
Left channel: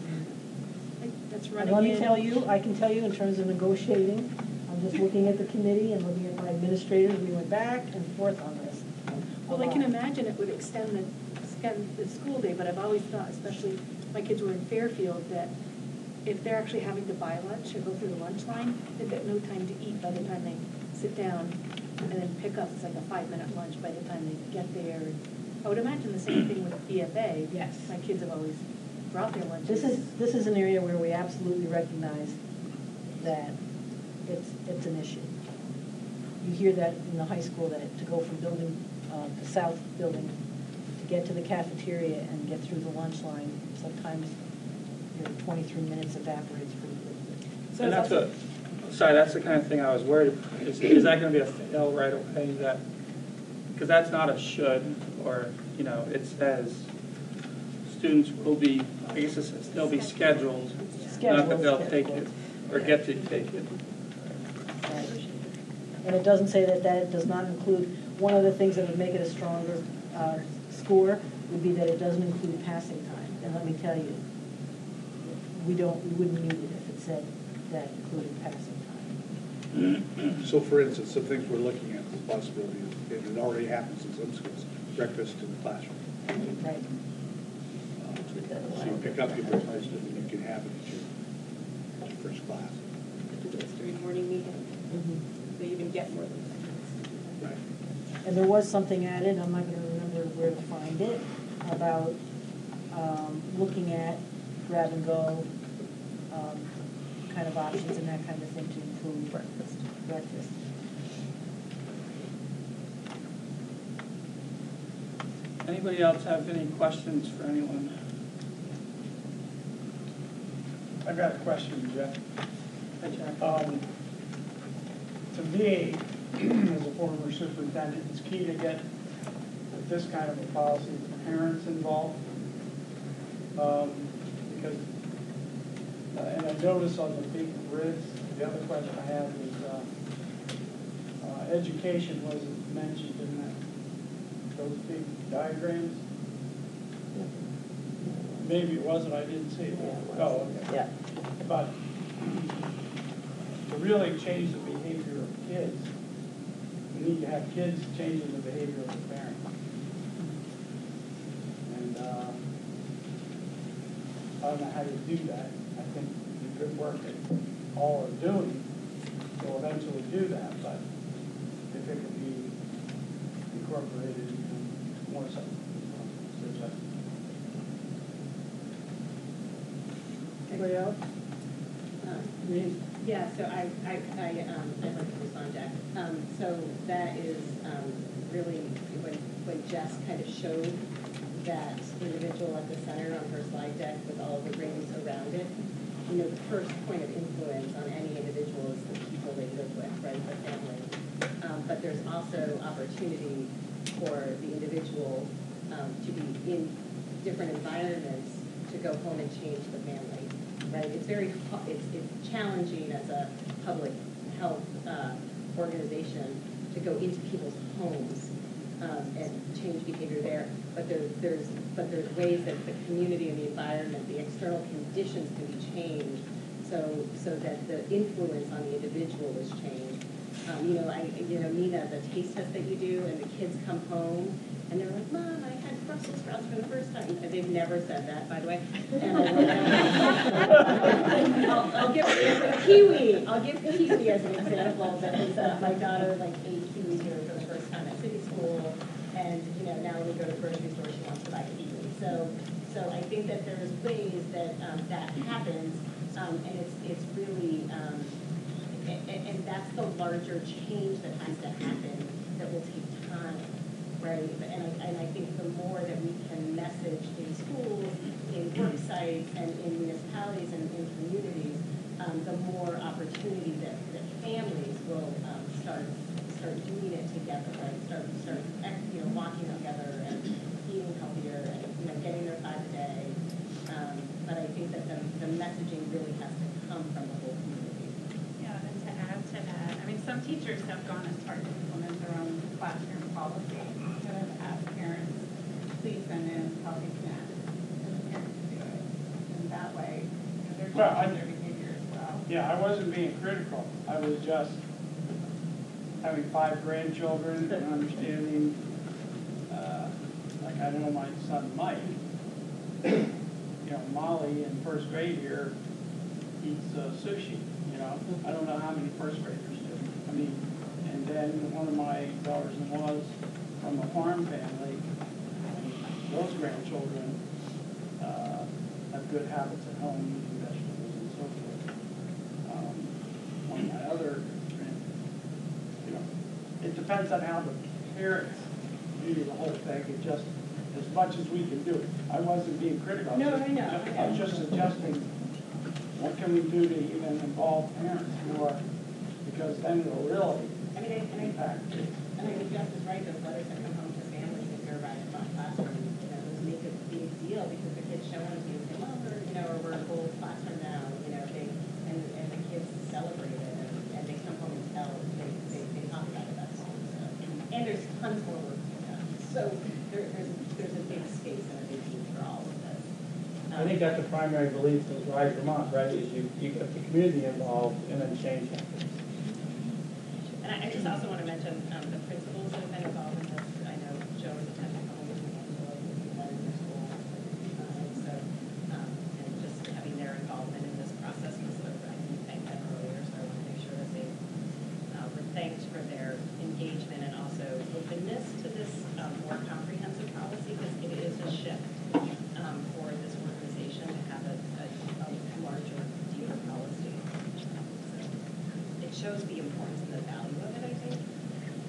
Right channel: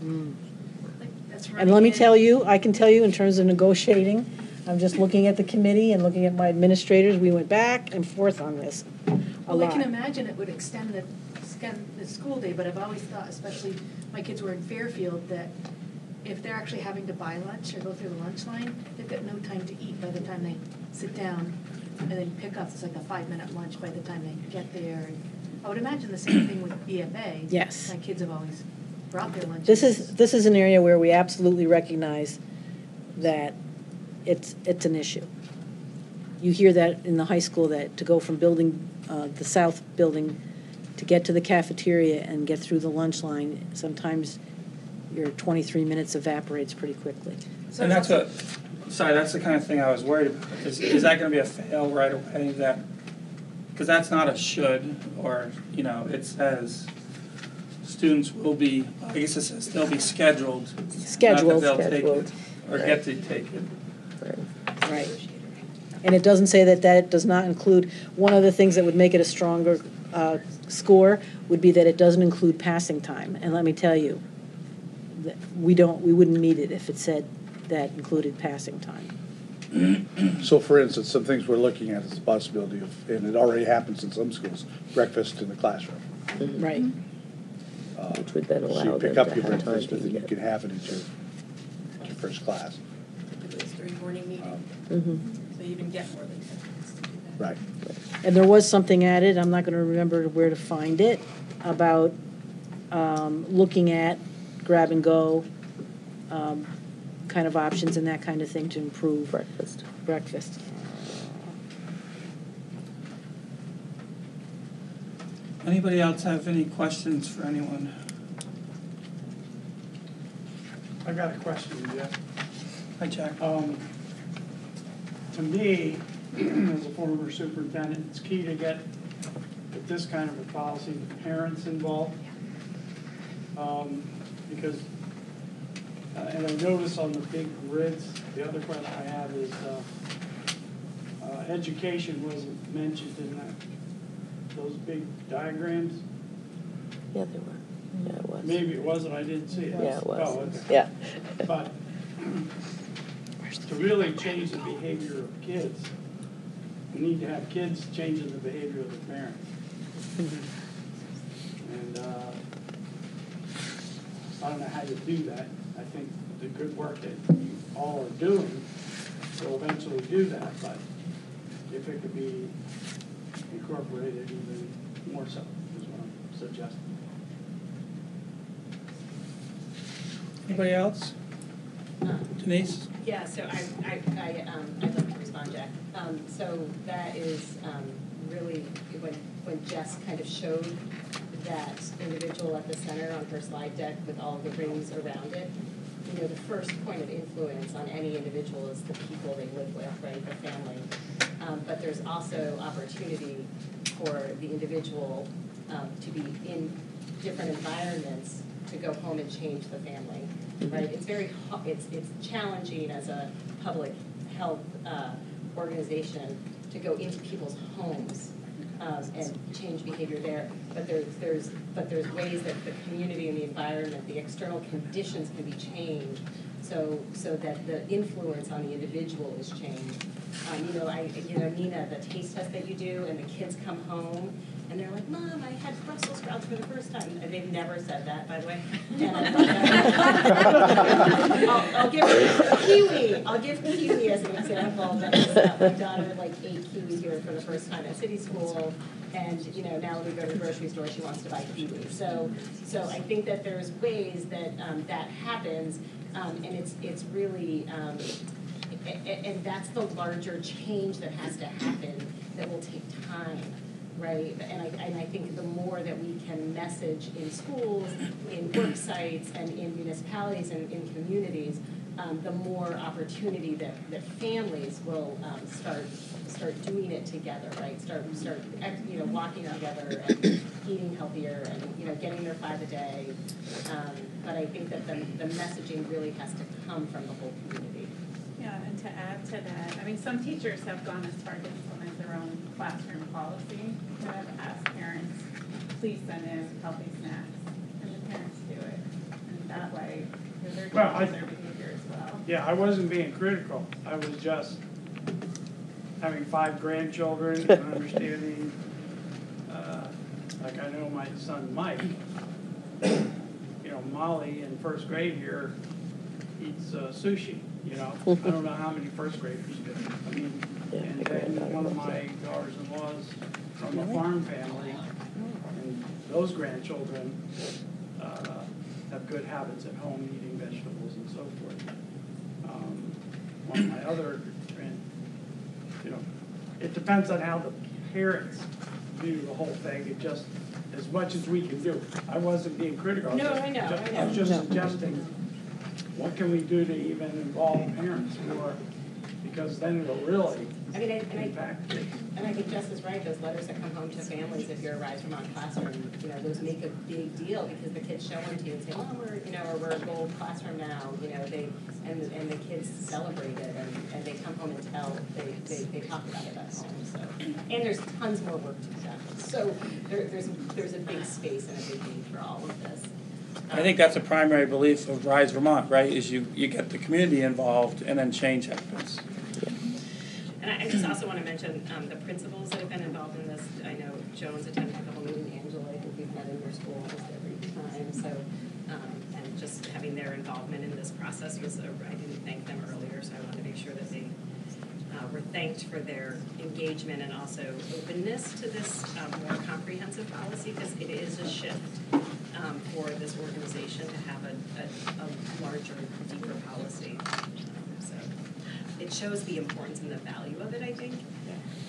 Like, that's And let me running tell you, I can tell you in terms of negotiating, I'm just looking at the committee and looking at my administrators, we went back and forth on this a Well, I lot. can imagine it would extend the school day, but I've always thought, especially my kids were in Fairfield, that if they're actually having to buy lunch or go through the lunch line, they've got no time to eat by the time they sit down and then pick up. It's like a 5-minute lunch by the time they get there. And I would imagine the same thing with BFA. Yes. My kids have always brought their lunches. This is an area where we absolutely recognize that it's an issue. You hear that in the high school, that to go from building, the south building, to get to the cafeteria and get through the lunch line, sometimes your 23 minutes evaporates pretty quickly. So and that's the kind of thing I was worried about. Is that going to be a fail right away? Because that's not a should, or, it says students will be, I guess it says they'll be scheduled. Not that they'll take it, or get to take it. Right. And it doesn't say that does not include, one of the things that would make it a stronger score would be that it doesn't include passing time. And let me tell you, that we wouldn't need it if it said that included passing time. So for instance, some things we're looking at is the possibility of, and it already happens in some schools, breakfast in the classroom. Right. Which would then allow So you pick up your them to have breakfast time and then you to can have it at your first class. During morning meeting, so you don't get more than 10 minutes. Right. And there was something added, I'm not going to remember where to find it, about looking at grab-and-go kind of options and that kind of thing to improve breakfast. Anybody else have any questions for anyone? I've got a question, Jeff. Hi, Jack. To me, as a former superintendent, it's key to get this kind of a policy, parents involved. Because, and I notice on the big grids, the other question I have is, education wasn't mentioned in those big diagrams. Yeah, there were. Yeah, it was. Maybe it wasn't, I didn't see it. Yeah, it was. Oh, okay. Yeah. But to really change the behavior of kids, you need to have kids changing the behavior of the parents. And I don't know how to do that. I think the good work that you all are doing will eventually do that, but if it could be incorporated even more so, is what I'm suggesting. Anybody else? Denise? Yeah, so I'd like to respond, Jack. So that is really, when Jess kind of showed that individual at the center on her slide deck with all the rings around it, the first point of influence on any individual is the people they live with, right, their family. But there's also opportunity for the individual to be in different environments to go home and change the family, right? It's challenging as a public health organization to go into people's homes and change behavior there. But there's ways that the community and the environment, the external conditions can be changed so that the influence on the individual is changed. Nina, the taste test that you do, and the kids come home and they're like, Mom, I had Brussels sprouts for the first time. And they've never said that, by the way. I'll give kiwi. I'll give kiwi as an example. That is, my daughter ate kiwis here for the first time at city school, and now we go to the grocery store, she wants to buy kiwi. So I think that there's ways that that happens, and it's really. And that's the larger change that has to happen that will take time. right? And I think the more that we can message in schools, in work sites, and in municipalities and in communities, the more opportunity that families will start doing it together, right? Start walking together and eating healthier and getting their 5 a day. But I think that the messaging really has to come from the whole community. Yeah, and to add to that, I mean, some teachers have gone as far to implement their own classroom policy, kind of ask parents, please send in healthy snacks, and the parents do it. And that way, because they're changing their behavior as well. Yeah, I wasn't being critical. I was just having 5 grandchildren, understanding, like I know my son Mike, Molly in first grade here eats sushi, I don't know how many first graders do. I mean, and then one of my daughters-in-laws from a farm family, and those grandchildren have good habits at home, eating vegetables and so forth. One of my other, it depends on how the parents do the whole thing. It just, as much as we can do. I wasn't being critical. No, I know. I was just suggesting, what can we do to even involve parents more? Because then it'll really impact kids. And I think Jess is right, those letters that come home to families if you're a Rise Vermont classroom, those make a big deal because the kids show them to you and say, oh, we're a gold classroom now, and the kids celebrate it and they come home and tell, they talk about it at home. So, and there's tons more work to be done. So there's a big space and a big need for all of this. I think that's a primary belief of Rise Vermont, right, is you get the community involved and then change happens. And I just also want to mention the principals that have been involved in this. I know Joe's attended a couple meetings, Angela, I think we've met in your school almost every time. So, and just having their involvement in this process was, I didn't thank them earlier, so I want to make sure that they were thanked for their engagement and also openness to this more comprehensive policy, because it is a shift for this organization to have a larger, deeper policy. So it shows the importance and the value of it, I think,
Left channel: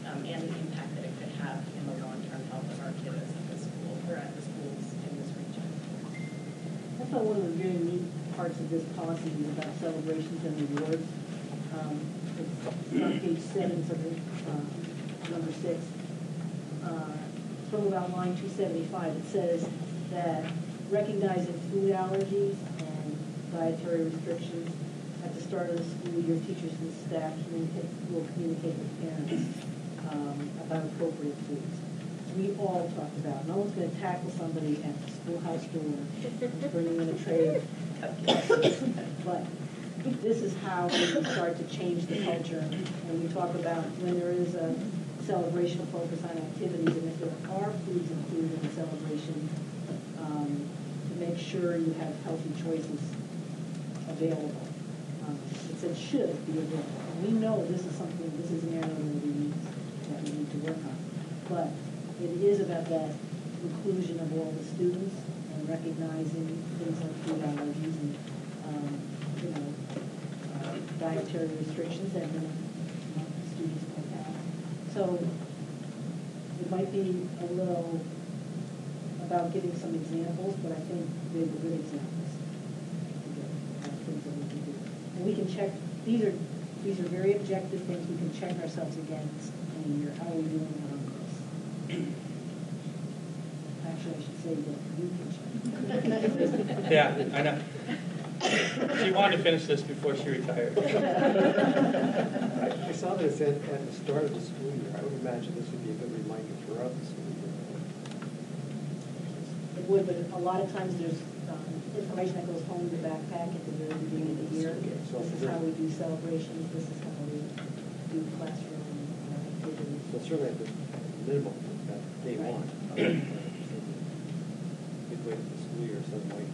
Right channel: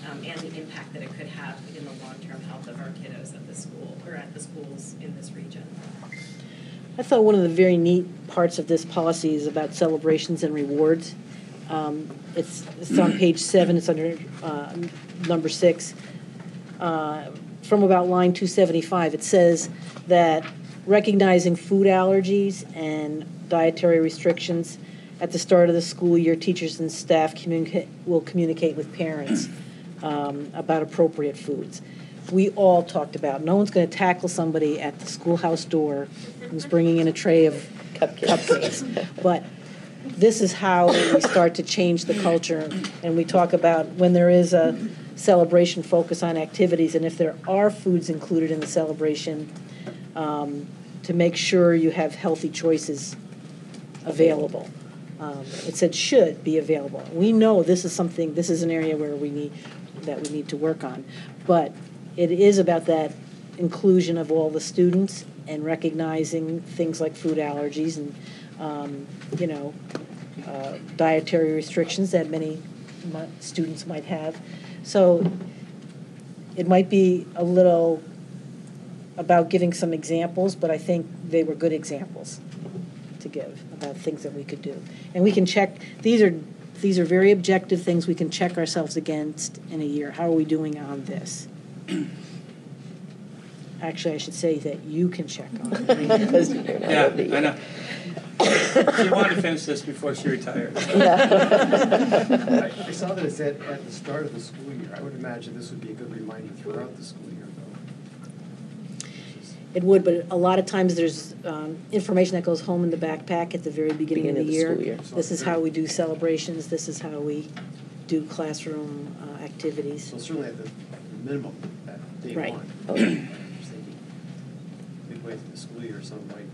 and the impact that it could have in the long-term health of our kiddos at the school, or at the schools in this region. I thought one of the very neat parts of this policy is about celebrations and rewards. It's on page 7, it's under number 6. From about line 275, it says that recognizing food allergies and dietary restrictions at the start of the school year, teachers and staff will communicate with parents about appropriate foods. We all talked about, no one's going to tackle somebody at the schoolhouse door who's bringing in a tray of cupcakes, but this is how we start to change the culture, and we talk about when there is a celebration, focus on activities, and if there are foods included in the celebration, to make sure you have healthy choices available. It said should be available. We know this is an area where we need to work on, but it is about that inclusion of all the students and recognizing things like food allergies and dietary restrictions that many students might have. So it might be a little about giving some examples, but I think they were good examples to give about things that we could do. And we can check, these are very objective things we can check ourselves against in a year. How are we doing on this? Actually, I should say that you can check on it. Yeah, I know. She wanted to finish this before she retired. I saw that it said at the start of the school year. I would imagine this would be a good reminder throughout the school year. It would, but a lot of times there's information that goes home in the backpack at the very beginning of the year. This is how we do celebrations. This is how we do classroom activities. So certainly at the minimum, at day right. one. Okay. Midway through the school year, some point.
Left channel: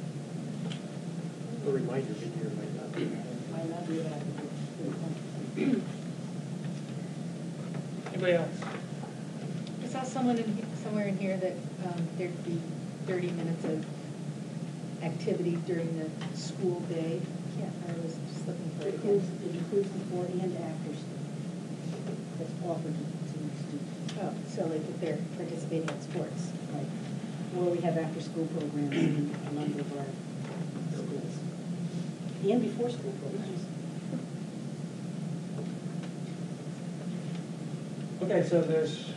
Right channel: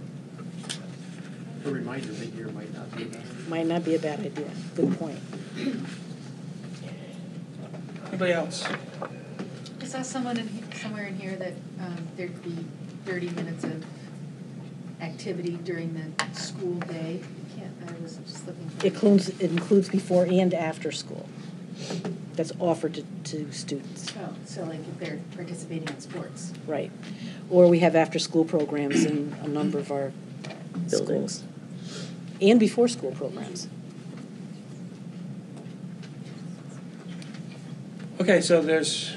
A reminder mid-year might not be bad. Might not be a bad idea. Good point. Anybody else? I saw somewhere in here that there'd be 30 minutes of activity during the school day. I was just looking for It includes before and after school. that's offered to students. Oh, so like if they're participating in sports. Right. Or we have after-school programs in a number of our Buildings. schools. And before-school programs. Okay, so there's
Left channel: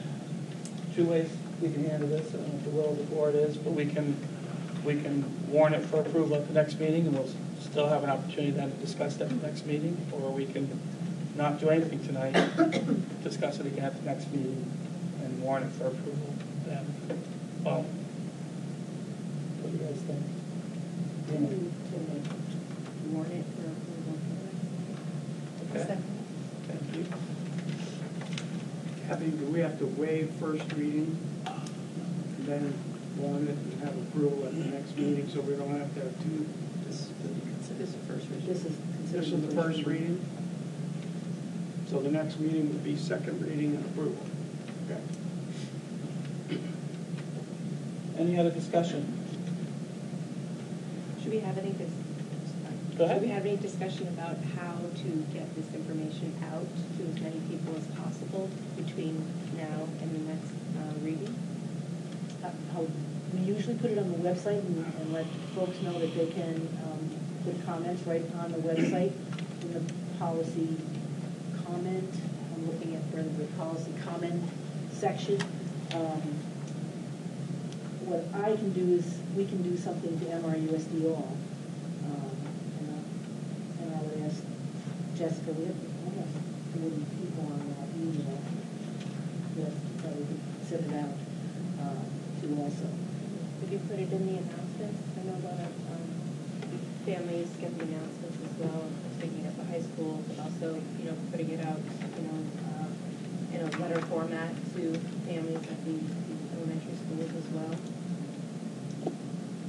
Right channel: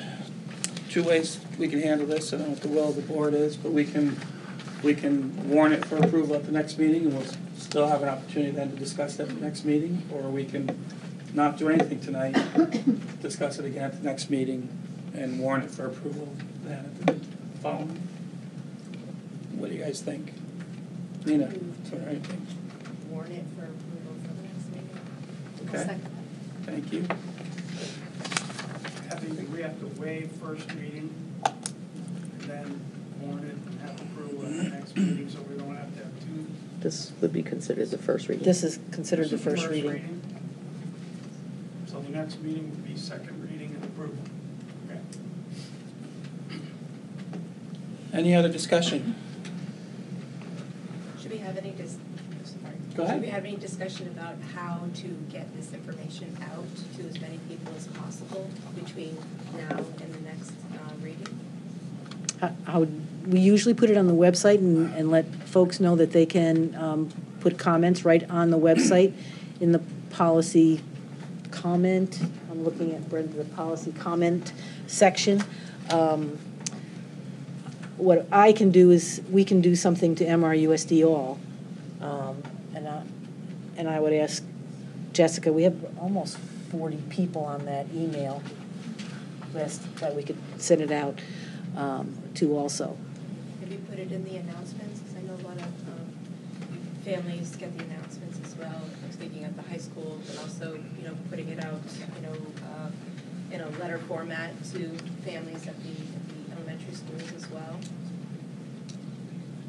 two ways we can handle this. I don't know what the will of the board is, but we can warn it for approval at the next meeting, and we'll still have an opportunity then to discuss that at the next meeting, or we can not do anything tonight, discuss it again at the next meeting, and warn it for approval then at the following. What do you guys think? Nina, it's all right. Warn it for approval for the next meeting. Okay. Second. Thank you. Kathy, do we have to waive first reading, and then warn it and have approval at the next meeting, so we don't have to have two? This would be considered the first reading. This is considered This the is first reading. So the next meeting would be second reading and approval. Okay. Any other discussion? Should we have any Go ahead. Should we have any discussion about how to get this information out to as many people as possible between now and the next reading? We usually put it on the website and let folks know that they can put comments right on the website in the policy comment. I'm looking at the policy comment section. What I can do is, we can do something to MRUSD all. And I would ask Jessica, we have almost 40 people on that email list that we could send it out to also. Could you put it in the announcements? Because I know a lot of families get the announcements as well. I was thinking at the high school, but also, putting it out, in a letter format to families at the elementary schools as well.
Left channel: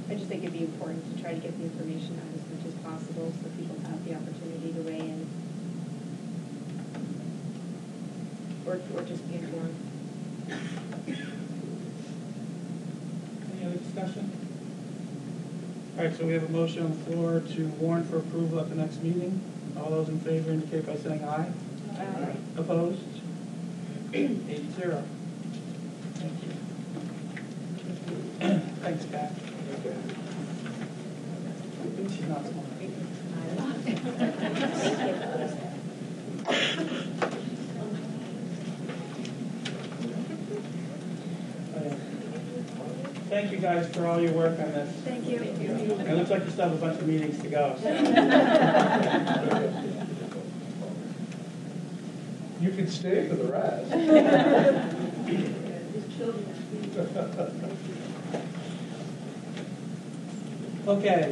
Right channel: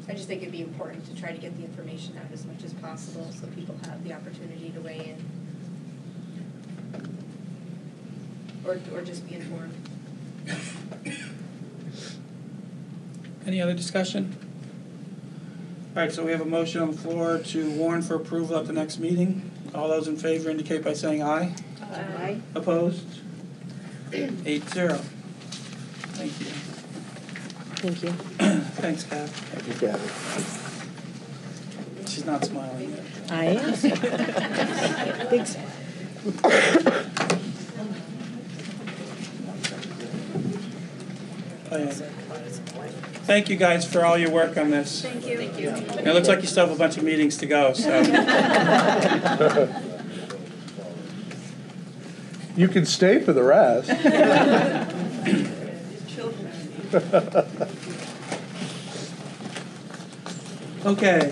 I just think it'd be important to try to get the information out as much as possible so people have the opportunity to weigh in. Or just be informed. Any other discussion? All right, so we have a motion on the floor to warn for approval at the next meeting. All those in favor indicate by saying aye. Aye. Opposed? 8-0. Thank you. Thank you. Thanks, Kath. She's not smiling yet. I am. Big smile. Oh, yeah. Thank you guys for all your work on this. Thank you. Thank you. It looks like you still have a bunch of meetings to go, so. You can stay for the rest. Okay,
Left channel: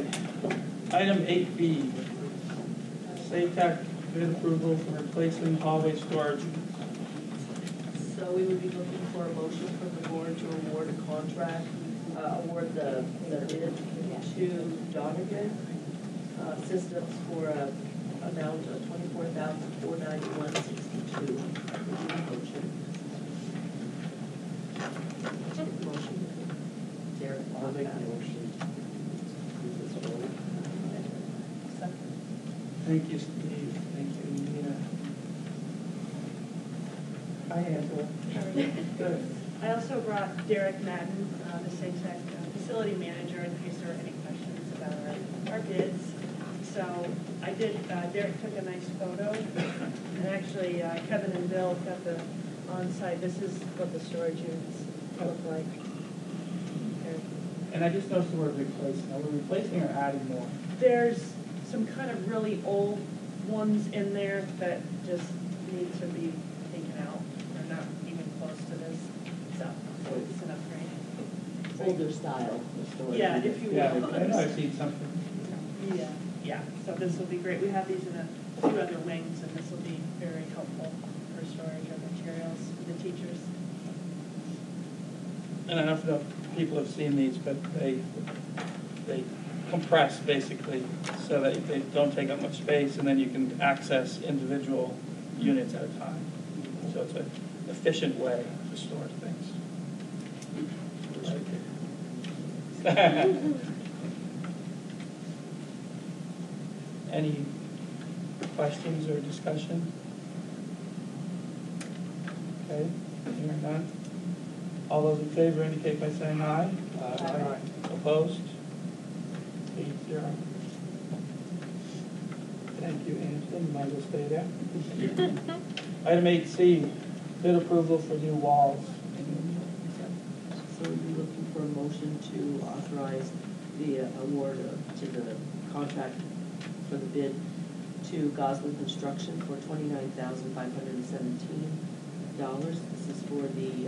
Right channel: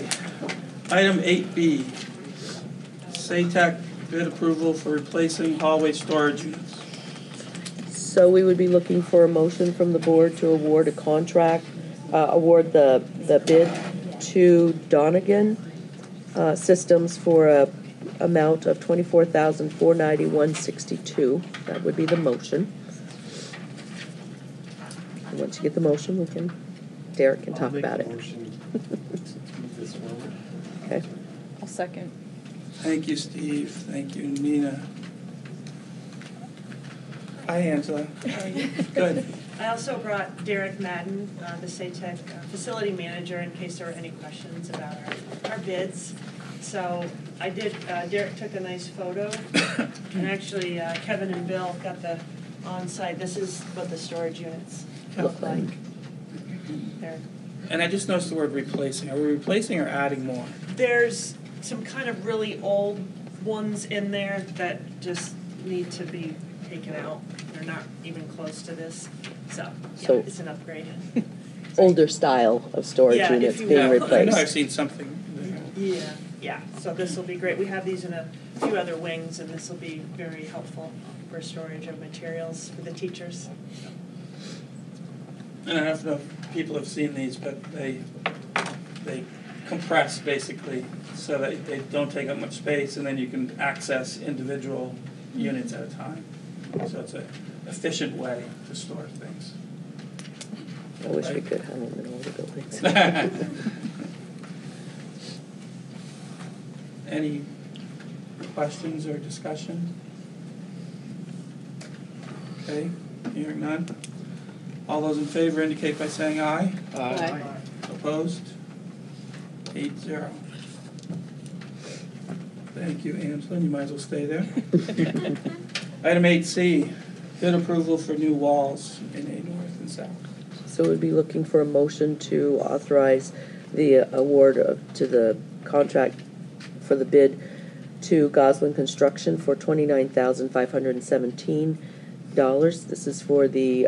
item 8B, SATEC bid approval for replacing hallway storage units. So we would be looking for a motion from the board to award a contract, award the bid to Donegan Systems for a amount of $24,491.62. That would be the motion. Once you get the motion, Derek can talk about it. Okay. I'll second. Thank you, Steve. Thank you, Nina. Hi, Angela. How are you? Good. I also brought Derek Madden, the SATEC facility manager, in case there are any questions about our bids. So I did, Derek took a nice photo, and actually Kevin and Bill got the on-site. This is what the storage units look like. And I just noticed the word replacing. Are we replacing or adding more? There's some kind of really old ones in there that just need to be taken out. They're not even close to this, so it's an upgrade. Older style of storage units being replaced. I know I've seen something. Yeah, so this will be great. We have these in a few other wings, and this will be very helpful for storage of materials for the teachers. And I don't know if people have seen these, but they compress basically so that they don't take up much space, and then you can access individual units at a time. So it's an efficient way to store things. I wish we could have them in older buildings. Any questions or discussion? Okay, hearing none. All those in favor indicate by saying aye. Aye. Opposed? 8-0. Thank you, Angela, you might as well stay there. Item 8C, bid approval for new walls in A North and South. So we'd be looking for a motion to authorize the award to the contract for the bid to Goslin Construction for $29,517. This is for the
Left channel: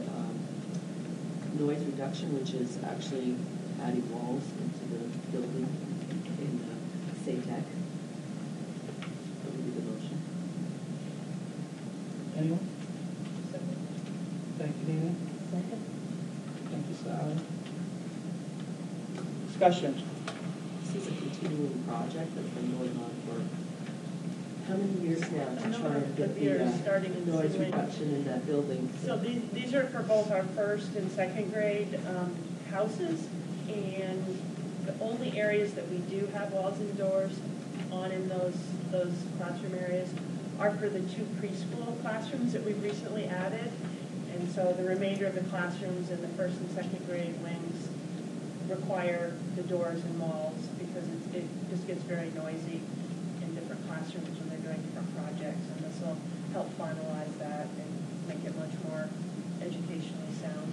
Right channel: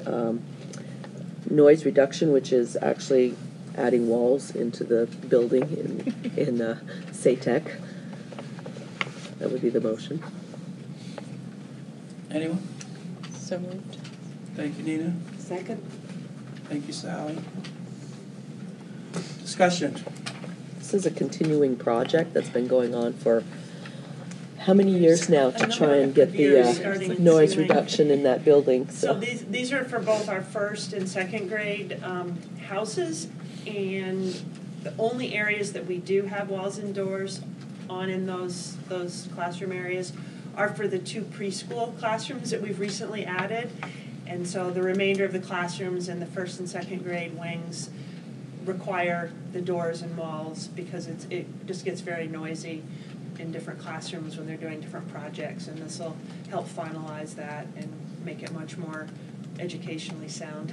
noise reduction, which is actually adding walls into the building in SATEC. That would be the motion. Anyone? So moved. Thank you, Nina. Second? Thank you, Sally. Discussion. This is a continuing project that's been going on for how many years now to try and get the noise reduction in that building? So these are for both our first and second grade houses, and the only areas that we do have walls and doors on in those classroom areas are for the 2 preschool classrooms that we've recently added. And so the remainder of the classrooms in the first and second grade wings require the doors and walls because it just gets very noisy in different classrooms when they're doing different projects, and this will help finalize that and make it much more educationally sound.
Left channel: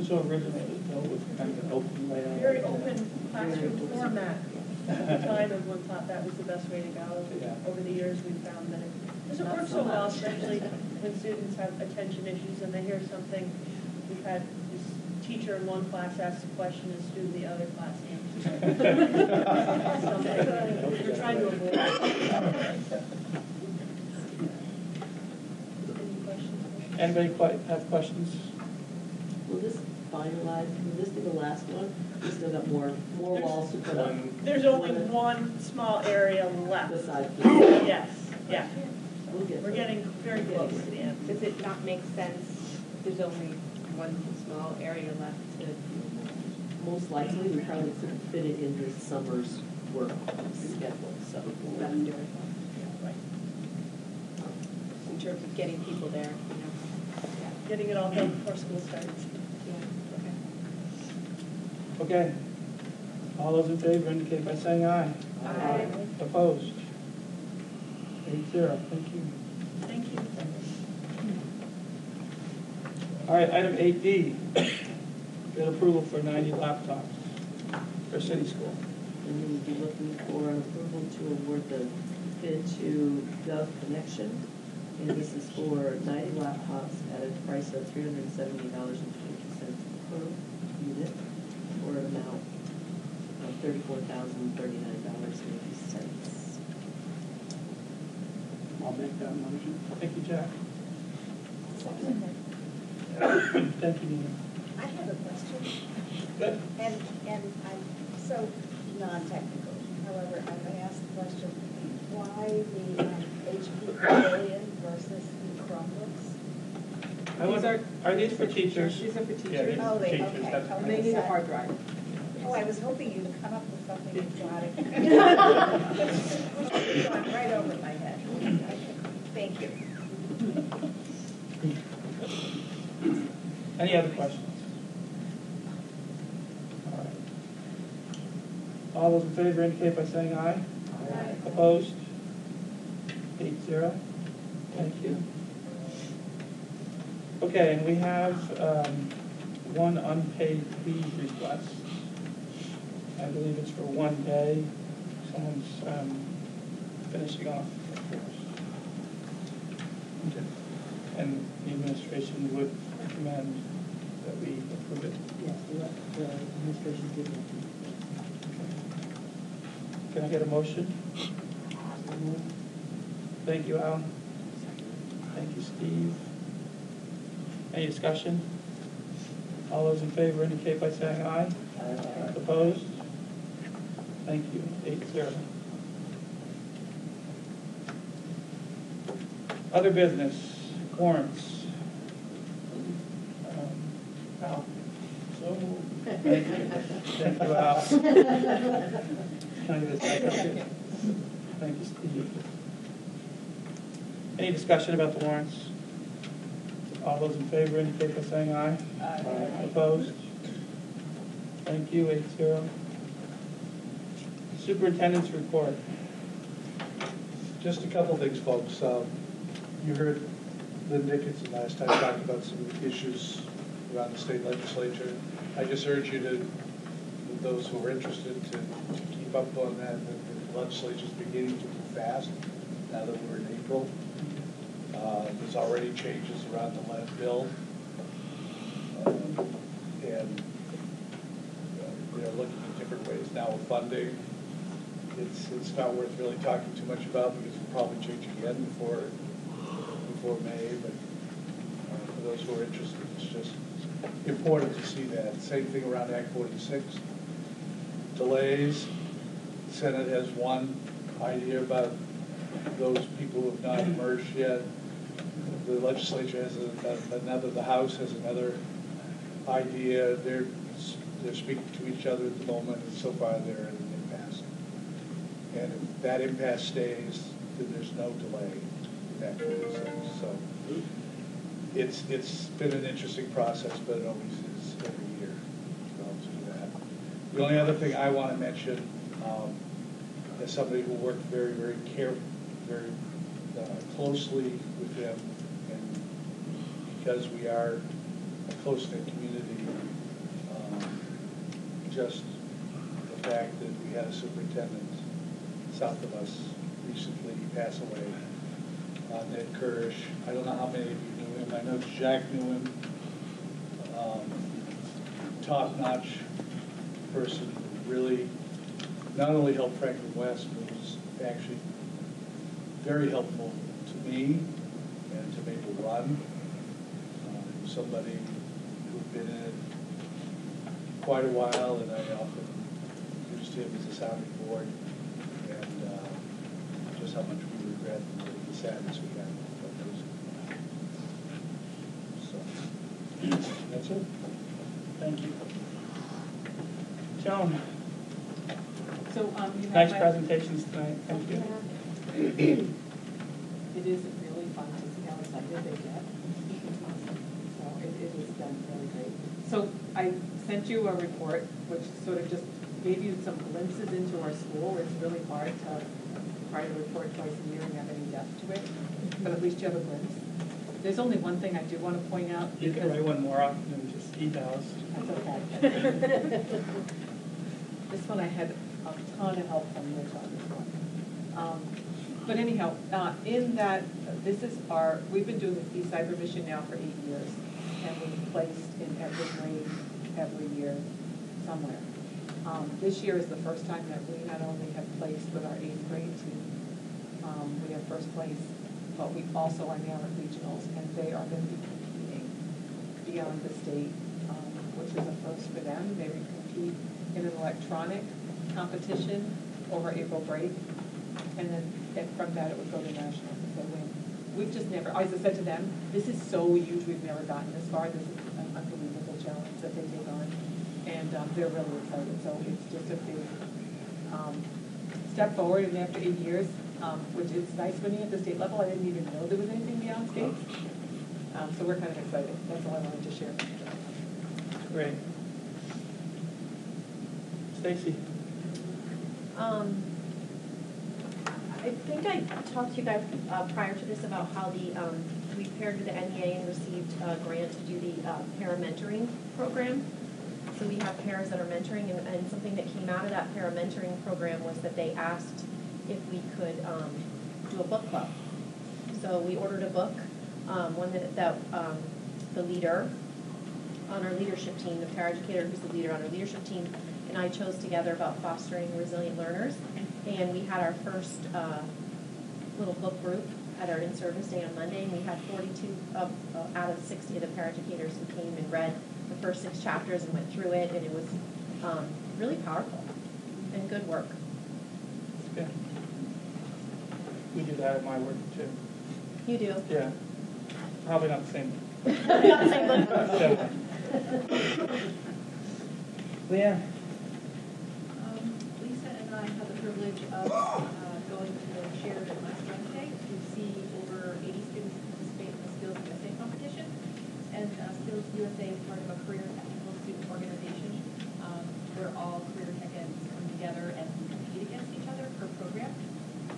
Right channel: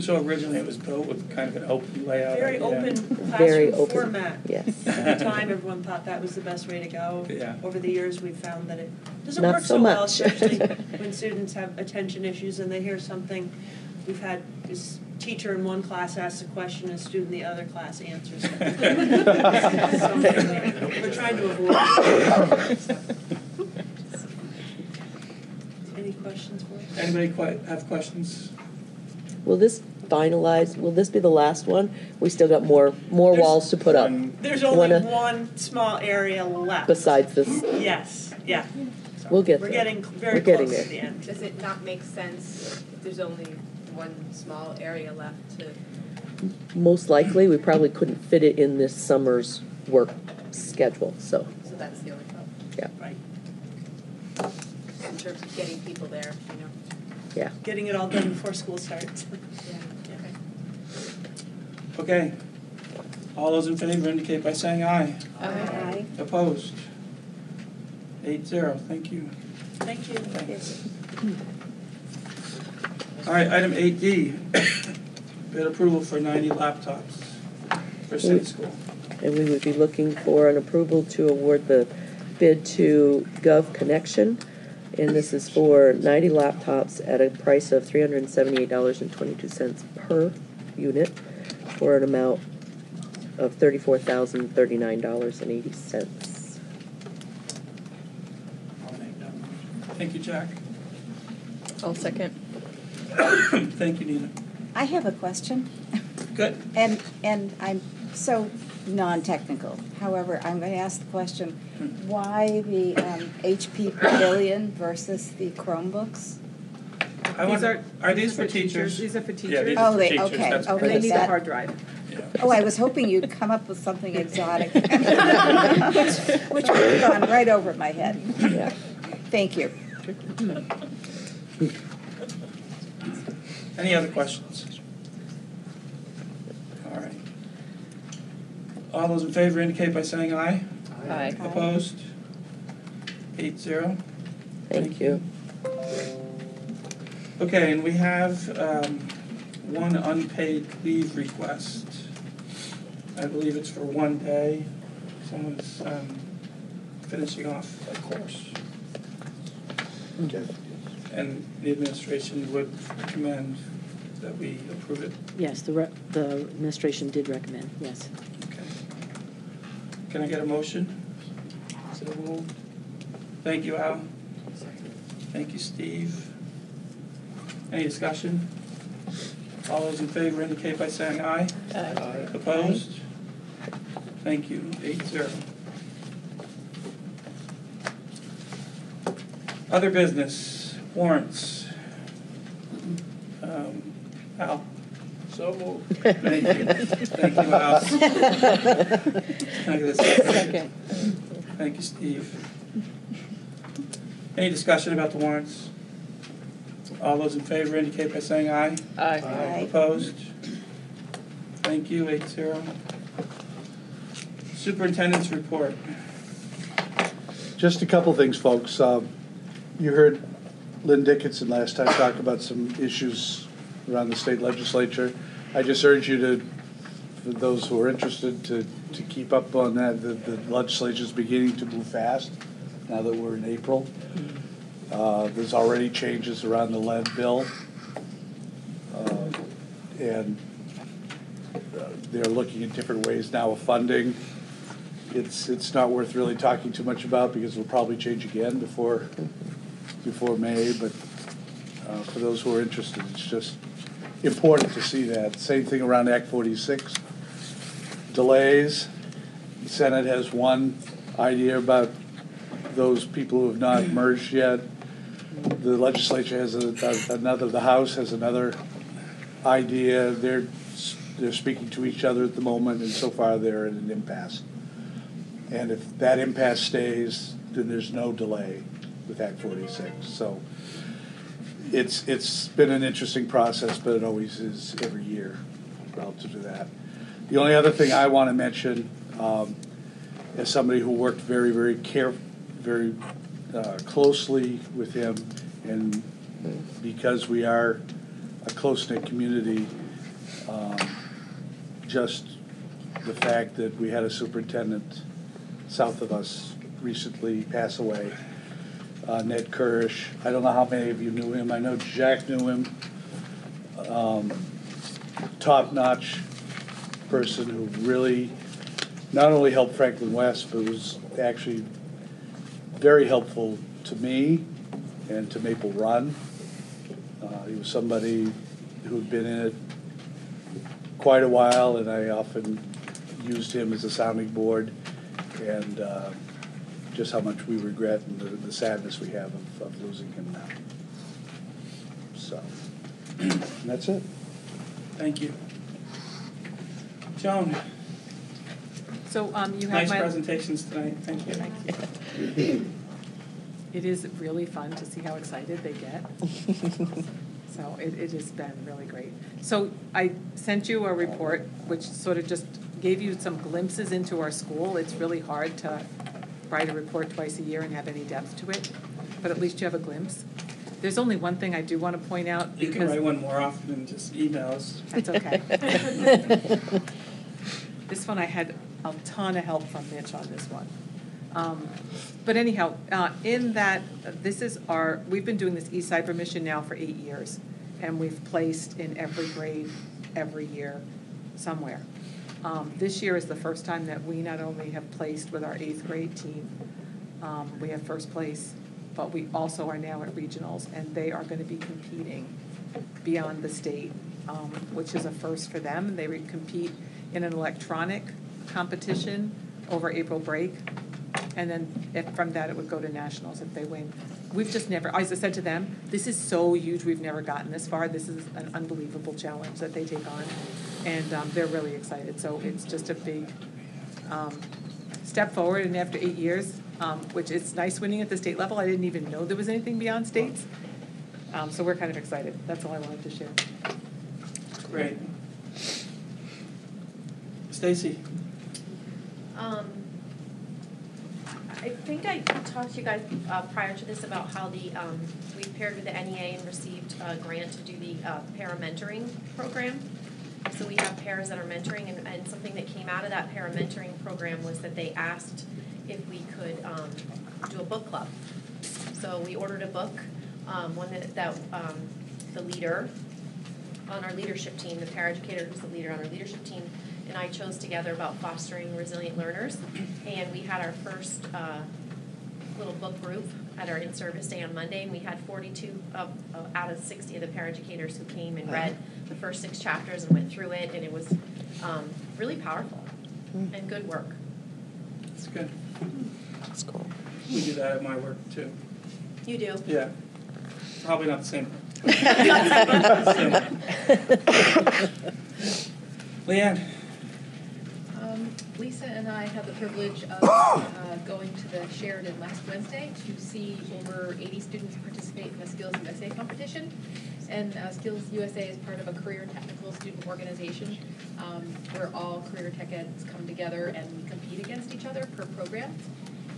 So originally it was built with kind of an open layout. Very open Very classroom open. format. Yes. At the time, everyone thought that was the best way to go. Yeah. Over the years, we've found that it doesn't Not work so so well, much. especially when students have attention issues and they hear something. We've had this teacher in one class ask a question, a student in the other class answers it. We're trying to avoid it. Any questions for us? Anybody have questions? Will this finalize, will this be the last one? We still got more walls to put up. There's only one small area left. Besides this. Yes, yeah. So We'll get We're there. getting very We're getting close there. to the end. Does it not make sense if there's only one small area left to? Most likely, we probably couldn't fit it in this summer's work schedule, so. So that's the only problem. Yeah. Right. In terms of getting people there, you know. Yeah. Getting it all done before school starts. Yeah, Okay. All those in favor indicate by saying aye. Aye. Opposed? 8-0. Thank you. Thank you. Thanks. All right, item 8D, bid approval for 90 laptops for city school. And we would be looking for an approval to award the bid to Gov Connection. And this is for 90 laptops at a price of $378.22 per unit for an amount of $34,039.80. I'll make that motion. Thank you, Jack. I'll second. Thank you, Nina. I have a question. Good. And I'm so non-technical. However, I'm going to ask the question, why the HP Pavilion versus the Chromebooks? Are these for teachers? These are for teachers. Yeah, these Oh, are for they, teachers. okay, That's okay. correct. They need a hard drive. Oh, I was hoping you'd come up with something exotic, which would have gone right over my head. Yeah. Thank you. Any other questions? All right. All those in favor indicate by saying aye. Aye. Opposed? 8-0. Thank you. Okay, and we have one unpaid leave request. I believe it's for one day. Someone's finishing off a course. Okay. And the administration would recommend that we approve it. Yes, the administration did recommend, yes. Okay. Can I get a motion? So moved. Thank you, Al. Thank you, Steve. Any discussion? All those in favor indicate by saying aye. Aye. Opposed? Thank you. 8-0. Other business, warrants. Al? So moved. Thank you. Thank you, Al. Can I get a second? Second. Thank you, Steve. Any discussion about the warrants? All those in favor indicate by saying aye. Aye. Opposed? Thank you, 8-0. Superintendent's report. Just a couple things, folks. You heard Lynn Dickinson last time talk about some issues around the state legislature. I just urge you to, for those who are interested, to keep up on that. The legislature is beginning to move fast now that we're in April. There's already changes around the lead bill. And they're looking at different ways now of funding. It's not worth really talking too much about because it'll probably change again before May, but for those who are interested, it's just important to see that. Same thing around Act 46. Delays. The Senate has one idea about those people who have not merged yet. The legislature has another, the House has another idea. They're speaking to each other at the moment, and so far they're in an impasse. And if that impasse stays, then there's no delay with Act 46. So it's been an interesting process, but it always is every year relative to that. The only other thing I want to mention, as somebody who worked very, very closely with him, and because we are a close-knit community, just the fact that we had a superintendent south of us recently pass away, Ned Kirsch. I don't know how many of you knew him. I know Jack knew him. Top-notch person who really not only helped Franklin West, but was actually very helpful to me and to Maple Run. He was somebody who had been in it quite a while, and I often used him as a sounding board, and just how much we regret and the sadness we have of losing him now. So, and that's it. Thank you. Joan. So you have nice presentations tonight. Thank you. It is really fun to see how excited they get. So it has been really great. So I sent you a report which sort of just gave you some glimpses into our school. It's really hard to write a report twice a year and have any depth to it, but at least you have a glimpse. There's only one thing I do want to point out. You can write one more often than just emails. That's okay. This one I had a ton of help from Mitch on this one. But anyhow, in that, we've been doing this Eastside Remission now for 8 years, and we've placed in every grade every year somewhere. This year is the first time that we not only have placed with our 8th grade team, we have first place, but we also are now at regionals, and they are going to be competing beyond the state, which is a first for them. They would compete in an electronic competition over April break, and then from that it would go to nationals if they win. We've just never, as I said to them, this is so huge, we've never gotten this far. This is an unbelievable challenge that they take on, and they're really excited. So it's just a big step forward, and after 8 years, which is nice winning at the state level. I didn't even know there was anything beyond states. So we're kind of excited. That's all I wanted to share. Great. Stacy. I think I talked to you guys prior to this about how we paired with the NEA and received a grant to do the para-mentoring program. So we have paras that are mentoring, and something that came out of that para-mentoring program was that they asked if we could do a book club. So we ordered a book, one that the leader on our leadership team, the paraeducator who's the leader on our leadership team, and I chose together about fostering resilient learners. And we had our first little book group at our in-service day on Monday, and we had 42 out of 60 of the paraeducators who came and read the first 6 chapters and went through it, and it was really powerful and good work. That's good. That's cool. We do that at my work too. You do? Yeah. Probably not the same. Leanne. Lisa and I had the privilege of going to the Sheridan last Wednesday to see over 80 students participate in this Skills USA competition. And Skills USA is part of a career technical student organization where all career tech eds come together and compete against each other per program.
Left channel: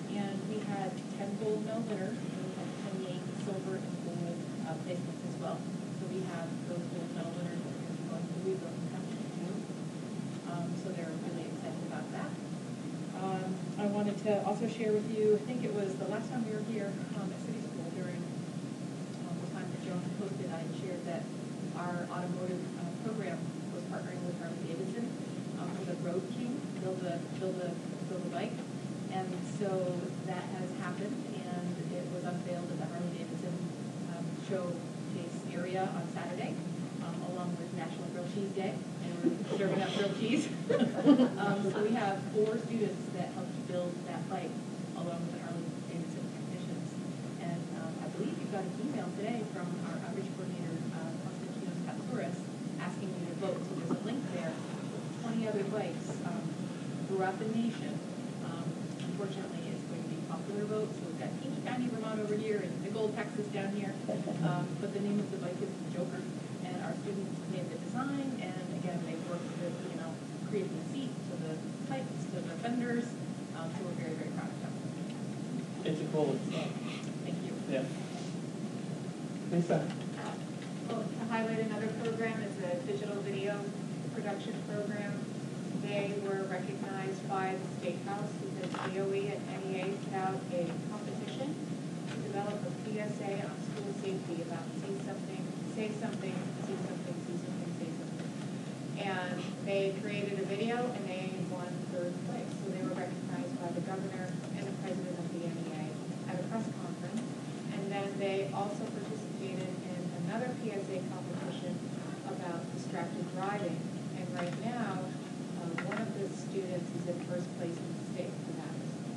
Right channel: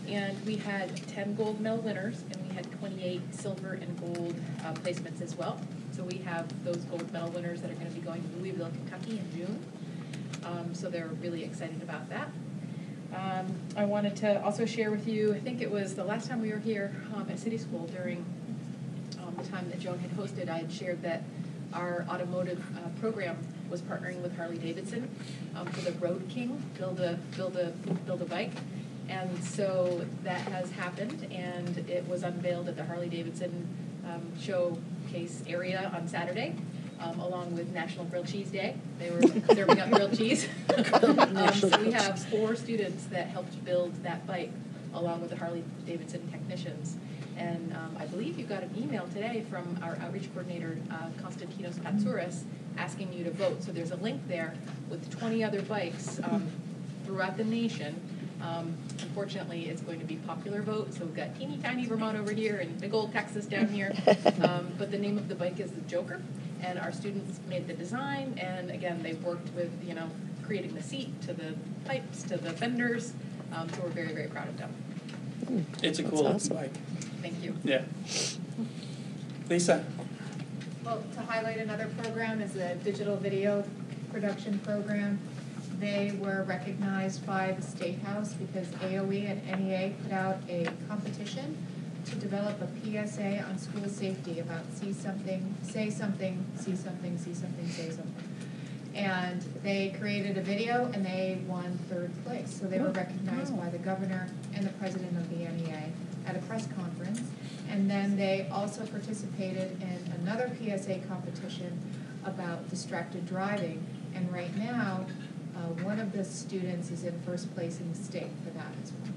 And we had 10 gold medal winners, and we had 28 silver and gold placements as well. So we have those gold medal winners that are going to be going to Louisville, Kentucky in June. So they're really excited about that. I wanted to also share with you, I think it was the last time we were here at City School during the time that Joan had hosted, I had shared that our automotive program was partnering with Harley Davidson for the Road King, build a bike. And so that has happened, and it was unveiled at the Harley Davidson showcase area on Saturday, along with National Grilled Cheese Day. They were serving up grilled cheese. So we have 4 students that helped build that bike, along with the Harley Davidson technicians. And I believe you got an email today from our outreach coordinator, Konstantinos Patsouris, asking you to vote. So there's a link there with 20 other bikes throughout the nation. Unfortunately, it's going to be popular vote, so we've got teeny tiny Vermont over here and big old Texas down here. But the name of the bike is the Joker, and our students made the design, and again, they've worked with, creating the seat, to the pipes, to the fenders, so we're very, very proud of them. It's a cool bike. Thank you. Yeah. Lisa? Well, to highlight another program is the digital video production program. They were recognized by the State House because AOE and NEA put out a competition to develop a PSA on school safety about see something, say something, see something, see something, say something. And they created a video and they won 3rd place. So they were recognized by the governor and the president of the NEA at a press conference. And then they also participated in another PSA competition about distracted driving. And right now, one of the students is in 1st place in the state for that as well.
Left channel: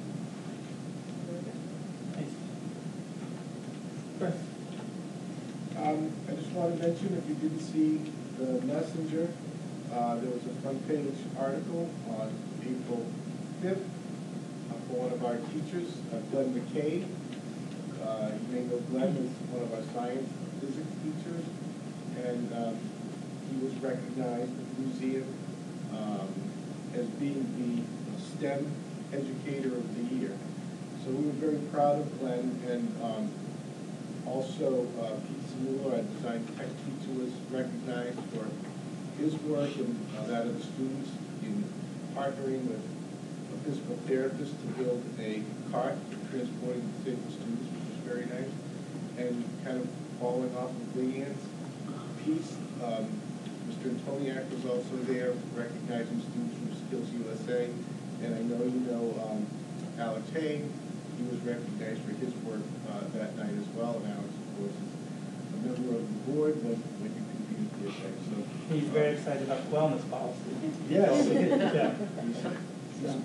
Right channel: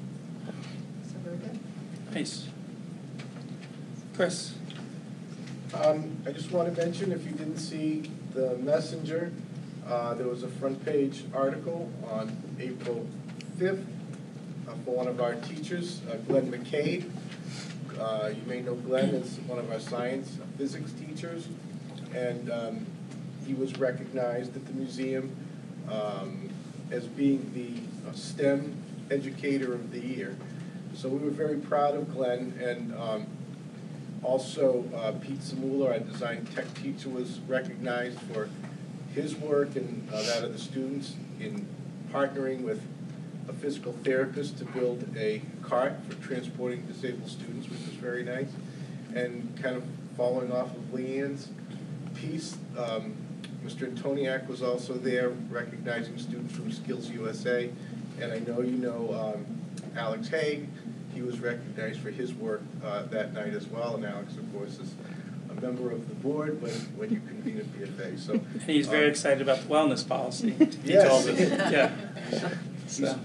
So very good. Nice. Chris? I just want to mention, if you didn't see the Messenger, there was a front page article on April 5th for one of our teachers, Glenn McCabe. You may know Glenn as one of our science physics teachers, and he was recognized at the museum as being the STEM Educator of the Year. So we were very proud of Glenn, and also Pete Zamula, our design tech teacher, was recognized for his work and that of the students in partnering with a physical therapist to build a cart for transporting disabled students, which was very nice. And kind of following off of Leanne's piece, Mr. Antoniak was also there recognizing students from Skills USA. And I know you know Alex Haig. He was recognized for his work that night as well. And Alex, of course, is a member of the board when you convene at BFA. So He's very excited about the wellness policy. He yes. told us. Yeah.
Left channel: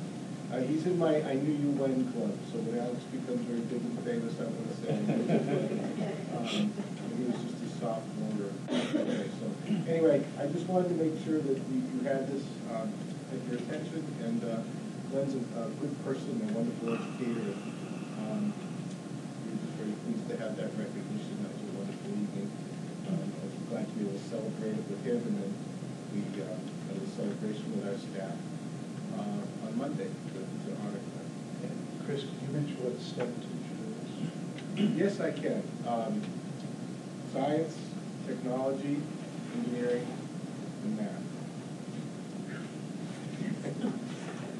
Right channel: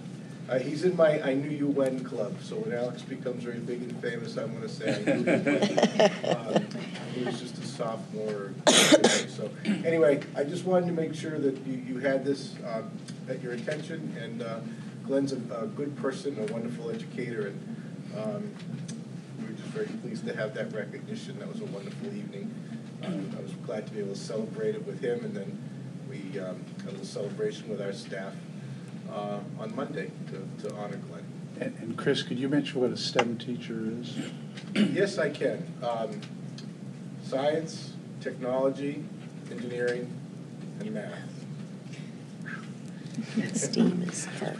He's in my I Knew You When club, so when Alex becomes very big and famous, I'm going to say he was just a sophomore. So anyway, I just wanted to make sure that you had this at your attention, and Glenn's a good person, a wonderful educator, and we're just very pleased to have that recognition. That was a wonderful evening. I was glad to be able to celebrate it with him, and then we had a celebration with our staff on Monday to honor Glenn. And Chris, could you mention what a STEM teacher is? Yes, I can. Science, technology, engineering, and math. STEAM is hard.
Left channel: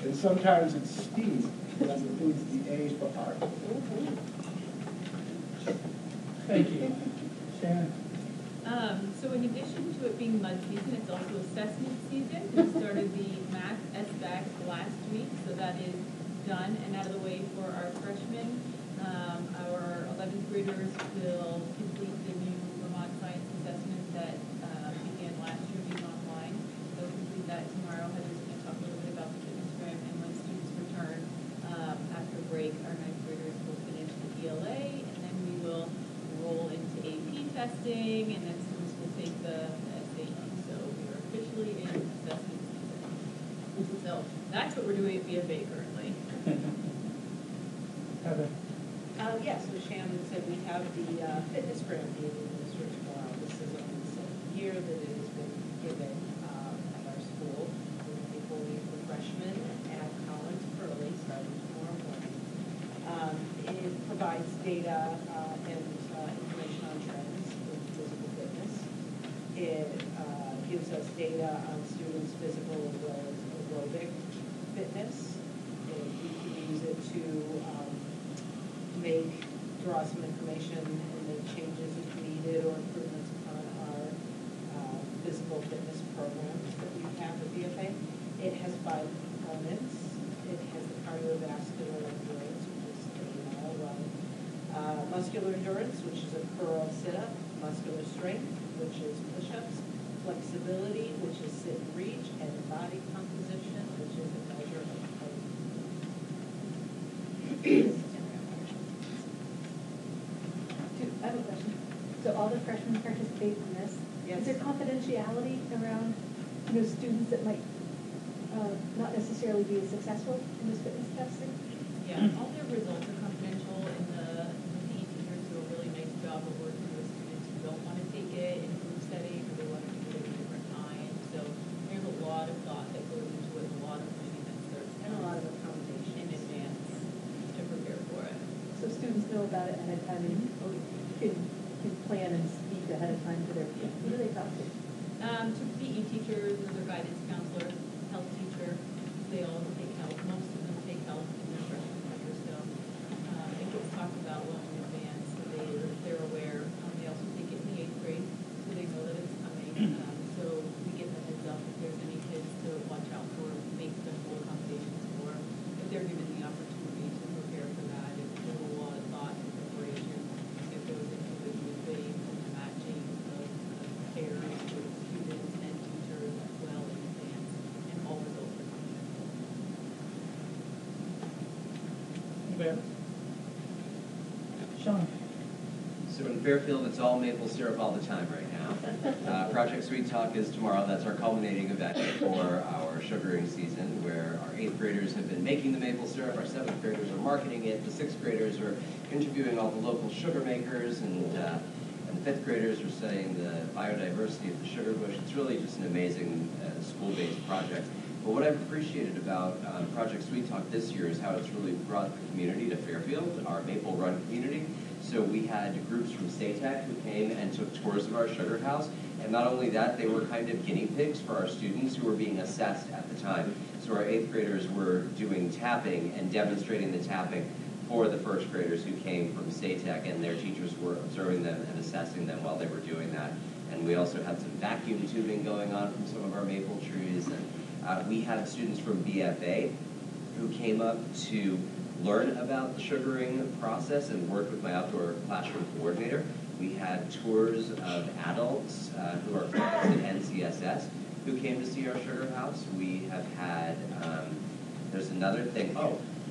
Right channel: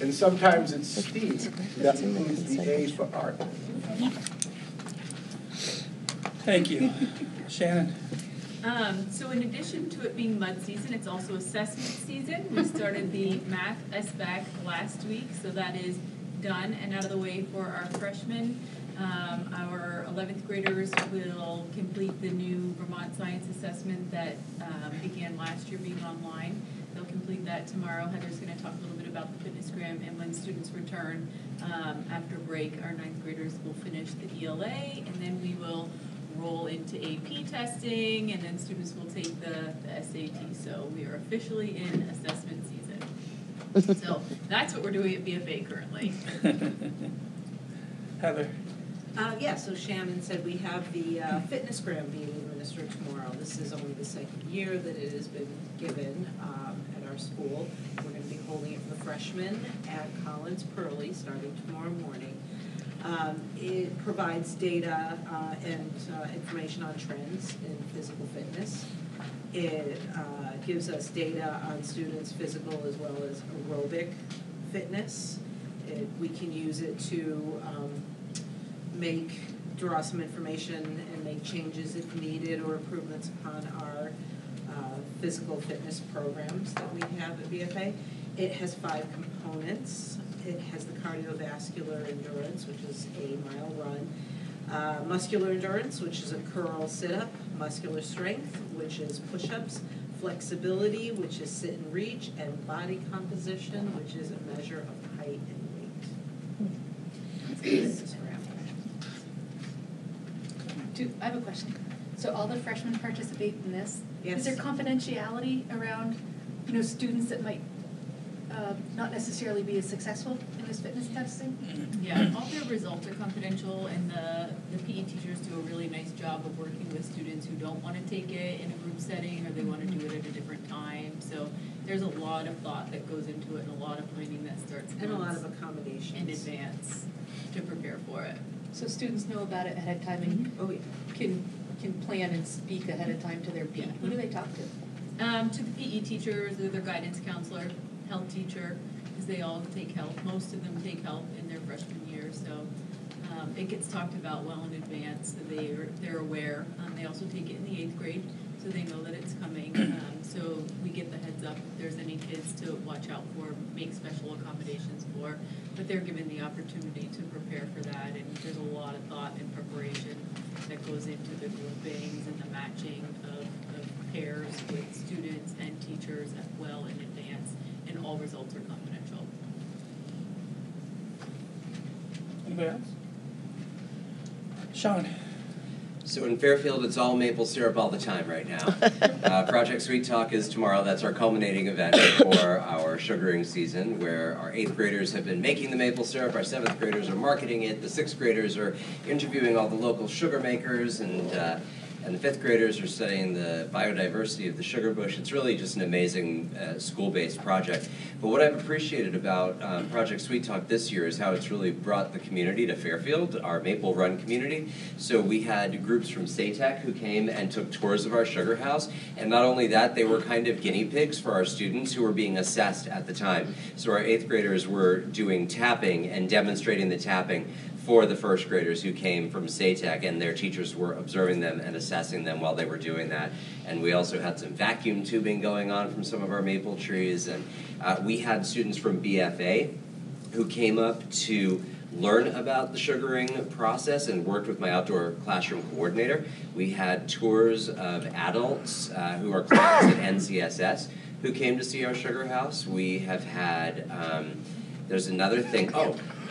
And sometimes it's STEAM. That means the A for art. Thank you. Shannon? So in addition to it being mud season, it's also assessment season. We started the math SBAC last week, so that is done and out of the way for our freshmen. Our 11th graders will complete the new Vermont Science Assessment that began last year being online. They'll complete that tomorrow. Heather's going to talk a little bit about the fitnessgram, and when students return after break, our 9th graders will finish the ELA, and then we will roll into AP testing, and then students will take the SAT. So we are officially in assessment season. So that's what we're doing at BFA currently. Heather? Yeah, so Shannon said we have the fitness grant being administered tomorrow. This is only the second year that it has been given at our school. We're going to be holding it for freshmen at Collins Pearly starting tomorrow morning. It provides data and information on trends in physical fitness. It gives us data on students' physical as well as aerobic fitness. We can use it to draw some information and make changes if needed or improvements upon our physical fitness programs that we have at BFA. It has 5 components. It has the cardiovascular endurance, which is a mile run, muscular endurance, which is a curl sit-up, muscular strength, which is push-ups, flexibility, which is sit and reach, and body composition, which is a measure of height and weight. I have a question. So all the freshmen participate in this. Yes. Is there confidentiality around, students that might not necessarily be as successful in this fitness testing? Yeah, all their results are confidential, and the PE teachers do a really nice job of working with students who don't want to take it in a group setting or they want to do it at a different time. So there's a lot of thought that goes into it and a lot of planning that starts and a lot of accommodations in advance to prepare for it. So students know about it ahead of time and can plan and speak ahead of time to their PE. Who do they talk to? To the PE teachers, or their guidance counselor, health teacher, because they all take health. Most of them take health in their freshman year, so it gets talked about well in advance. So they're aware. They also take it in the 8th grade, so they know that it's coming. So we give the heads up if there's any kids to watch out for, make special accommodations for. But they're given the opportunity to prepare for that, and there's a lot of thought and preparation that goes into the groupings and the matching of pairs with students and teachers well in advance, and all results are confidential. Anybody else? Sean? So in Fairfield, it's all maple syrup all the time right now. Project Sweet Talk is tomorrow. That's our culminating event for our sugaring season, where our 8th graders have been making the maple syrup, our 7th graders are marketing it, the 6th graders are interviewing all the local sugar makers, and the 5th graders are studying the biodiversity of the sugar bush. It's really just an amazing school-based project. But what I've appreciated about Project Sweet Talk this year is how it's really brought the community to Fairfield, our Maple Run community. So we had groups from SATEC who came and took tours of our sugar house. And not only that, they were kind of guinea pigs for our students who were being assessed at the time. So our 8th graders were doing tapping and demonstrating the tapping for the 1st graders who came from SATEC, and their teachers were observing them and assessing them while they were doing that. And we also had some vacuum tubing going on from some of our maple trees, and we had students from BFA who came up to learn about the sugaring process and worked with my outdoor classroom coordinator. We had tours of adults who are classmates at NCSS who came to see our sugar house. We have had, there's another thing,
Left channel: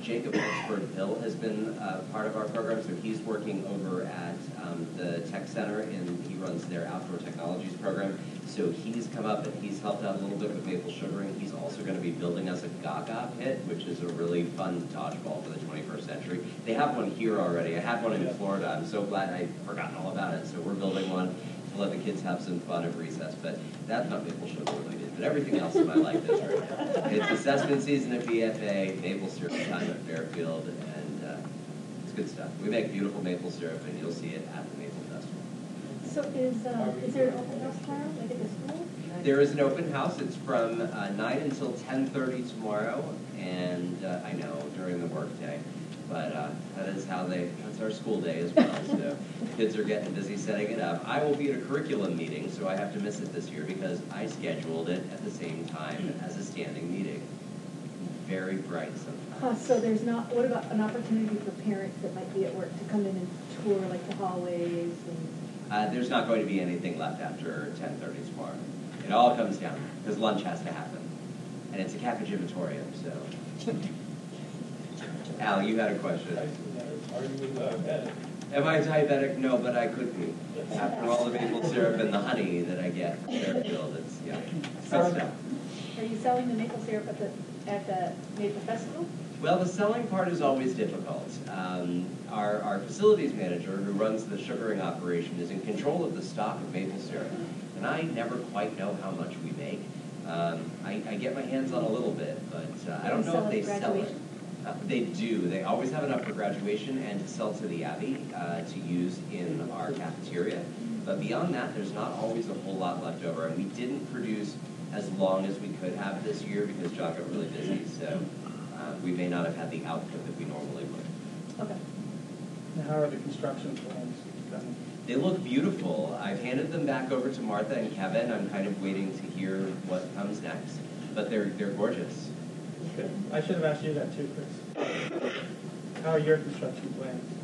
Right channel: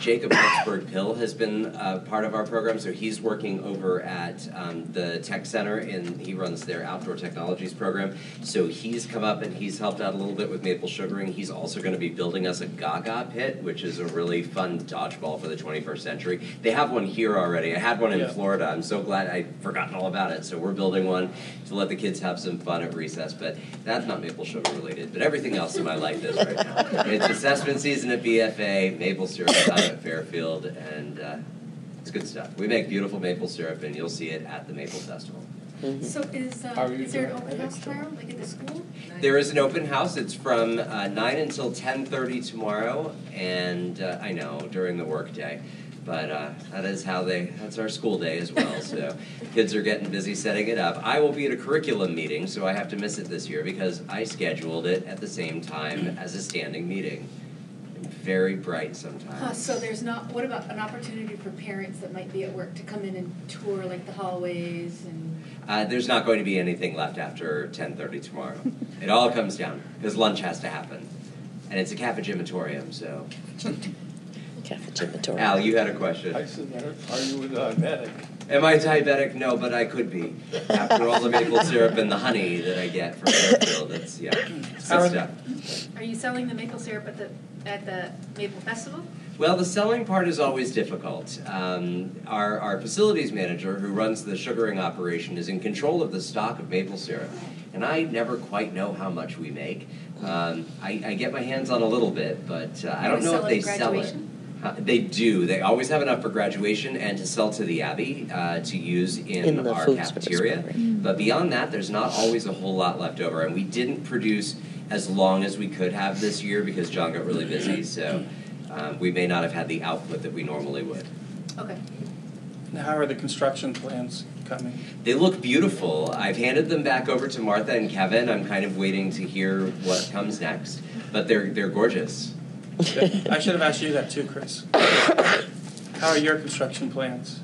Jacob Pittsburgh-Pill has been part of our program, so he's working over at the Tech Center, and he runs their outdoor technologies program. So he's come up and he's helped out a little bit with maple sugaring. He's also going to be building us a Gaga pit, which is a really fun dodgeball for the 21st century. They have one here already. I had one in Florida. I'm so glad I'd forgotten all about it. So we're building one to let the kids have some fun at recess. But that's not maple sugar related. But everything else in my life is right now. It's assessment season at BFA, maple syrup time at Fairfield, and it's good stuff. We make beautiful maple syrup, and you'll see it at the Maple Festival. So is there an open house tomorrow, like at the school? There is an open house. It's from 9 until 10:30 tomorrow, and I know, during the workday. But that's our school day as well, so kids are getting busy setting it up. I will be at a curriculum meeting, so I have to miss it this year because I scheduled it at the same time as a standing meeting. Very bright sometimes. So there's not, what about an opportunity for parents that might be at work to come in and tour like the hallways and? There's not going to be anything left after 10:30 tomorrow. It all comes down, because lunch has to happen. And it's a cafegimatorium, so. Cafegimatorium. Al, you had a question. I said, are you diabetic? Am I diabetic? No, but I could be. After all the maple syrup and the honey that I get from Fairfield, it's, yeah, it's good stuff. Are you selling the maple syrup at the Maple Festival? Well, the selling part is always difficult. Our facilities manager, who runs the sugaring operation, is in control of the stock of maple syrup, and I never quite know how much we make. I get my hands on a little bit, but I don't know if they sell it. They do. They always have enough for graduation and to sell to the Abbey to use in our cafeteria. But beyond that, there's not always a whole lot left over, and we didn't produce as long as we could have this year because John got really busy, so we may not have had the output that we normally would. Okay. Now, how are the construction plans coming? They look beautiful. I've handed them back over to Martha and Kevin. I'm kind of waiting to hear what comes next, but they're gorgeous. I should have asked you that too, Chris. How are your construction plans?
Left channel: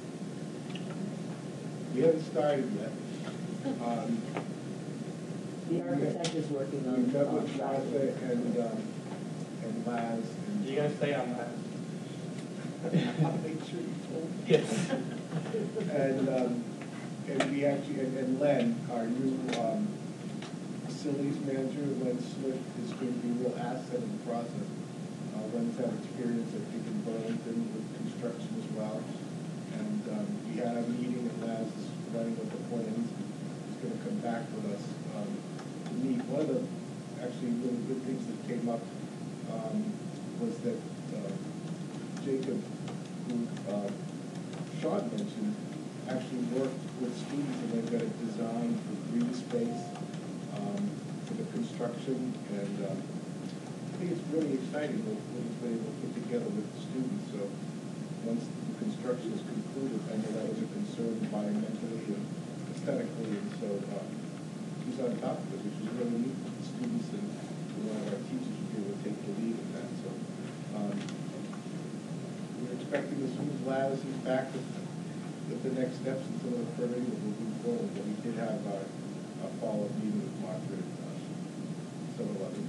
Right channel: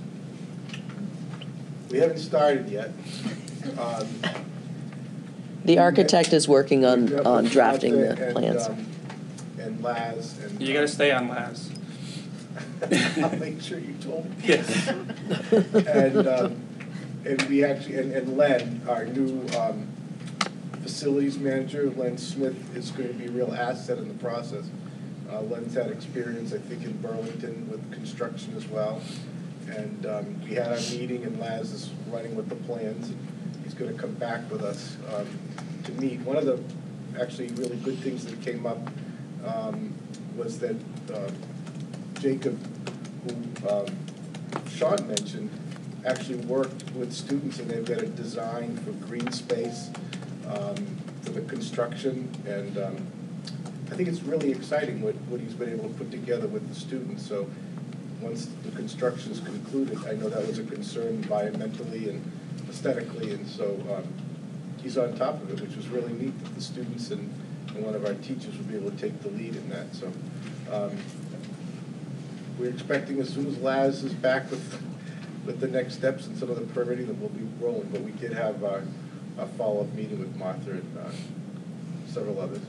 We haven't started yet. The architect is working on drafting the plans. And Laz. And You gotta stay on Laz. I'll make sure you told me. Yes. And we actually, and Len, our new facilities manager, Len Smith, is going to be a real asset in the process. Len's had experience, I think, in Burlington with construction as well. And we had our meeting, and Laz is running with the plans. He's going to come back with us to meet. One of the actually really good things that came up was that Jacob, who Sean mentioned, actually worked with students, and they've got a design for green space for the construction, and I think it's really exciting what he's been able to put together with the students. So once the construction is concluded, I know that was a concern environmentally and aesthetically, and so he's on top of it, which was really neat. The students and one of our teachers would be able to take the lead in that. So we're expecting as soon as Laz is back with the next steps and some of the permitting, that we'll be rolling. But we did have a follow-up meeting with Martha and several others.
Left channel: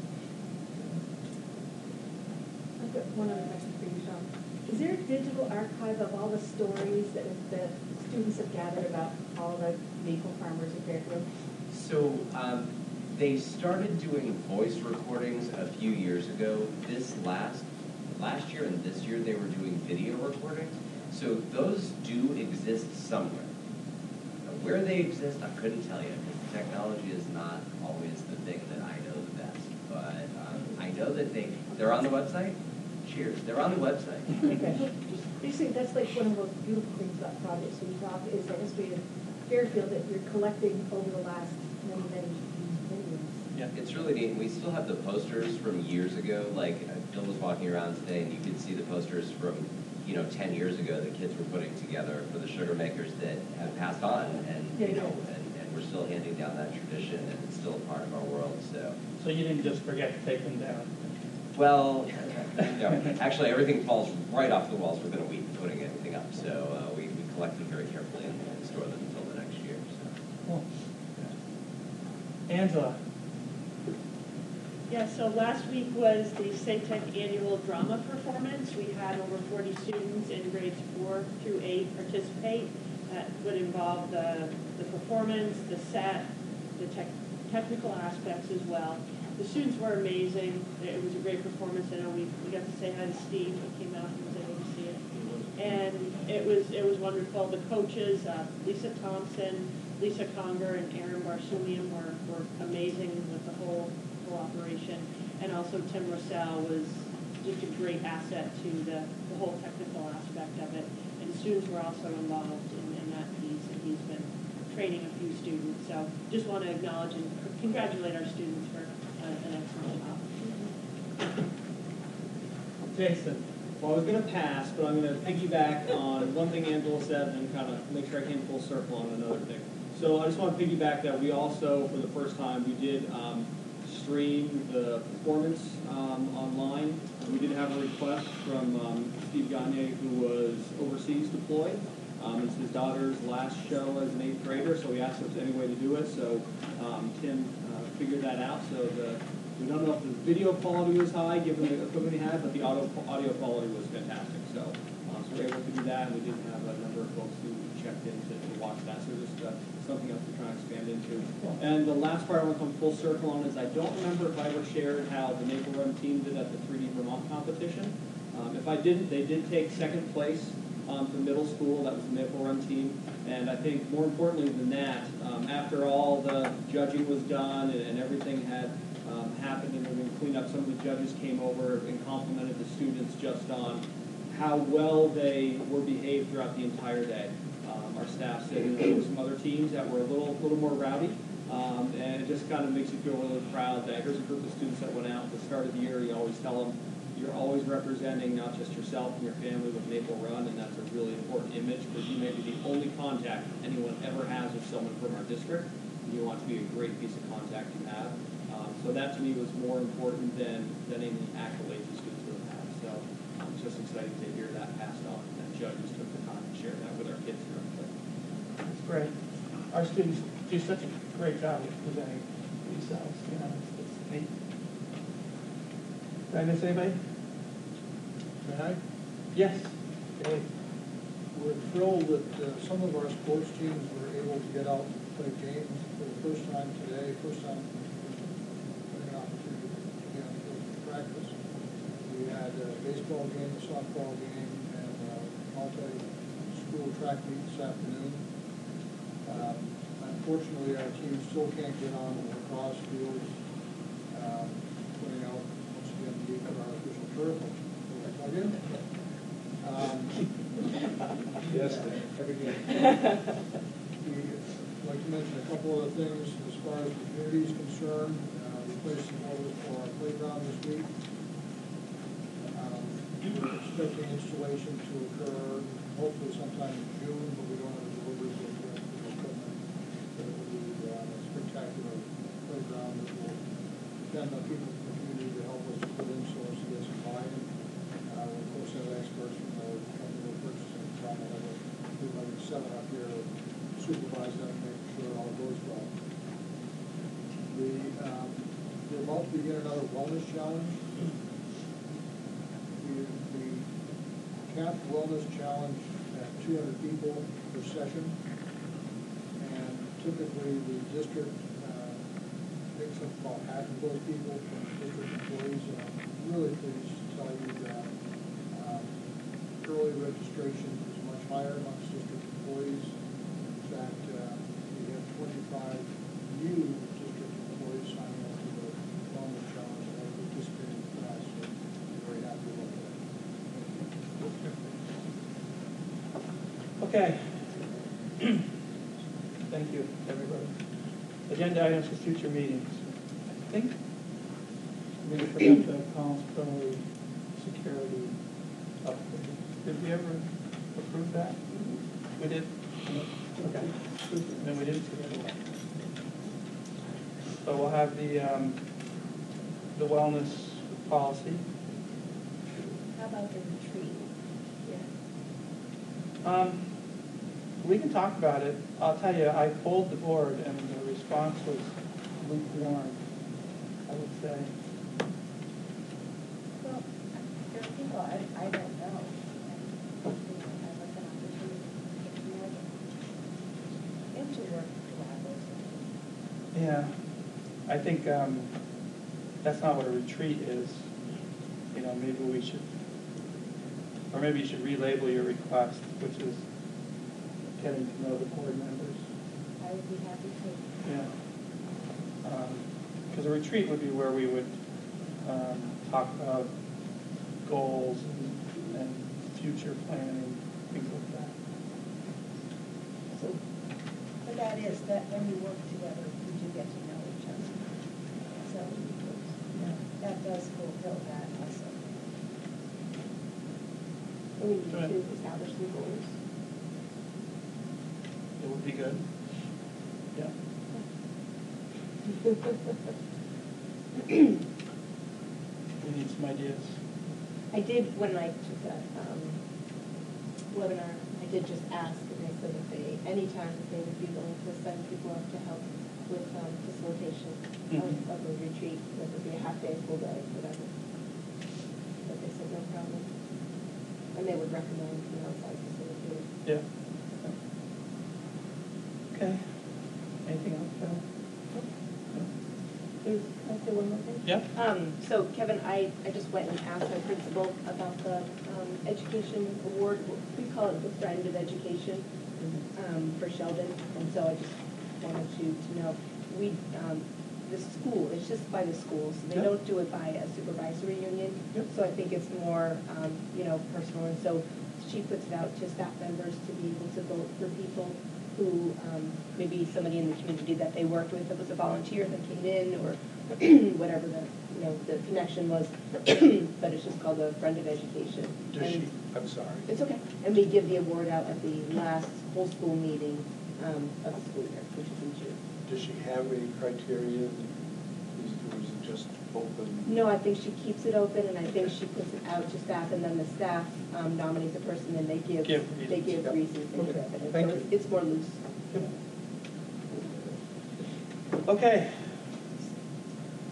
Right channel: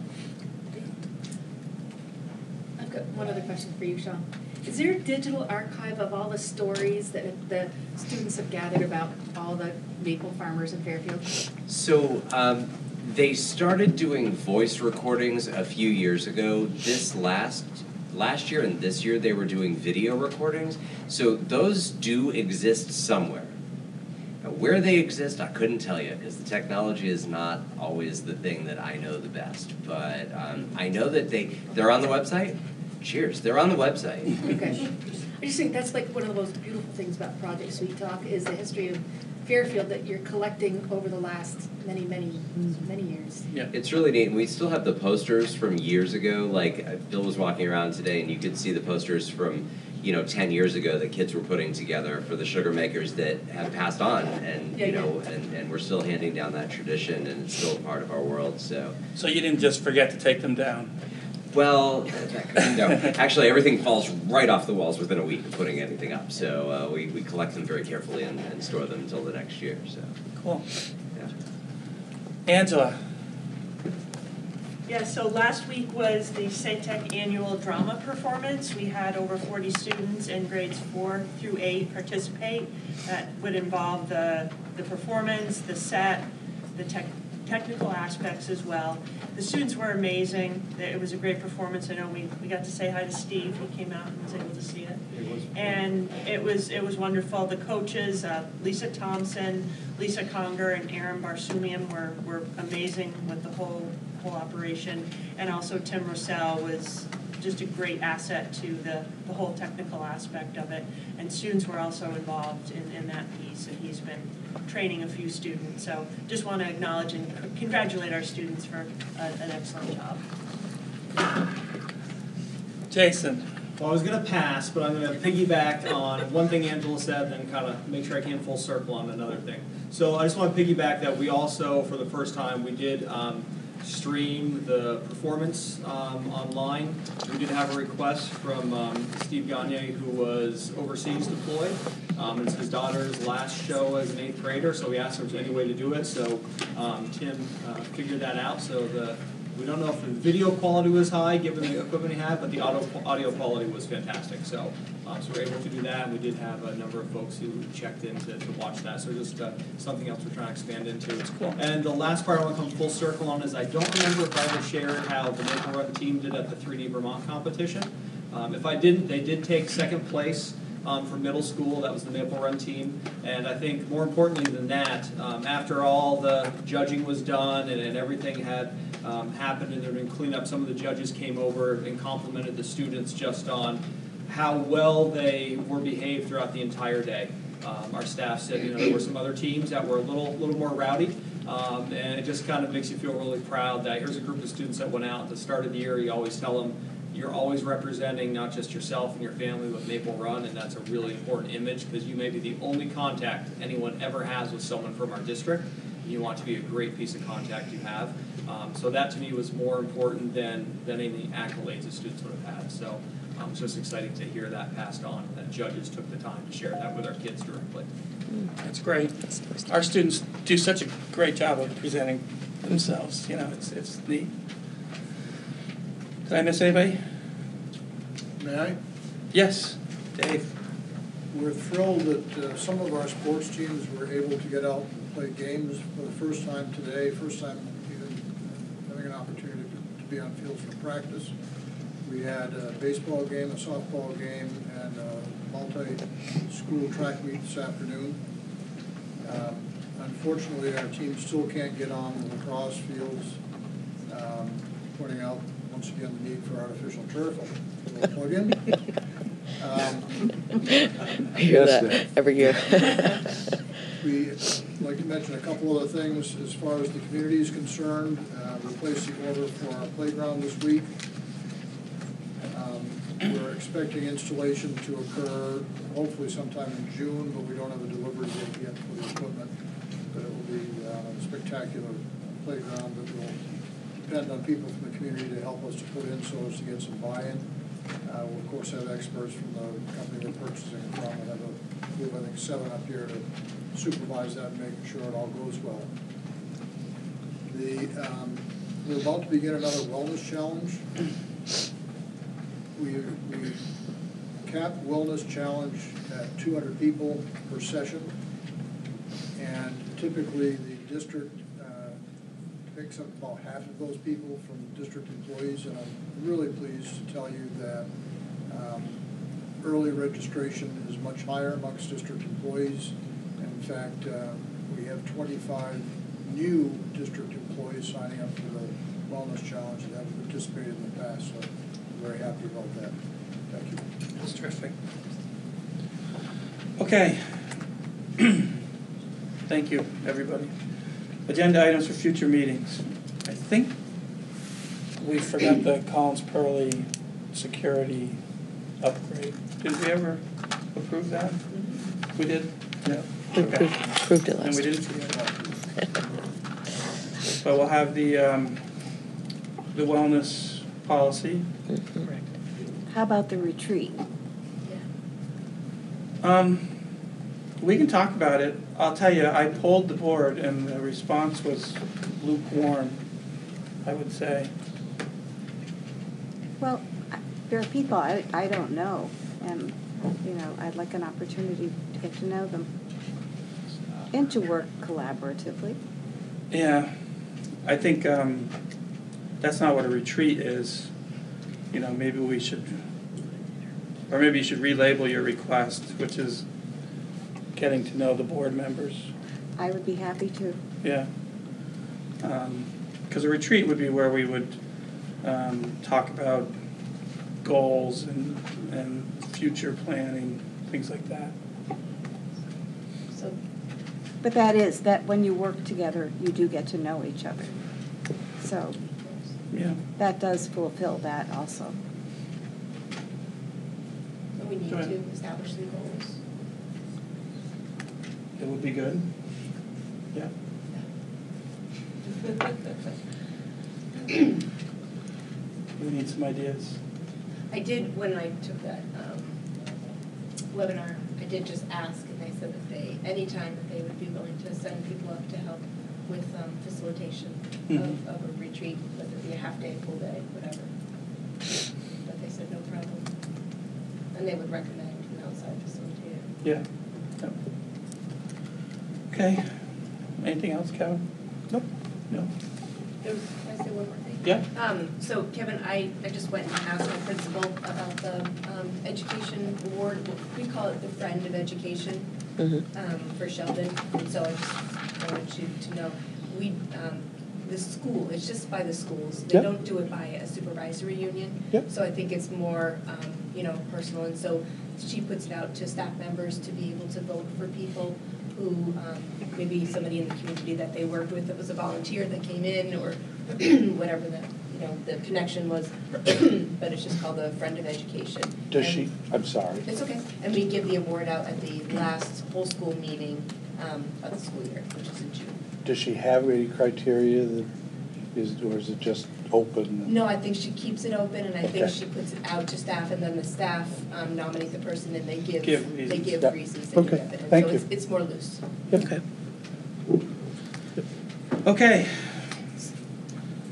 I've got one other question for you, Sean. Is there a digital archive of all the stories that the students have gathered about all the maple farmers in Fairfield? So they started doing voice recordings a few years ago. This last year and this year they were doing video recordings. So those do exist somewhere. Now, where they exist, I couldn't tell you because the technology is not always the thing that I know the best. But I know that they're on the website. Cheers, they're on the website. Okay. I just think that's like one of the most beautiful things about Project Sweet Talk is the history of Fairfield that you're collecting over the last many years. Yeah, it's really neat. We still have the posters from years ago. Like Bill was walking around today, and you could see the posters from 10 years ago that kids were putting together for the sugar makers that have passed on, and and we're still handing down that tradition, and it's still a part of our world. So you didn't just forget to take them down? Well, no. Actually, everything falls right off the walls within a week of putting anything up. So we collect them very carefully and store them until the next year. So cool. Yeah. Angela. Yeah, so last week was the SATEC annual drama performance. We had over 40 students in grades 4 through 8 participate. That would involve the performance, the set, the technical aspects as well. The students were amazing. It was a great performance. I know we got to say hi to Steve. He came out and was able to see it. And it was wonderful. The coaches, Lisa Thompson, Lisa Conger, and Aaron Barsumian were amazing with the whole operation. And also Tim Rossell was just a great asset to the whole technical aspect of it. And students were also involved in that piece, and he's been training a few students. So just want to acknowledge and congratulate our students for an excellent job. Jason. Well, I was going to pass, but I'm going to piggyback on one thing Angela said and kind of make sure I came full circle on another thing. So I just want to piggyback that we also, for the first time, we did stream the performance online. We did have a request from Steve Gagne, who was overseas deployed. It's his daughter's last show as an 8th grader, so we asked if there was any way to do it. So Tim figured that out. So the We don't know if the video quality was high, given the equipment we had, but the audio quality was fantastic. So we were able to do that, and we did have a number of folks who checked in to watch that. So just something else we're trying to expand into. Cool. And the last part I want to come full circle on is I don't remember if I ever shared how the Maple Run team did at the 3D Vermont competition. If I didn't, they did take second place for middle school. That was the Maple Run team. And I think more importantly than that, after all the judging was done and everything had happened and there had been cleanup, some of the judges came over and complimented the students just on how well they were behaved throughout the entire day. Our staff said, there were some other teams that were a little more rowdy, and it just kind of makes you feel really proud that here's a group of students that went out at the start of the year. You always tell them you're always representing not just yourself and your family, but Maple Run, and that's a really important image because you may be the only contact anyone ever has with someone from our district. You want to be a great piece of contact you have. So that to me was more important than any accolades the students would have had. So it's just exciting to hear that passed on, that judges took the time to share that with our kids directly. That's great. Our students do such a great job of presenting themselves. It's neat. Did I miss anybody? May I? Yes, Dave. We're thrilled that some of our sports teams were able to get out and play games for the first time today, first time even having an opportunity to be on fields for practice. We had a baseball game, a softball game, and a multi-school track meet this afternoon. Unfortunately, our team still can't get on the lacrosse fields, pointing out once again the need for artificial turf. A plug-in. I hear that every year. We'd like to mention a couple other things as far as the community is concerned. We're placing order for our playground this week. We're expecting installation to occur hopefully sometime in June, but we don't have a delivery date yet for the equipment. But it will be a spectacular playground that will depend on people from the community to help us to put in so as to get some buy-in. We'll of course have experts from the company we're purchasing it from. We have, I think, 7 up here to supervise that and make sure it all goes well. We're about to begin another wellness challenge. We capped wellness challenge at 200 people per session, and typically the district makes up about half of those people from district employees, and I'm really pleased to tell you that early registration is much higher amongst district employees. In fact, we have 25 new district employees signing up for the wellness challenge that we participated in the past, so I'm very happy about that. Thank you. That's terrific. Okay. Thank you, everybody. Agenda items for future meetings. I think we forgot the Collins Pearly security upgrade. Did we ever approve that? We did? No. We approved it last And we didn't forget that. So we'll have the wellness policy. How about the retreat? We can talk about it. I'll tell you, I polled the board and the response was lukewarm, I would say. Well, there are people I don't know, and, I'd like an opportunity to get to know them and to work collaboratively. Yeah, I think that's not what a retreat is. Maybe we should, or maybe you should relabel your request, which is getting to know the board members. I would be happy to. Yeah. Because a retreat would be where we would talk about goals and future planning, things like that. So, but that when you work together, you do get to know each other. So yeah, that does fulfill that also. We need to establish some goals. It would be good. Yeah. We need some ideas. I did, when I took that webinar, I did just ask, and they said that anytime that they would be willing to send people up to help with facilitation Mhm. of a retreat, whether it be a half day, full day, whatever. But they said no problem. And they would recommend an outside facilitator. Yeah. Yep. Okay. Anything else, Kevin? Nope. No. Can I say one more thing? Yeah. So Kevin, I just went and asked my principal about the education award. We call it the Friend of Education for Sheldon. And so I just wanted you to know, the school, it's just by the schools. They Yep. don't do it by a supervisory union. Yep. So I think it's more, personal. And so she puts it out to staff members to be able to vote for people who, maybe somebody in the community that they worked with that was a volunteer that came in, or whatever the connection was. But it's just called the Friend of Education. Does And she, I'm sorry. It's okay. And we give the award out at the last whole school meeting of the school year, which is in June. Does she have any criteria that is, or is it just open? No, I think she keeps it open, and I think Okay. she puts it out to staff, and then the staff nominate the person, and they give reasons. they give Yep. reasons, they give Okay. evidence. Thank So you. it's more loose. Okay. Okay.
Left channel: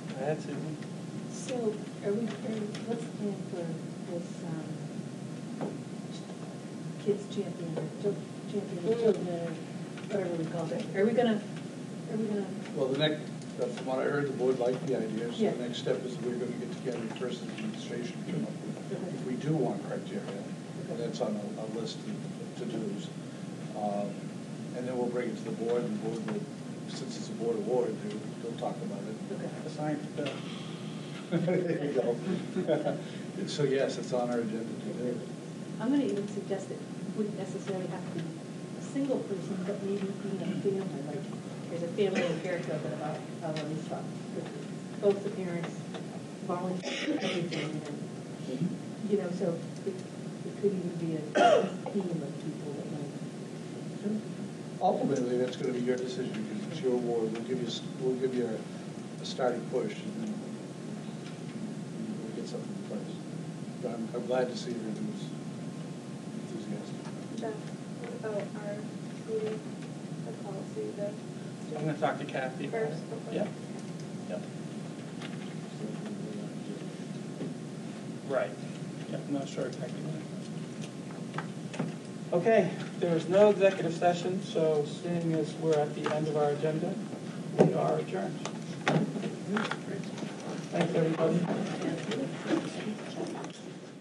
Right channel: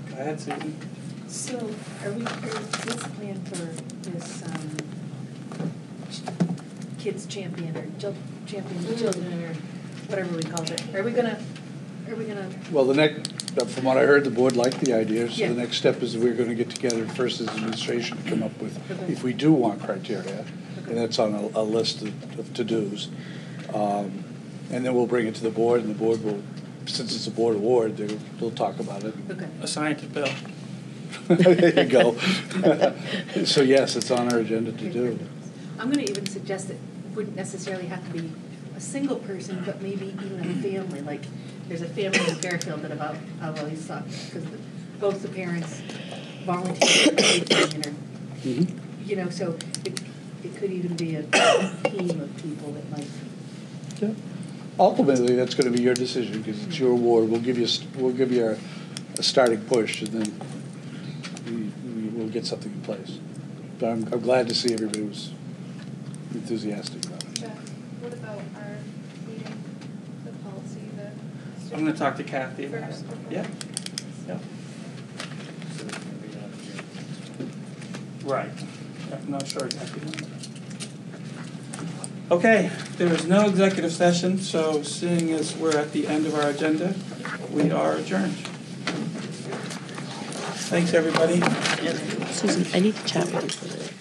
Go ahead, Susan. So what's the plan for this kids champion or champion for children or whatever we call it? Are we gonna, Well, from what I heard, the board liked the idea, so Yeah. the next step is we're gonna get together first as administration to come up with, if we do want criteria, and that's on a list of to-dos. And then we'll bring it to the board, and the board will, since it's a board award, they'll talk about it. okay. Assign it to Bill. There you go. So yes, it's on our agenda to do. I'm gonna even suggest it wouldn't necessarily have to be a single person, but maybe even a family, like, there's a family in Fairfield that about always sucks, because both the parents volunteer, so it could even be a team of people that might. Yeah. Ultimately, that's gonna be your decision, because it's your award. We'll give you a starting push, and then we'll get something in place. But I'm glad to see everybody was enthusiastic about it. Jeff, what about our meeting, the policy, I'm going to talk to Kathy. First. Yeah. Yeah. Right. I'm not sure exactly. Okay, there is no executive session, so seeing as we're at the end of our agenda, we are adjourned. Thanks, everybody. Susan, I need to chat with you for a minute.